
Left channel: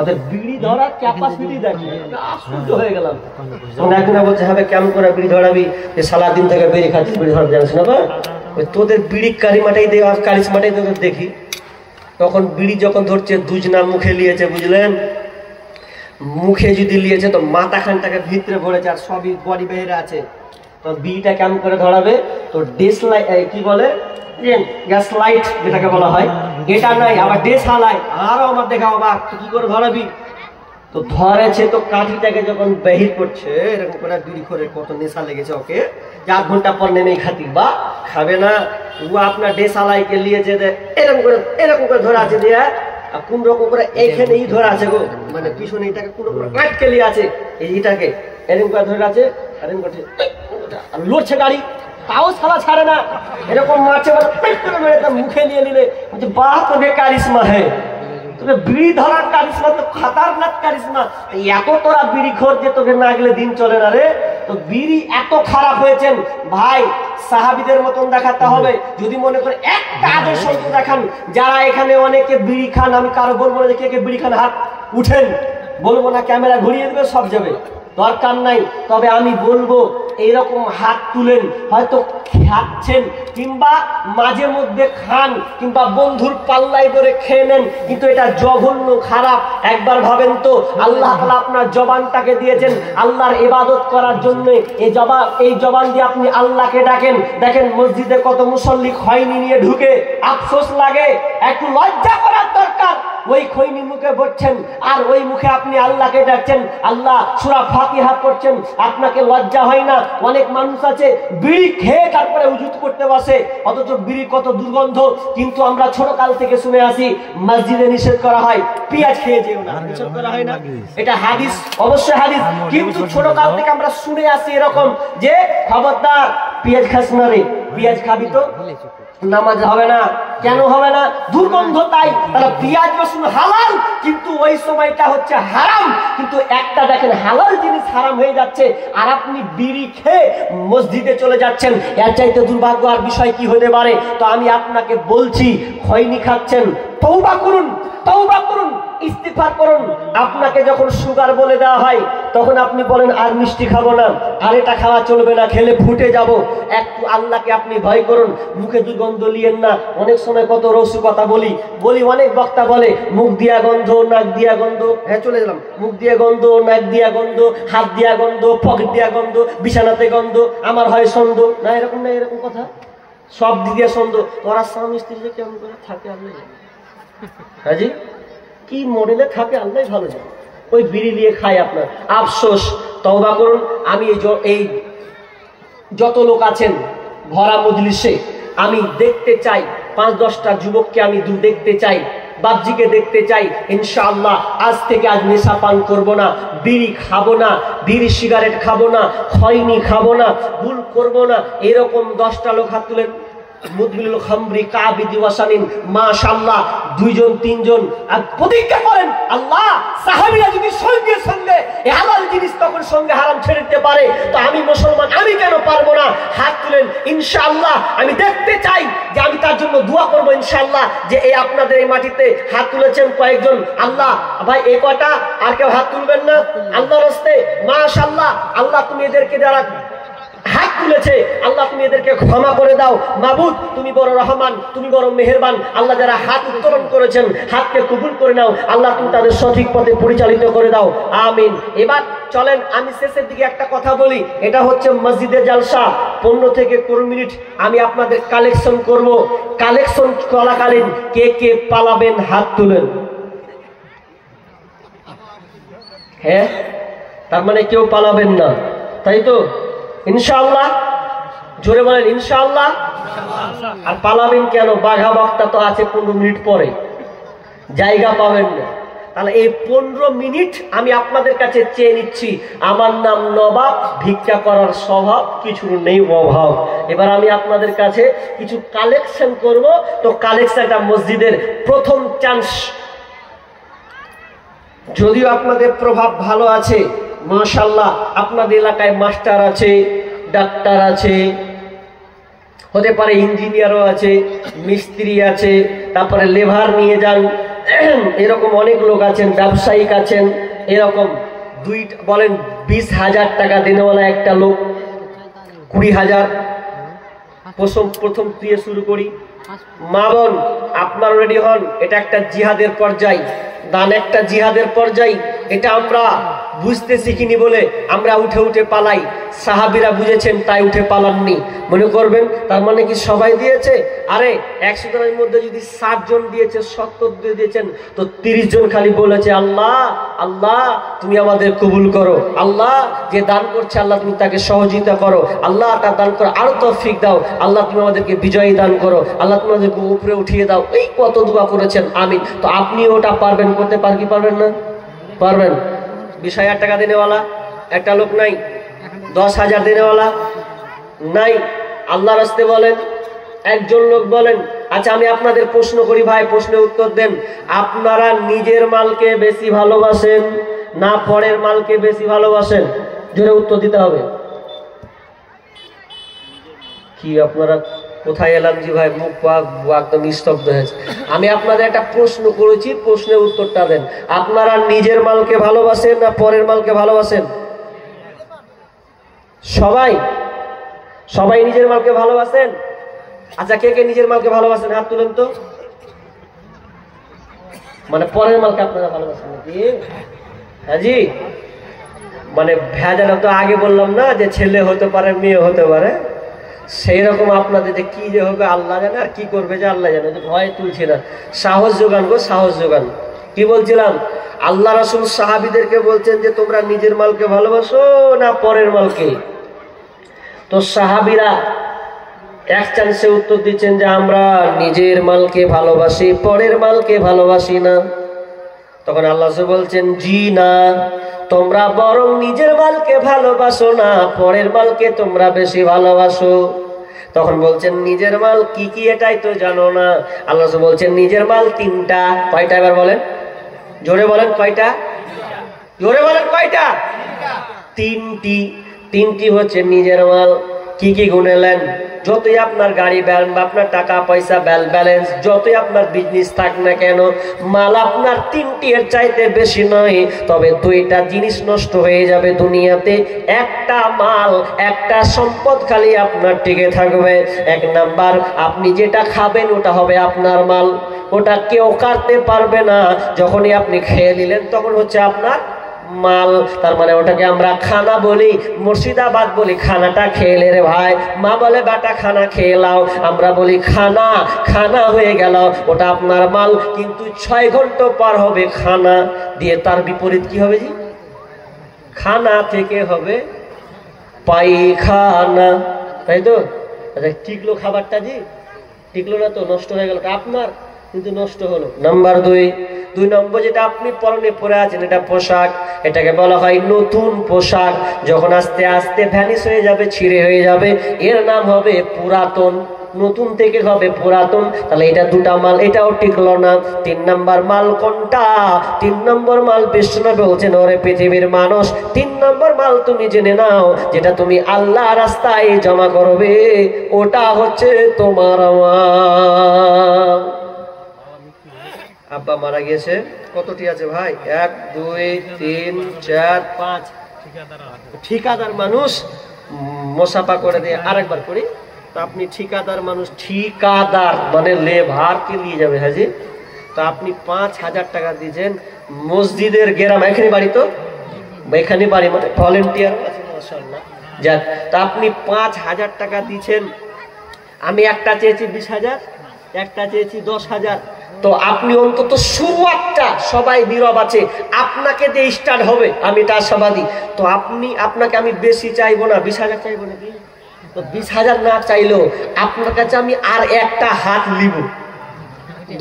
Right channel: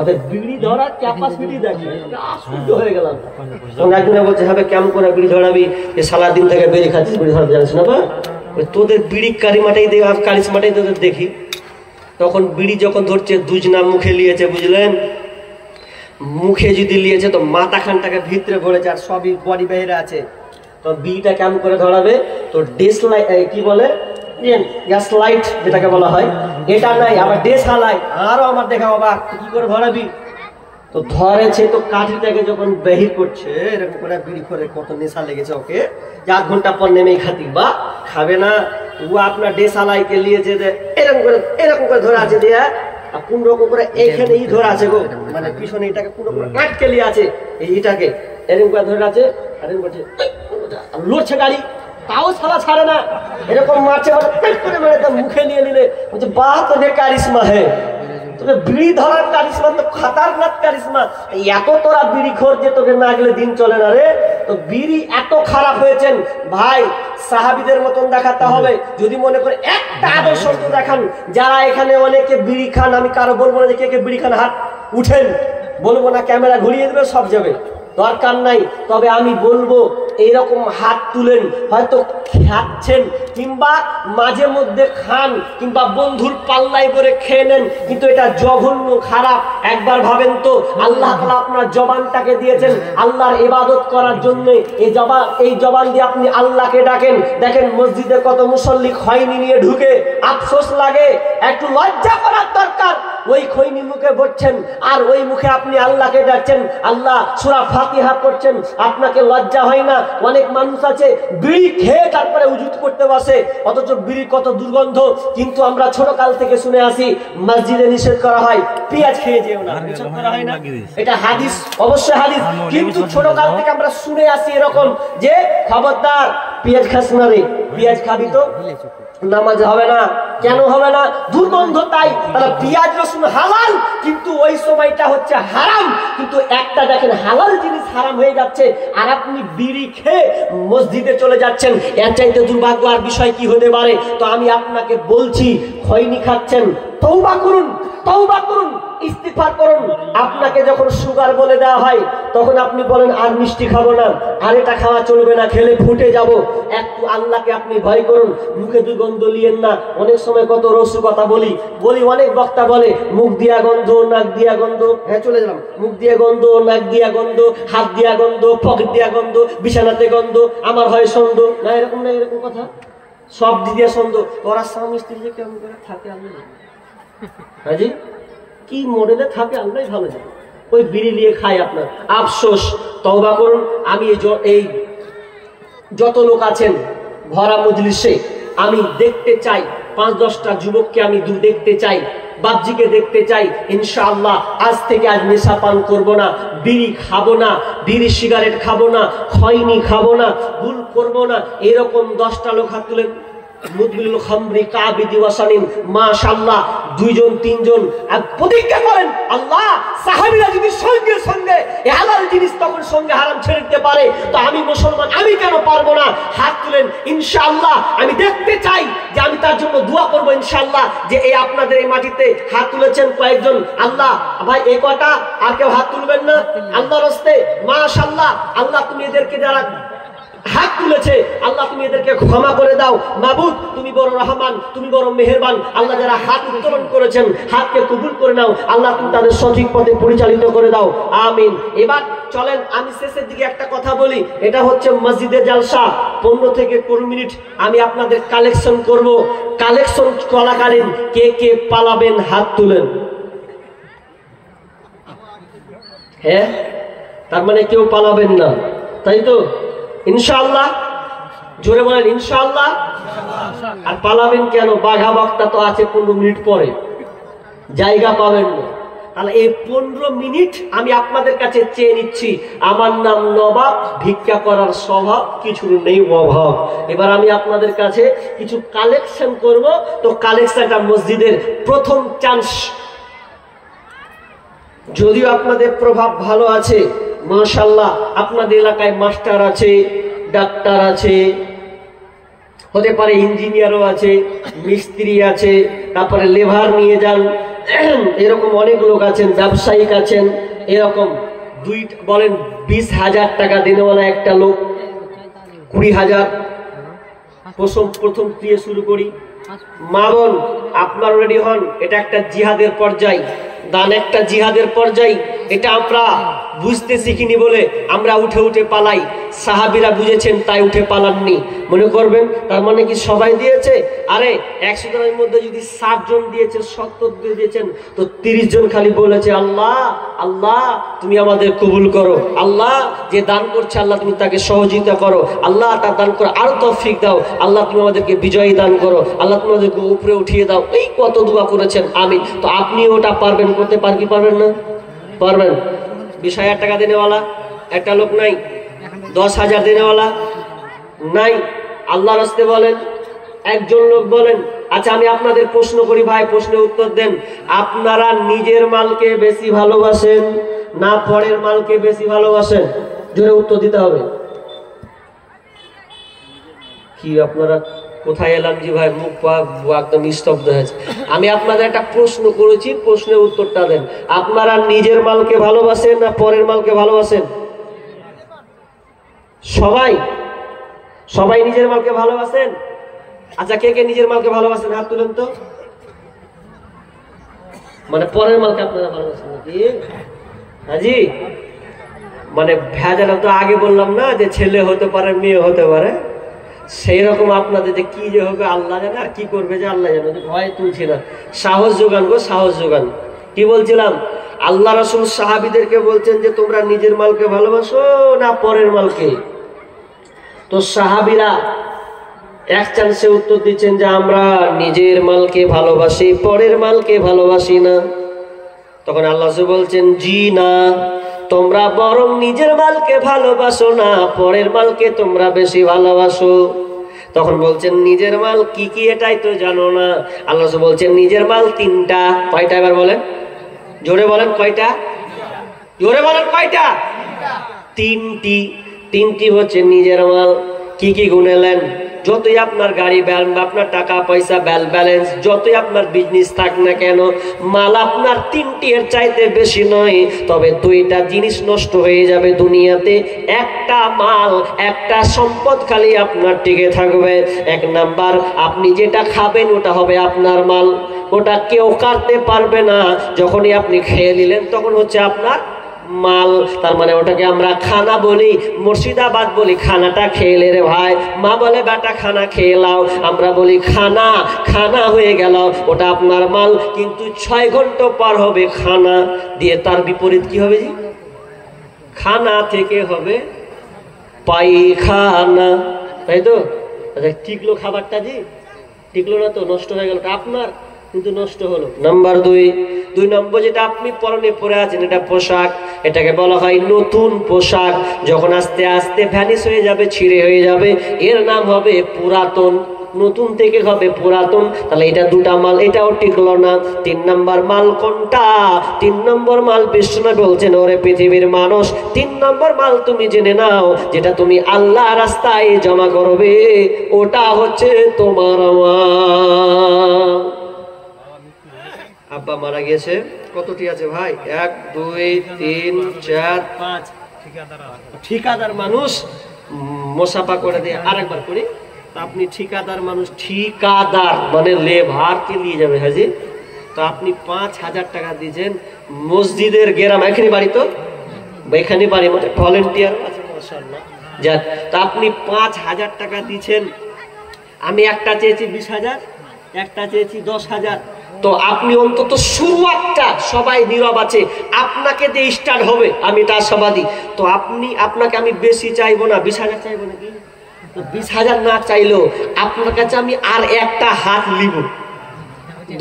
ওদের বিড়ি ধরার ক্যাপাসিটি দেখি, আশ্চর্য হয়ে গেলাম। তখন একজনে বলছে, হবে কেমন করে বিড়ি ধরাবি, যে সারা দিন থেকে বিড়ি খাচ্ছিস, বিড়ি ধরাবি জানিস না? তোদের বিড়ি কারিমাটাই কারিশমাটাই তোদের দেখি। তখন বিড়ি যখন ধরছে, দুজনা মুখে লিয়েছে, বুঝলেন, মুখে যদি লিয়েছে তো মাথা খানটাকে ভিতরে ভরেছে, আর সবই বডি বাইরে আছে। তো বিড়িটা কেমন করে ধরাবে, তো ডেস লাইট, কি বলে, গ্যাস লাইট যেটাকে বলা হয়, এটা নাই, আবার ডেস হালাই, আরো আমার দেখা অবাক, কি করে ধরাবি? তো ধরেছে, তো কাঠিটাকে যখন বাহির করছে, এরকম করে বিড়ি করে কত নেশা লেগেছে ওকে, 4 ঘন্টা পর নেমেই খাতি, বা খাবে না, ও আপনার ডেস হালাইকে লিয়েছে, এরকম করে ধরে আছে দিয়ে, আর কোন রকম করে এইখানেই ধরে আছে গো, মানে পিছনে এটাকে কোন রকম আটকে লিয়ে আছে, এইটাকে এরকম করে ধরে আছে, এরকম করছে, লড়ছে গাড়ি, তাও ছাড়া ছাড়ে না, এরকম মারছে পেট করে মেরে তার মুখে নিয়ে নিলে বলছে বাহ তোকে কারিশমা হে, তোকে বিড়ি ধরার কারিশমা তো খাতারনাক কারিশমা। এত তোরা বিড়ি খোর যে তোকে না গেলে দিন চলে না রে। তো বিড়ি এত খারাপ হয়েছেন ভাই, সাহাবীদের মতন দেখাতে হবে। যদি মনে করে একটা আদর্শ দেখান, যারা এখানে অনেকে বিড়ি খান, আমি কারো বলবো না যে কে কে বিড়ি খান হাত উঠেন, বলবো না, ক্যামেরা ঘুরিয়ে দেবে, সব যাবে, দরকার নাই। তবে আমি বলবো এইরকম হাত তুলেন, হয়তো খাচ্ছেন কিংবা মাঝে মধ্যে খান কিংবা বন্ধুর পাল্লাই করে খেয়ে নেন, কিন্তু এটা জঘন্য খারাপ। একবার ভাবেন তো, আল্লাহ তাআলা আপনার জবানটাকে দিয়েছেন আল্লাহর ইবাদত করার জন্য। এই জবান দিয়ে আপনি আল্লাহকে ডাকেন। দেখেন মসজিদে কত মুসল্লি খৈনি নিয়ে ঢুকে, আফসোস লাগে, একটু লজ্জা করার দরকার। ওই খৈনি মুখে বসছেন আর ওই মুখে আপনি আল্লাহকে ডাকছেন, আল্লাহ সূরা ফাতিহা পড়ছেন, আপনাকে লজ্জা হয় না? অনেক মানুষ আছে বিড়ি খেয়ে তারপরে উজুত করতে বসে, অথচ বিড়ির কত দুর্গন্ধ। কিন্তু আমরা ছোট কাল থেকে শুনে আসি মসজিদে নিষেধ করা হয় পেঁয়াজ খেয়ে যেও না, নিষেধ করা হয় না? এটা হাদিস, অবশ্যই হাদিস। কিন্তু ছোট কাল থেকে আমরা শুনে আসি এরকম যে খবরদার পেঁয়াজ খাস না রে, পেঁয়াজ খাবি তো নামাজ হবে না। কেন হবে না? দুর্গন্ধ। তাই তাহলে পেঁয়াজ রসুন হালাল, কিন্তু ওই সময়টা হচ্ছে হারাম। কিন্তু একটা দেখেন হালাল জিনিস হারাম হয়ে যাচ্ছে আর আপনি বিড়ি খেয়ে মসজিদে চলে যাচ্ছেন, এর চাইতে দুর্ভাগ্য আর বিষয় কি হতে পারে? তো আমি আপনাকে বলছি, খৈনি খাচ্ছেন, তওবা করুন, তওবা করুন, ইস্তিগফার করুন। আপনাকে যখন সুগার বলে দেওয়া হয় তখন আপনি বলেন আর মিষ্টি খাবো না, আর এটা খাওয়া চলবে না, খেলে ফুটে যাব। একটু আল্লাহকে আপনি ভয় করুন, মুখে দুর্গন্ধ লিয়েন না। অনেক সময় কত রসু কথা বলি, অনেক বক্তা বলে মুখ দিয়া গন্ধ, নাক দিয়া গন্ধ, হ্যাঁ চলে গেলাম, মুখ দিয়া গন্ধ, নাক দিয়া গন্ধ, হাত দিয়া গন্ধ, পকেট দিয়া গন্ধ, বিছানাতে গন্ধ, আমার হয় সন্দ না, এরকম না, এরকম কথা সব দিক দিয়ে সন্দ। ওরা স্বামী স্ত্রী যে কেমন করে থাকে আল্লাহ জানে, হাজি কি মডেলে থাকে আল্লাহ ভালো জানে। ওই বিড়ি নিয়ে খায় আপনার, আফসোস। তওবা করুন। আমি এই যত লোক আছেন ভরা মজলিসে, আমি দেখতে চাই 5-10টা যুবককে আমি দেখতে চাই, বাপজিকে দেখতে চাই। ইনশাআল্লাহ আজ থেকে আজ নেশা পান করবো না, বিড়ি খাবো না, বিড়ি সিগারেট খাবো না, খৈনি খাবো না, ভুল করবো না। এরকম 10টা লোক হাত তুলেন। মুদবিলুল খামরি কাবিদি ওয়াসানিন, মাশাআল্লাহ 2-3 আর প্রতিজ্ঞা করেন, আল্লাহ সাহাবীরা যদি সঙ্গে সঙ্গে এই হালাল জিনিস তখন সঙ্গে হারাম ছেড়ে দিতে পারে, তো আমি মুসলমান আমি কেন পারবো না? হাত তুলেন। ইনশাআল্লাহ আমি দেখতে চাই যে আমি তার জন্য দোয়া করবো ইনশাআল্লাহ। যে এই আপনাদের এই মাটিতে হাত তুলেছেন কয়েকজন, আল্লাহ ভাই এই কয়টা, আর কেউ হাত তুলবেন না আল্লাহর রাস্তায়? মাশাআল্লাহ, আল্লাহ তুমি এদেরকে যারা হাত তুলেছে, আল্লাহ তুমি এদেরকে ক্ষমা করে দাও। মাবুদ তুমি বড় রহমান, তুমি বড় মেহেরবান। আল্লাহ যারা হাত উত্তোলন করেছেন হাতকে কবুল করে নাও, আল্লাহ তুমি তাদের সঠিক পথে পরিচালিত করে দাও, আমিন। এবার চলেন আমি শেষের দিকে একটা কথা বলি। এটা হচ্ছে মসজিদে জালসা, 15 থেকে 20 মিনিট আমি আপনাদের কালেকশন করব। কালেকশন চলাকালীন কে কে পালাবেন হাত তুলেন। হ্যাঁ, তার মানে কেউ পালাবেন না, তাই তো? ইনশাআল্লাহ, জোরে বলেন ইনশাআল্লাহ। আর পালাবেন কেন? বাঘা বক্তা তো আছে 15 মিনিট পরে, জায়গা পাবেন না। তাহলে এই 15 মিনিট আমি আপনাদের কাছে চেয়ে নিচ্ছি। আমার নাম নবাব, ভিক্ষা করার স্বভাব, কিছু নেই অভাব। এবার আমি আপনাদের কাছে কিছু কালেকশন করব। তো কালেকশনটা মসজিদের প্রথম চান্স। যদিও আপনাদের প্রভাব ভালো আছে মাশাআল্লাহ, আপনাদের এলাকায় মাস্টার আছে, ডাক্তার আছে, হতে পারে ইঞ্জিনিয়ারও আছে, মিস্ত্রি আছে, তারপরে লেবার নিয়ে যান, এরকম অনেক লোক আছেন, ব্যবসায়িক আছেন। এরকম বলেন 20,000 টাকা দিনেওয়ালা একটা লোক, 20,000 প্রথম দিয়ে শুরু করি। মা বোন আপনার রেডি হন, এটা একটা জিহাদের পর্যায়, দান একটা জিহাদের পর্যায়। এটা আমরা বুঝতে শিখিনি বলে আমরা উঠে উঠে পালাই। সাহাবীরা বুঝেছেন তাই উঠে পালাননি। মনে করবেন তার মানে কি সবাই দিয়েছে? আরে 100 জনের মধ্যে যদি 60 জন দিয়েছে, 70 দিয়েছেন, তো 30 জন খালি বলেছে আল্লাহ আল্লাহ তুমি আমাদের কবুল করো। আল্লাহ যে দান করছে আল্লাহ তুমি তাকে সহযোগিতা করো, আল্লাহ তার দান করো আরো তৌফিক দাও, আল্লাহ তুমি আমাদেরকে বিজয়ী দান করো, আল্লাহ তুমি আমাদেরকে উপরে উঠিয়ে দাও। এই কত দোয়া করেছেন, আমিন। তো আপনি ওটা পারবেন করতে, পারবেন না? পারবেন। 20,000 টাকা দেনেওয়ালা একটা লোক নাই, 10,000 দেনেওয়ালা নাই, আল্লাহর রাস্তে বলেন। একজন লোক বলেন, আচ্ছা আমি আপনাদের প্রশ্ন করি ভাই, প্রশ্নের উত্তর দেন। আপনারা নিজের মালকে বেশি ভালোবাসেন না পরের মালকে বেশি ভালোবাসেন? জোরে উত্তর দিতে হবে। কি আপনারা কোথায় এলাম জি ভাই, মুখ একদম স্তব্ধ হয়েছে। আমি আপনাদের একটা প্রশ্ন করেছি, প্রশ্নের উত্তরটা দেন। আপনারা নিজের মালকে ভালোবাসেন না পরের মালকে ভালোবাসেন? সবাই সবাই নিজের মালকে ভালোবাসেন? আচ্ছা কে কে নিজের মালকে ভালোবাসেন হাত তুলেন তো। মানে পরের মালকে আপনারা ভালোবাসেন নাকি? হ্যাঁ জি, মানে ভেজাল তো আগে বললাম না যে ছেলে হতে পারে মেয়ে হতে পারে, সেই রকম আপনাদের যে কি যে হবে আল্লাহ জানে, আর কি করবে যে আল্লাহ জানে। ভয় তুলছি না, সাহস যোগান গো, সাহস যোগান। কি বলছিলাম, আল্লাহ রাসূল সাহাবীদেরকে বলছেন যে তোমরা নিজের মালকে ভালোবাসো না পরের মালকে? তো সাহাবীরা এক চান্সে উত্তর দিচ্ছেন যে আমরা নিজের মালকে ভালোবাসি, পরের মালকে ভালোবাসি না। তখন আল্লাহ বলছেন জি না, তোমরা বরং নিজের মালকে ভালোবাসো না, পরের মালকে তোমরা বেশি ভালোবাসো। তখন বলছেন নিজের মাল কি কি এটাই তো জানো না। আল্লাহ বলছেন নিজের মাল তিনটা। কয়টা এবার বলেন, জোরে বলেন কয়টা, জোরে বলেন কয়টা? তিনটি। তিনটি হচ্ছে নিজের মাল। কি কি গুনেলেন? যতই আপনার গাড়ি আপনার টাকা পয়সা ব্যালেন্স, যতই আপনার বিজনেস থাক না কেন, মাল আপনার তিনটি এর চাইতে বেশি নয়। তবে দুইটা জিনিস নষ্ট হয়ে যাবে দুনিয়াতে, একটা মাল একটা সম্পদ খালি আপনার টিকে থাকবে। এক নাম্বার, আপনি যেটা খাবেন ওটা হবে আপনার মাল, ওটা কেউ কাটতে পারবে না। যখনই আপনি খেয়ে নিলেন তখন হচ্ছে আপনার মাল। তার মানে ওটাকে আমরা খানা বলি, মুর্শিদাবাদ বলি খানাটা খেয়ে রে ভাই, মা বলে বেটা খানা খেয়ে লাও, আমরা বলি খানা, খানা হয়ে গেল, ওটা আপনার মাল। কিন্তু 6 ঘন্টা পার হবে খানা দিয়ে, তার বিপরীত কি হবে জি? খানা থেকে হবে পায়খানা, তাই তো? আচ্ছা টিকলো খাবারটা জি, টিকলো না তো, নষ্ট হয়ে গেল, আপনার কিন্তু নষ্ট হলো। নাম্বার 2 নম্বর যেটা আপনি পরনে পরে আছেন এটা পোশাক, এটাকে বলা হয় নতুন পোশাক। যখন আস্তে আস্তে ভ্যানিশ হয়ে যাবে, ছিঁড়ে হয়ে যাবে, এর নাম হবে পুরাতন। নতুন থেকে হবে পুরাতন। তাহলে এটা দুটা মাল, এটাও টিকলো না। 3 নম্বর মাল কোনটা? 3 নম্বর মাল বিষ্ণুনবী বলছেন ওরে পৃথিবীর মানুষ, 3 নম্বর মাল তুমি জেনে নাও, যেটা তুমি আল্লাহ রাস্তায় জমা করবে ওটা হচ্ছে তোমার মাল। আব্বা মারা গেছে, কতটি আছে ভাই? 1 2 3 4 5 ঠিকাদার মানুষ মোসাফা করে দিয়ে আরেকবার করি। তো আপনি ঠিকাদার মানুষ, ঠিকাদার মানে লেভারকে নিয়ে যাবে হাজি। তো আপনি 5,000 টাকা দিয়েছেন মসজিদের গ্রাম, এখানে বাড়ি তো, এখানে বাড়ি মানে ভলেন্টিয়ার আছে মাশাআল্লাহ। যাক, তা আপনি 5,000 টাকা দিয়েছেন। আমি একটা চেয়েছি 20,000, একটা চেয়েছি 10,000। তো আপনি অন্তত শুরুয়াতটা, সবাই নীরব আছে, আপনাকে দিয়ে স্টার্ট হবে, আমি এটা আশাবাদী। তো আপনাকে আমি বেশি চাইবো না, 20,000 চাইবো নাকি? তো 20,000 না চাইলেও আপনার কাছে আমি আর একটা হাত নিব,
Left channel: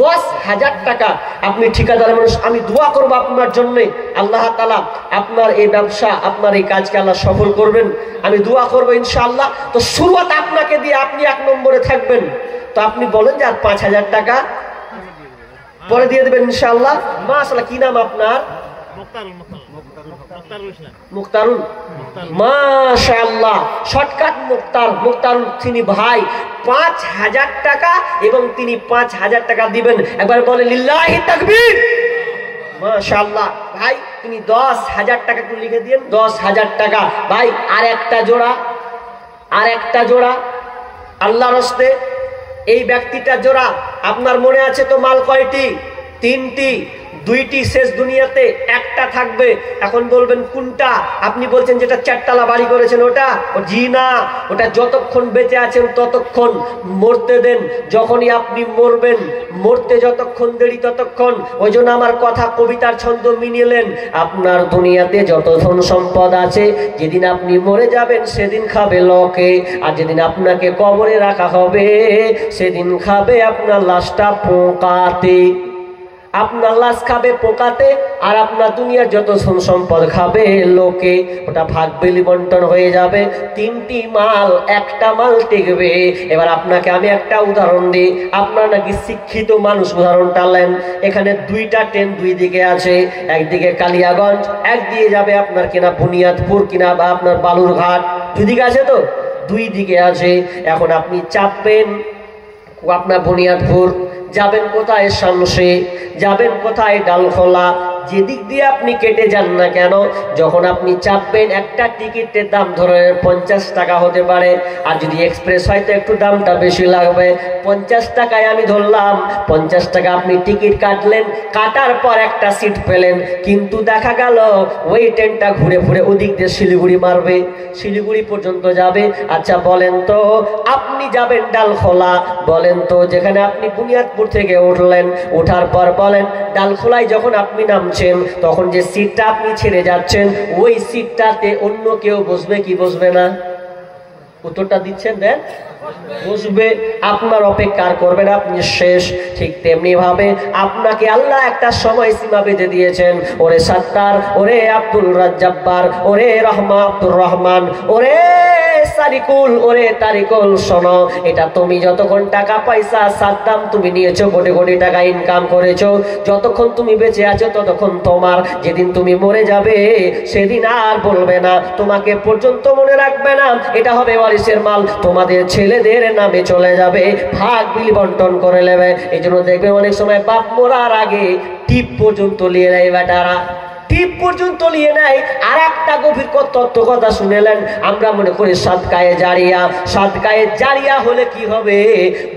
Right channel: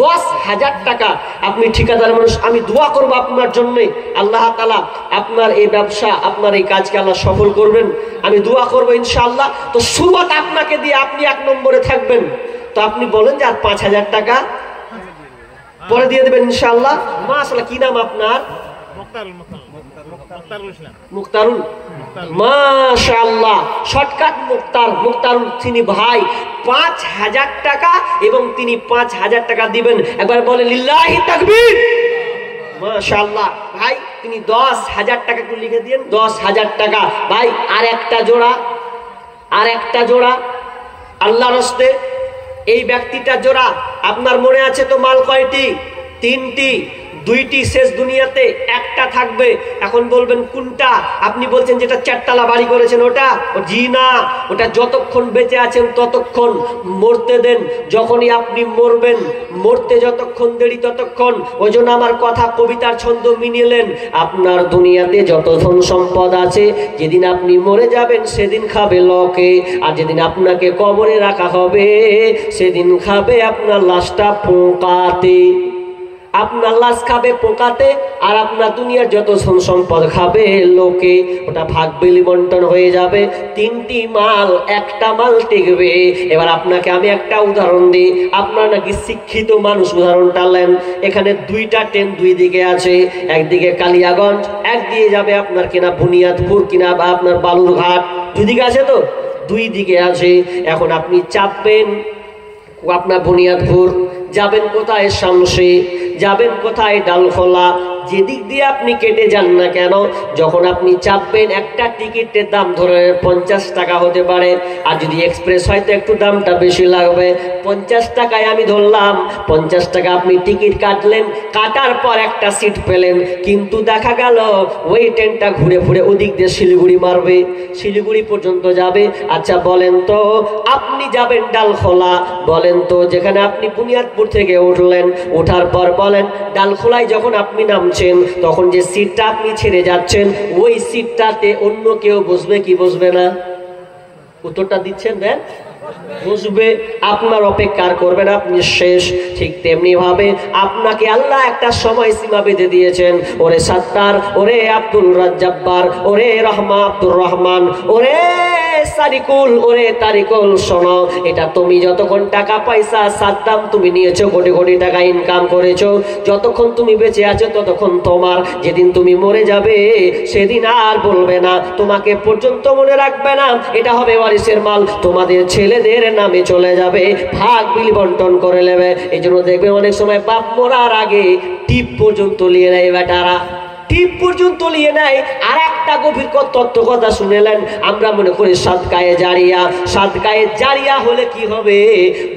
10,000 টাকা। আপনি ঠিকাদার মানুষ, আমি দোয়া করবো আপনার জন্য, আল্লাহ তাআলা আপনার এই ব্যবসা, আপনার এই কাজকে আল্লাহ সফল করবেন, আমি দোয়া করবো ইনশাআল্লাহ। তো শুরুয়াত আপনাকে দিয়ে, আপনি 1 নম্বরে থাকবেন। তো আপনি বলেন যে আর 5,000 টাকা পরে দিয়ে দেবেন ইনশাআল্লাহ। মাশাআল্লাহ, কি নাম আপনার? মুক্তারুল। মাশাআল্লাহ, শর্টকাট মুক্তারুল তিনি ভাই 5,000 টাকা, এবং তিনি 5,000 টাকা দিবেন। একবার বলে লিল্লাহি তাকবীর। মাশাআল্লাহ ভাই, তিনি 10,000 টাকা একটু লিখে দিন, 10,000 টাকা ভাই। আর একটা জোড়া আল্লাহর রাস্তে, এই ব্যক্তিটা জোড়া। আপনার মনে আছে তো মাল কয়টি? 3টি। 2টি শেষ দুনিয়াতে, একটা থাকবে। এখন বলবেন কোনটা? আপনি বলছেন যেটা 4তলা বাড়ি করেছেন ওটা? জি না, ওটা যতক্ষণ বেঁচে আছেন ততক্ষণ মরতে দেন। যখনই আপনি মরবেন, মরতে যতক্ষণ দেরি ততক্ষণ। ওই জন্য আমার কথা কবিতার ছন্দ মিনিলেন, আপনার দুনিয়াতে যত ধন সম্পদ আছে, যেদিন আপনি মরে যাবেন সেদিন খাবে লোকে, আর যেদিন আপনাকে কবরে রাখা হবে সেদিন খাবে আপনার লাশটা পোকাতে। আপনার লাশ খাবে পোকাতে, আর আপনার দুনিয়ার যত ধন সম্পদ খাবে লোকে। ওটা ভাগ বিলি বন্টন হয়ে যাবে। 3টি মাল, একটা মাল টিকবে। এবার আপনাকে আমি একটা উদাহরণ দিই। আপনার নাকি শিক্ষিত মানুষ, উদাহরণটা নেন। এখানে 2টা ট্রেন 2 দিকে আছে, একদিকে কালিয়াগঞ্জ, একদিকে যাবে আপনার কিনা বুনিয়াদপুর কিনা বা আপনার বালুরঘাট। 2 দিকে আছে তো, 2 দিকে আছে। এখন আপনি চাপবেন আপনার বুনিয়াদপুর, যাবেন কোথায় শামসে, যাবেন কোথায় ডালখোলা। যেদিক দিয়ে আপনি কেটে যান না কেন, যখন আপনি চাপবেন একটা টিকিটের দাম ধরে 50 টাকা হতে পারে। আর যদি এক্সপ্রেস হয় তো একটু দামটা বেশি লাগবে। 50 টাকায় আমি ধরলাম, 50 টাকা আপনি টিকিট কাটলেন, কাটার পর একটা সিট পেলেন। কিন্তু দেখা গেল ওই ট্রেনটা ঘুরে ঘুরে ওদিক দিয়ে শিলিগুড়ি মারবে, শিলিগুড়ি পর্যন্ত যাবে। আচ্ছা বলেন তো, আপনি যাবেন ডালখোলা, বলেন তো যেখানে আপনি বুনিয়াদপুর থেকে উঠলেন, ওঠার পর বলেন ডালখোলায় যখন আপনি নামছেন, তখন যে সিটটা আপনি ছেড়ে যাচ্ছেন, ওই সিটটাতে অন্য কেউ বসবে কি বসবে না? উত্তরটা দিচ্ছেন, দেন। বসবে। আপনার অপেক্ষা করবেন, আপনি শেষ। ঠিক তেমনি ভাবে আপনাকে আল্লাহ একটা সময় সীমা বেঁধে দিয়েছেন। ওরে সাত্তার, ওরে আব্দুল রাজ্জাব্বার, ওরে আব্দুর রহমান, ওরে সারিকুল, ওরে তারিকুল, শোনো, এটা তুমি যতক্ষণ টাকা পয়সা সাদ্দাম তুমি নিয়েছো, কোটি কোটি টাকা ইনকাম করেছো, যতক্ষণ তুমি বেঁচে আছো ততক্ষণ তোমার। যেদিন তুমি মরে যাবে সেদিন আর বলবে না, তোমাকে পর্যন্ত মনে রাখবে না। এটা হবে ওয়ারিসের মাল, তোমাদের ছেলেদের নামে চলে যাবে, ভাগ বিলি বন্টন করে নেবে। এই জন্য দেখবে অনেক সময় বাপ মরার আগে টিপ পর্যন্ত নিয়ে নেয় বেটারা, টিপ পর্যন্ত নিয়ে নেয়। আর একটা গভীর তত্ত্ব কথা শুনেলেন, আমরা মনে করি সাদকায়ে জারিয়া, সাদকায়ে জারিয়া হলে কি হবে,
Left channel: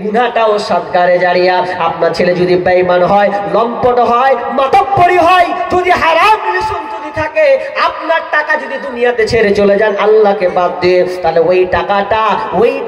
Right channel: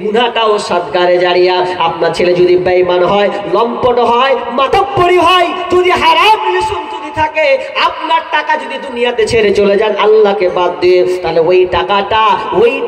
গুনাহটাও সাদকায়ে জারিয়া। আপনার ছেলে যদি বেঈমান হয়, লম্পট হয়, মাতব্বরি হয়, যদি হারাম রিলেশন যদি থাকে, আপনার টাকা যদি দুনিয়াতে ছেড়ে চলে যান আল্লাহকে বাদ দিয়ে, তাহলে ওই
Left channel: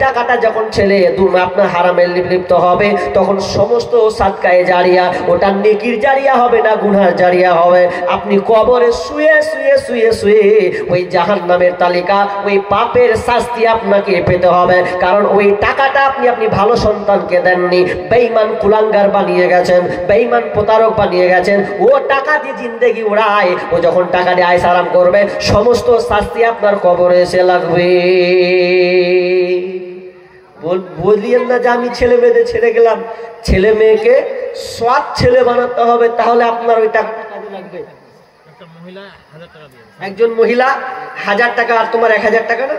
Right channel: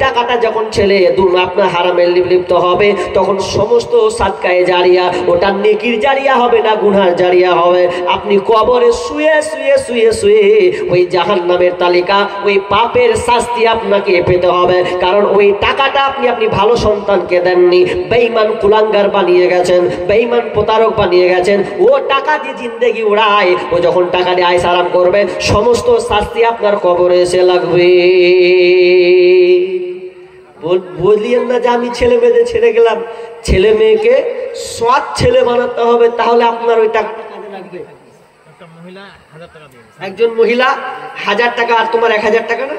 টাকাটা যখন ছেলে আপনার হারামের লিপ্ত হবে, তখন সমস্ত সাদকায়ে জারিয়া, ওটা নেকির জারিয়া হবে না, গুনার জারিয়া হবে। আপনি কবরে শুয়ে শুয়ে শুয়ে শুয়ে ওই জাহান্নামের তালিকা, ওই পাপের শাস্তি আপনাকে পেতে হবে। কারণ ওই টাকাটা আপনি ভালো সন্তানকে দেননি, বেঈমান কুলাঙ্গার বানিয়ে গেছেন, বেঈমান প্রতারক বানিয়ে গেছেন। ও টাকা দিয়ে জিন্দেগি উড়ায়, ও যখন টাকা দিয়ে আয়স আরাম করবে, সমস্ত শাস্তি আপনার কবরে এসে লাগবে। বলিয়েন না যে আমি ছেলে মেয়েদের ছেড়ে গেলাম। ছেলে মেয়েকে সৎ ছেলে বানাতে হবে, তাহলে আপনার ওই টাকাটা কাজে লাগবে। একজন মহিলা 1000 টাকা, আর তোমার 1000 টাকা না?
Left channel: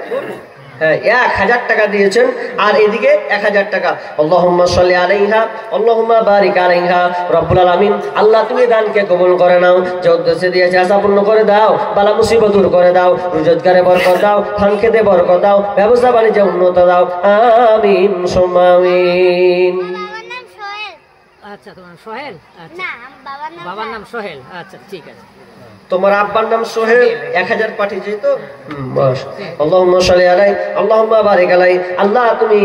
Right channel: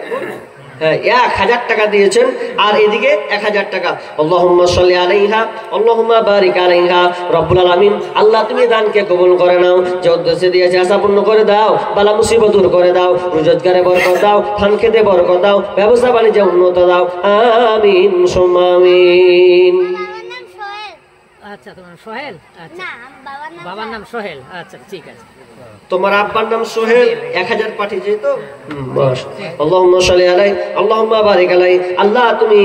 হ্যাঁ, 1000 টাকা দিয়েছেন, আর এদিকে 1000 টাকা। আল্লাহুম্মা সাল্লি আলাইহা, আল্লাহুম্মা বারিক আলাইহা। রব্বুল আলামিন, আল্লাহ তুমি দানকে কবুল করে নাও, যে উদ্দেশ্যে দিয়েছে আশা পূর্ণ করে দাও, বালা মুসিবত দূর করে দাও, রোজগারে বরকত দাও, ধান খেতে বরকত দাও, ব্যবসা বাণিজ্যে উন্নত দাও। আমিন সুম্মা আমিন। আচ্ছা, তোমার সোহেল? আচ্ছা, বাবার নাম সোহেল। আচ্ছা, ঠিক আছে। তোমার আব্বার নাম সোহেল, 1000 পাঠিয়েছে তো? বাস। আল্লাহুম্মা সাল্লি আলাই, আল্লাহুম্মা বারিক আলাই। আল্লাহ তুমি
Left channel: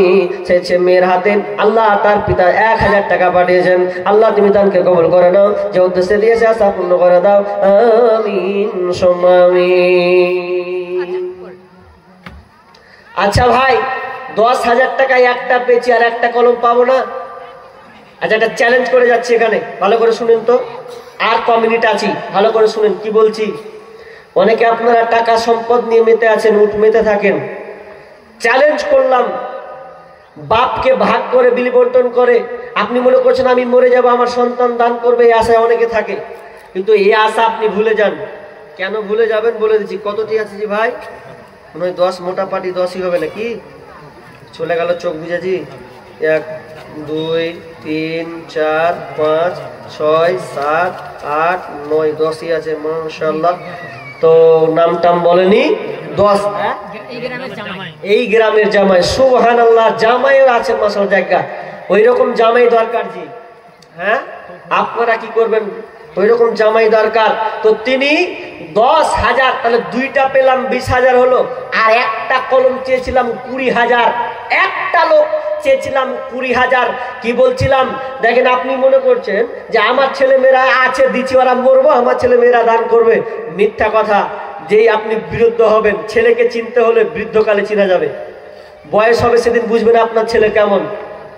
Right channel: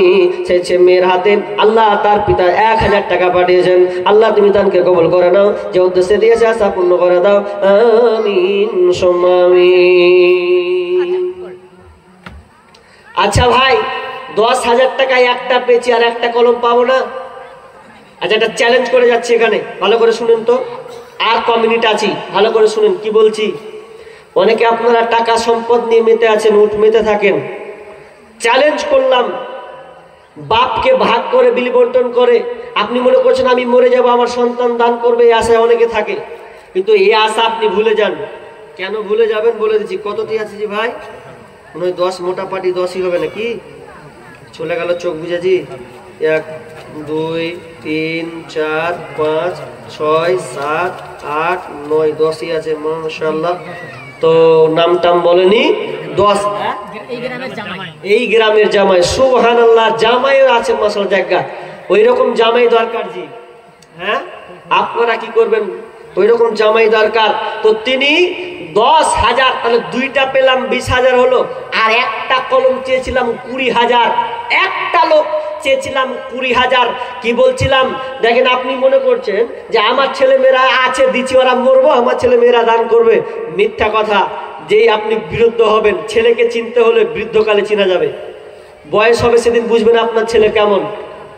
সেই মেয়ের হাতে আল্লাহ তার পিতা 1000 টাকা পাঠিয়েছেন, আল্লাহ তুমি দানকে কবুল করে নাও, যে উদ্দেশ্যে দিয়েছে আশা পূর্ণ করে দাও। আমিন সুম্মা আমিন। আচ্ছা ভাই, 10,000 টাকায় একটা পেয়েছি, আর একটা কলম পাবো না? আচ্ছা, একটা চ্যালেঞ্জ করে যাচ্ছি এখানে, ভালো করে শুনেন তো। আর কমিউনিটি আছি, ভালো করে শুনেন কি বলছি। অনেকে আপনারা টাকা সম্পদ নিয়ে মেতে আছেন, উঠ মেতে থাকেন। চ্যালেঞ্জ করলাম, বাপকে ভাগ করে বিলি বন্টন করে আপনি মনে করছেন আমি মরে যাব, আমার সন্তান দান করবে, এই আশায় অনেকে থাকে। কিন্তু এই আশা আপনি ভুলে যান। কেন ভুলে যাবেন বলে দিচ্ছি। কতটি আছে জি ভাই? মনে হয় 10, মোটা পাটি 10ই হবে নাকি? চলে গেল চোখ বুঝেছি। 1, 2, 3, 4, 5, 6, 7, 8, 9, 10ই আছে মাশাআল্লাহ। তো নাম টাম বলেনি, 10। এই গ্রামের জামাই, সুবহানাল্লাহ, জামাইও আছে মাশাআল্লাহ জায়গা। ওই রকম জামাই দরকার জি। হ্যাঁ, আপনারা কি করবেন? ওই রকম জামাই দরকার। তো তিনি 10,000, তাহলে 2টা পেলাম 20,000 হলো। আর একটা কলম চেয়েছিলাম 20,000, একটা লোক চেয়েছিলাম 20,000। কি বলছিলাম দেখেন, আপনি মনে করছেন যে আমার ছেলে মেয়েরা আছে, দিচ্ছি, ওরা মরবো, আমার ছেলে মেয়েরা দান করবে। মিথ্যা কথা। যেই আপনি বিরুদ্ধ হবেন, ছেলেকে চিনতে হলে বৃদ্ধকালে চিনা যাবে। বয়স হবে সেদিন বুঝবেন আপনার ছেলে কেমন।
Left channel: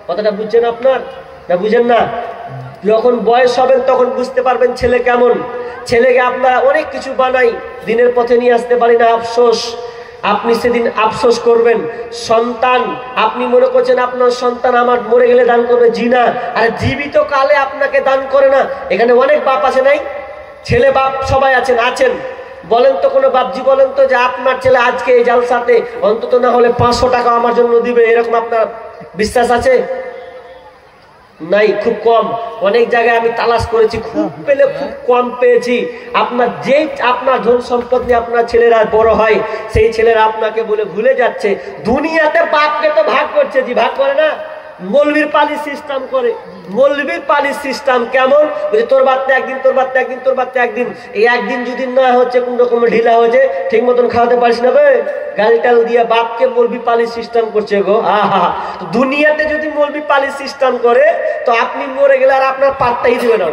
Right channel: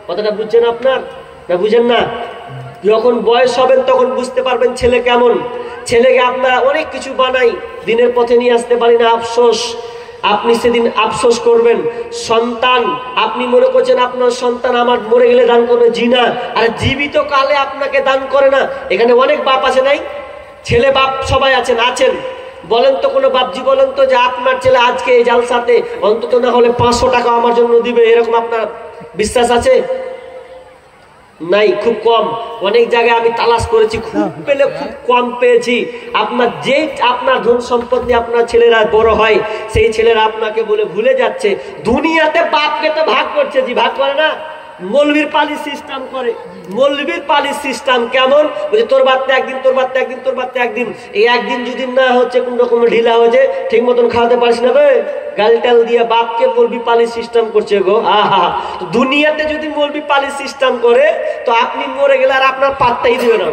কথাটা বুঝছেন আপনার? না বুঝেন না? যখন বয়স হবেন তখন বুঝতে পারবেন ছেলে কেমন। ছেলেকে আপনারা অনেক কিছু বানাই, দিনের পথে নিয়ে আসতে পারি না, আফসোস। আপনি সেদিন আফসোস করবেন। সন্তান, আপনি মনে করছেন আপনার সন্তান আমার মরে গেলে দান করবে, জি না। আর জীবিত কালে আপনাকে দান করে না। এখানে অনেক বাপ আছে নাই? ছেলে বাপ সবাই আছেন, আছেন। বলেন তো কোনো বাপজি, বলেন তো যে আপনার ছেলে আজকে এই জালসাতে অন্তত না হলে 500 টাকা আমার জন্য দিবে, এরকম আপনার বিশ্বাস আছে? নাই, খুব কম। অনেক জায়গায় আমি তালাশ করেছি, খুব পেলে খুব কম পেয়েছি। আপনার ধন সম্পদ নিয়ে আপনার ছেলেরা বড় হয়, সেই ছেলেরা আপনাকে বলে ভুলে যাচ্ছে। দুনিয়াতে বাপকে তো ভাগ করছে, জি ভাগ করে না। মৌলবীর পালি সিস্টেম করে। মৌলবীর পালি সিস্টেম কেমন? বলছে তোর বাচ্চা একদিন, তোর বাচ্চা একদিন, তোর বাচ্চা একদিন। এই একদিন যদি না হচ্ছে, কোন রকম ঢিলা হয়েছে, ঠিক মতন খাওয়াতে পারিস না বে, গালটাল দিয়ে বাপকে মৌলবী পালি সিস্টেম করছে গো। আহা, তো দুনিয়াতে যদি মৌলবী পালি সিস্টেম করে, তো আপনি মরে গেলে আর আপনার পাত্তাই দিবে না।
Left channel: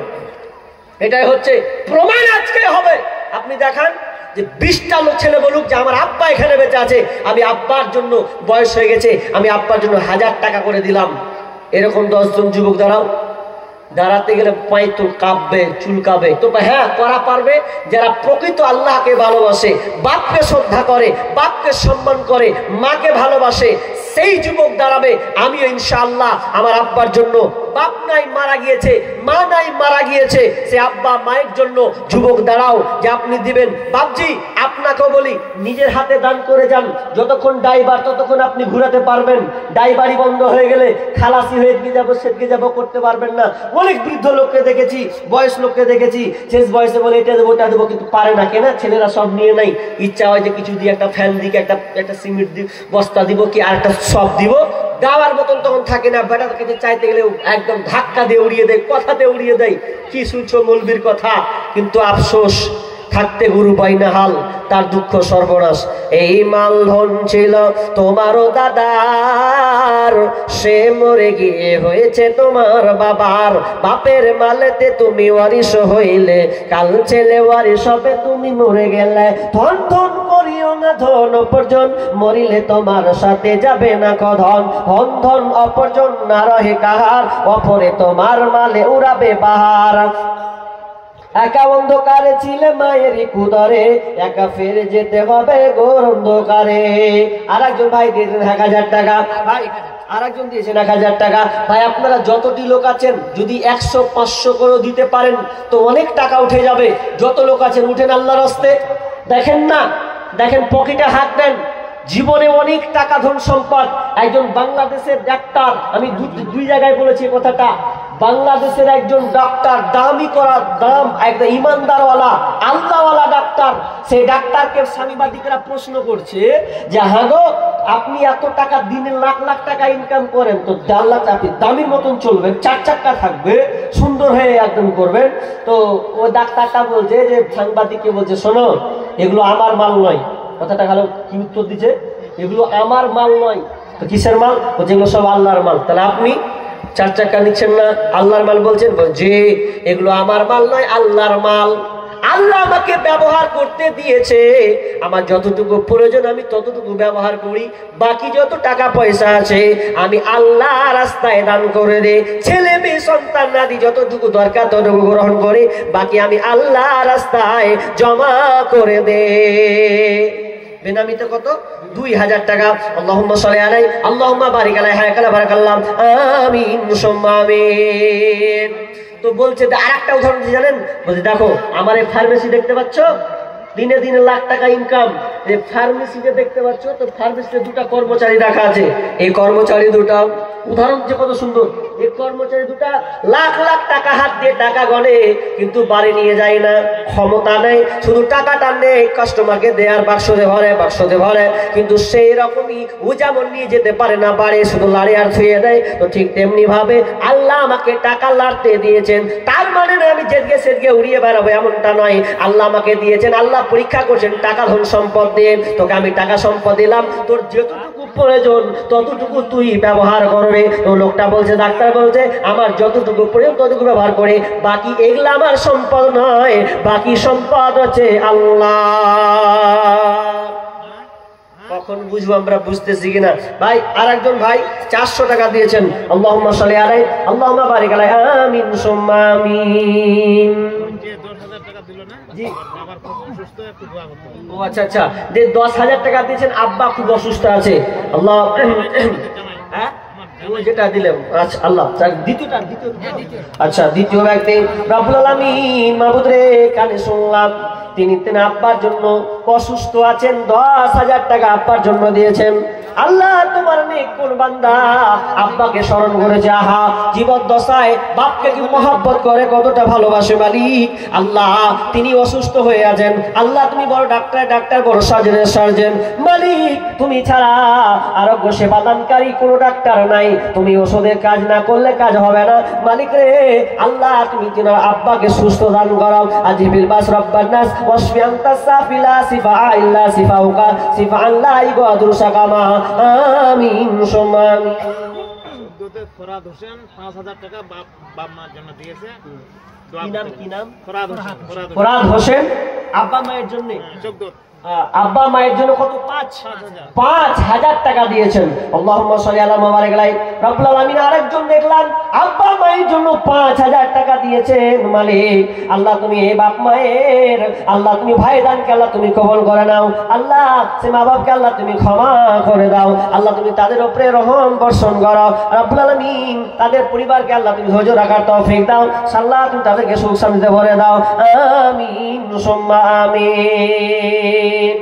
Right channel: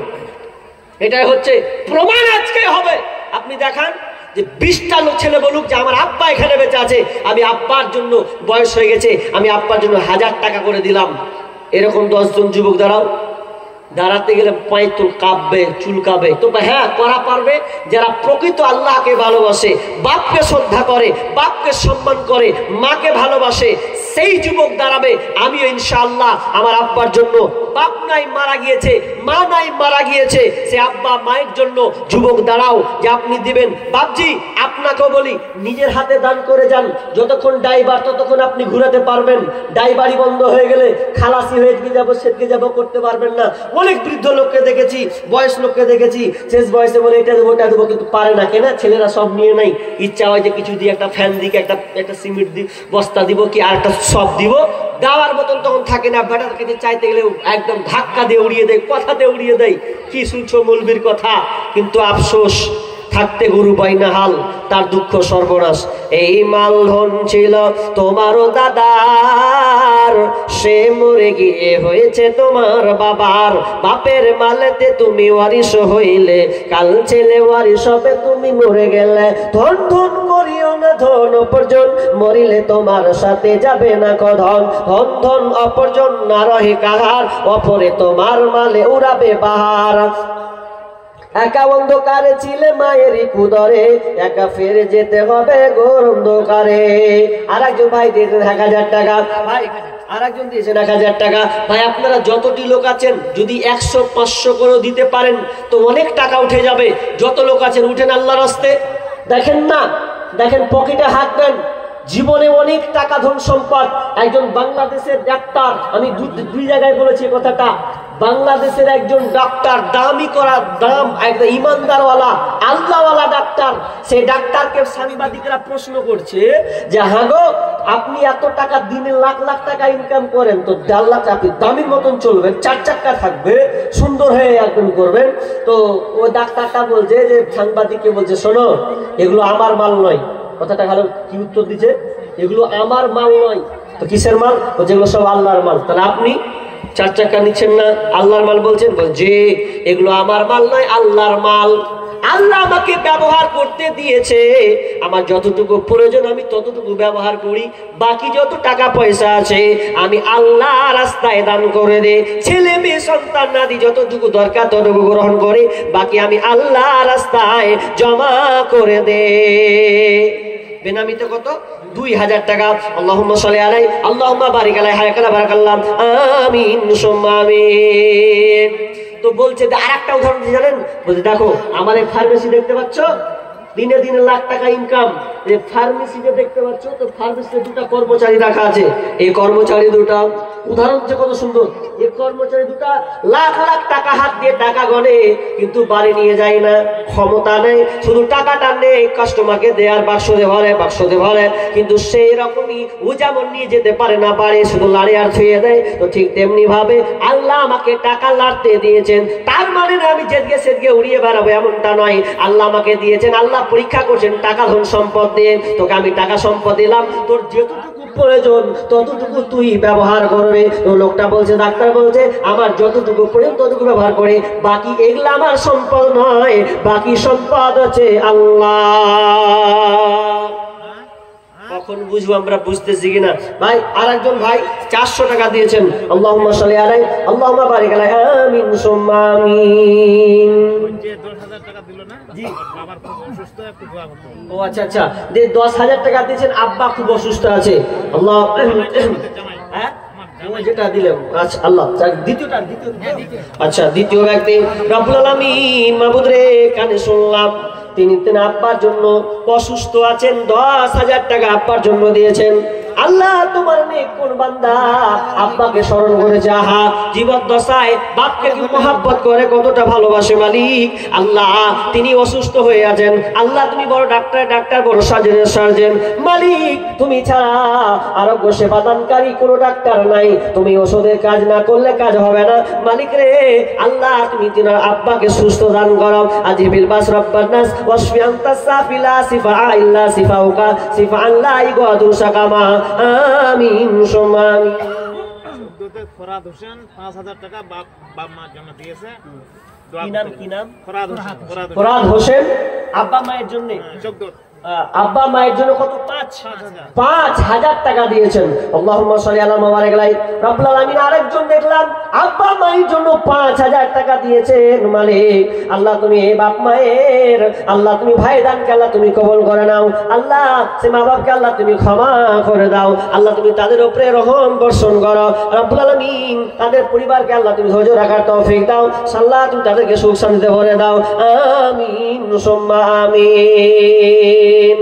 এটাই হচ্ছে প্রমাণ, আজকে হবে। আপনি দেখান যে 20টা লোক ছেলে বলুক যে আমার আব্বা এখানে বেঁচে আছে, আমি আব্বার জন্য, বয়স হয়ে গেছে, আমি আব্বার জন্য 1000 টাকা করে দিলাম। এরকম 10 জন যুবক দাঁড়াও। দাঁড়াতে গেলে পায়ে তো কাঁপবে, চুলকাবে। তো হ্যাঁ, করা পারবে যারা প্রকৃত আল্লাহকে ভালোবাসে, বাপকে শ্রদ্ধা করে, বাপকে সম্মান করে, মাকে ভালোবাসে, সেই যুবক দাঁড়াবে। আমিও ইনশাআল্লাহ আমার আব্বার জন্য, বাপ নাই মারা গিয়েছে, মা নাই মারা গিয়েছে, সে আব্বা মায়ের জন্য যুবক দাঁড়াও যে আপনি দিবেন। বাপজি, আপনাকেও বলি, নিজের হাতে দান করে যান। যতক্ষণ ড্রাইভার ততক্ষণ আপনি ঘুরাতে পারবেন। ড্রাইভারি বন্ধ হয়ে গেলে খালাসি হয়ে যাবো, সেদিকে যাবো, করতে পারবেন না। অনেক বৃদ্ধ লোককে দেখেছি, বয়স লোককে দেখেছি, শেষ বয়সে বলে এটা দেবো, ওটা দেবো, কিন্তু পারে না। কেনা? ছেলেরা সব নিয়ে নাই। ইচ্ছা হয় যে কিছু দিয়ে, একটা ফ্যান দিকে, একটা সিমেন্ট দি বস্তা দিব, কি আর একটা সব দিব, দেওয়ার মতন তখন থাকে না। বেটার কাছে চাইতে গেলে একদম ধাক্কা দিয়ে উড়িয়ে দেয়, কথা দিয়ে উড়িয়ে দেয়। কি শুনছো মৌলবীর কথা? কিন্তু আফসোস, থাকতে গুরু পাই না হাল, তার দুঃখ সর্বনাশ। এই মাল ধন ছিল তোমারও দাদার, সে মরে গিয়ে হয়েছে তোমার বাবার। বাপের মালেতে তুমি ওয়ারিশ হইলে, কাল ছেলে ওয়ারিশ হবে, তুমি মরে গেলে। ধন ধন করিও না ধন অপরজন, মরিলে তোমার সাথে যাবে না কধন। ধন ধন অপরজন না রহে কাহার, অপরে তোমার মালে উড়াবে বাহার। একা অন্ধকারে ছিলে মায়েরই কুদরে, একা ফিরে যেতে হবে ঘোর অন্ধকারে। আর একজন ভাই দিয়েছেন 1000 টাকা। ভাই আর একজন দিয়েছেন 1000 টাকা। ভাই আপনারা যতটি লোক আছেন, যদি 100 500 করে দিতে পারেন তো অনেক টাকা উঠে যাবে। যত লোক আছেন উঠেন আল্লাহর রাস্তে। দেখেন না, দেখেন পকেটে হাত দেন। জীবনে অনেক টাকা ধন সম্পদ। একজন বাংলাদেশের ডাক্তার, আমি দুই জায়গায় বলেছি কথাটা, বাংলাদেশের একজন ডাক্তার, দামি করা দাম, একদম ইমানদারওয়ালা আল্লাহওয়ালা ডাক্তার। সেই ডাক্তারকে সাংবাদিকরা প্রশ্ন করছে যে হ্যাঁ গো, আপনি এত টাকা দিনে লাখ লাখ টাকা ইনকাম করেন, তো 1.5 লাখ আপনি দামির মতন চলবেন, 4 চাক্কা থাকবে, সুন্দর হয়ে একদম করবেন। তো ওই ডাক্তারটা বলছে যে, সাংবাদিককে বলছে শোনো, এগুলো আমার মাল নয়। কথাটা ভালো কি উত্তর দিচ্ছে? এগুলো আমার মাল নয়। তো কিসের মাল? যেগুলো সব আল্লাহর মাল। তাহলে আপনি 4 চাক্কা নিচ্ছেন না, আল্লাহর মাল বলছেন? যে এগুলো আমার মাল নয়, আল্লাহর মাল। আল্লাহ আমাকে ব্যবহার করতে দিয়েছে, আমার যতটুকু প্রয়োজন আমি ততটুকু ব্যবহার করি। বাকি যত টাকা পয়সা আছে আমি আল্লাহ রাস্তায় দান করে দে। ছেলে মেয়ে সন্তান নাদি যতটুকু দরকার ততটুকু গ্রহণ করে, বাকি আমি আল্লাহ রাস্তায় জমা করে দে। বেনামিতে কত? 2000 টাকা। আল্লাহুম্মা সাল্লি আলাইহি, আল্লাহুম্মা বারিক আলাইহি, হায়াকালা বারাকাল্লাহ, আমিন সুম্মা আমিন। তো বলছে আর একটা উদাহরণ জানেন? বলছে দেখো আমার এই ফার্মেসি দেখতে পাচ্ছ, দিনে দিনে লাখ টাকা ইনকাম। এই ফার্মেসিতে দেখতে পাচ্ছ, তো ফার্মেসিতে 2টা কর্মচারী রাখা আছে। এই কর্মচারী 2টা, উদাহরণ যে কত সুন্দর, এই কর্মচারী 2টা লাখ লাখ টাকা হাত দিয়ে টাকা গনে, কিন্তু বাড়ি নিয়ে যায় না, ক্ষমতা নেই, শুধু টাকাটা নেই কাস্টমারকে দেয়ার, বাক্সতে ভরে, বাক্সতে ভরে। কিন্তু সেই রকমই ও যেমন নিয়ে যেতে পারে না বাড়ি, শুধু লাড়ে আর ছুঁয়ে দেয়। তো ঠিক তেমনি ভাবে আল্লাহ আমাকে টাকা লাড়তে দিয়েছেন, তার মানে না আমি জেদগে সেদগে উড়িয়ে বেড়াবো এমনটা নয়। আল্লাহ আমাকে দিয়েছেন, আল্লাহ পরীক্ষা করছেন টাকা ধন সম্পদ দিয়ে। তোকে আমি টাকা সম্পদ দিলাম, তোর যেটুকু প্রয়োজন ততটুকু তুই ব্যবহার করবে। তো লোকটা বলছে, ডাক্তার বলছে আমার যতটুকু প্রয়োজন ততটুকু ব্যবহার করে, বাকি এগুলা আমার সম্পদ নয়, বাকি সম্পদ হচ্ছে আল্লাহ। কখন বুঝবো আমরা, বুঝতেছি কিনা ভাই। আর একজন ভাই 400 টাকা দিয়েছেন, আল্লাহুম্মা সাল্লি আলাইহি আল্লাহুম্মা বারিক আলাইহি আমিন সুম্মা আমিন। জি ও আচ্ছা আচ্ছা, 10,000 টাকা দিয়েছেন, আব্বা খুব অসুস্থ আছে। আল্লাহ হ্যাঁ ও যেটা দিলেন, আচ্ছা আল্লাহ দ্বিতীয়টা আচ্ছা দ্বিতীয় ব্যক্তি রব্বুল আলামিন মাবুদ রে, কানে শুনলাম তিনি আব্বার জন্য অসুস্থ আছেন, 10,000 টাকা আব্বার জন্য দিয়েছেন। আল্লাহ তোমার নেক কোন বান্দা আব্বাকে স্মরণ করেছে, আহা জীবদ্দশায় বাপকে কি মহাব্বত করে, কতটা ভালোবাসে মালিক। আল্লাহ তিনি অসুস্থ হয়ে আছেন, আল্লাহ তুমি বড় ডাক্তার বড় সার্জন মালিক, তুমি ছাড়া আরোগ্য সেবা দানকারী কোনো ডাক্তার নাই, তুমি ওষুধের কাজ না করলে কাজ হবে না মালিক রে। আল্লাহ তুমি তিনার আব্বাকে সুস্থ দান করো, আজিবিল বাস রব্বান নাস ওয়াশফি আনতা সাফিলা সিফা ইল্লা সিফাউকা সিফা আল্লাহ ইগাদুর সাকামা আমিন সুম্মা আমিন। ফরাদ হোসেন 5,000 টাকা বাপ মার জন্য দিয়েছে। কি নাম? ফরাদ হোসেন আব্বা মায়ের জন্য, আব্বা মায়ের জন্য কত? 5,000 টাকা দিয়েছেন। আল্লাহুম্মা সাল্লি আলা মুবারিক আলাইহি রব্বুল আলামিন। আরেকজন দেখলাম আব্বা মায়ের জন্য 5,000 টাকা দিয়েছেন মালিক। আল্লাহ তুমি এই বাপ মায়ের, আল্লাহ তুমি ভাই দানকে আল্লাহ তুমি কবুল করে নাও, আল্লাহ সে মা বাপকে আল্লাহ তুমি ক্ষমা করে দাও, আল্লাহ তুমি তাদের উপরে রহম বর্ষণ করো রব্বুল আলামিন। তাদের পরিবারকে আল্লাহ তুমি ধৈর্য রাখার তৌফিক দাও, আল্লাহ তুমি তাদেরকে সুখ শান্তিতে ভরে দাও, আমিন সুম্মা আমিন।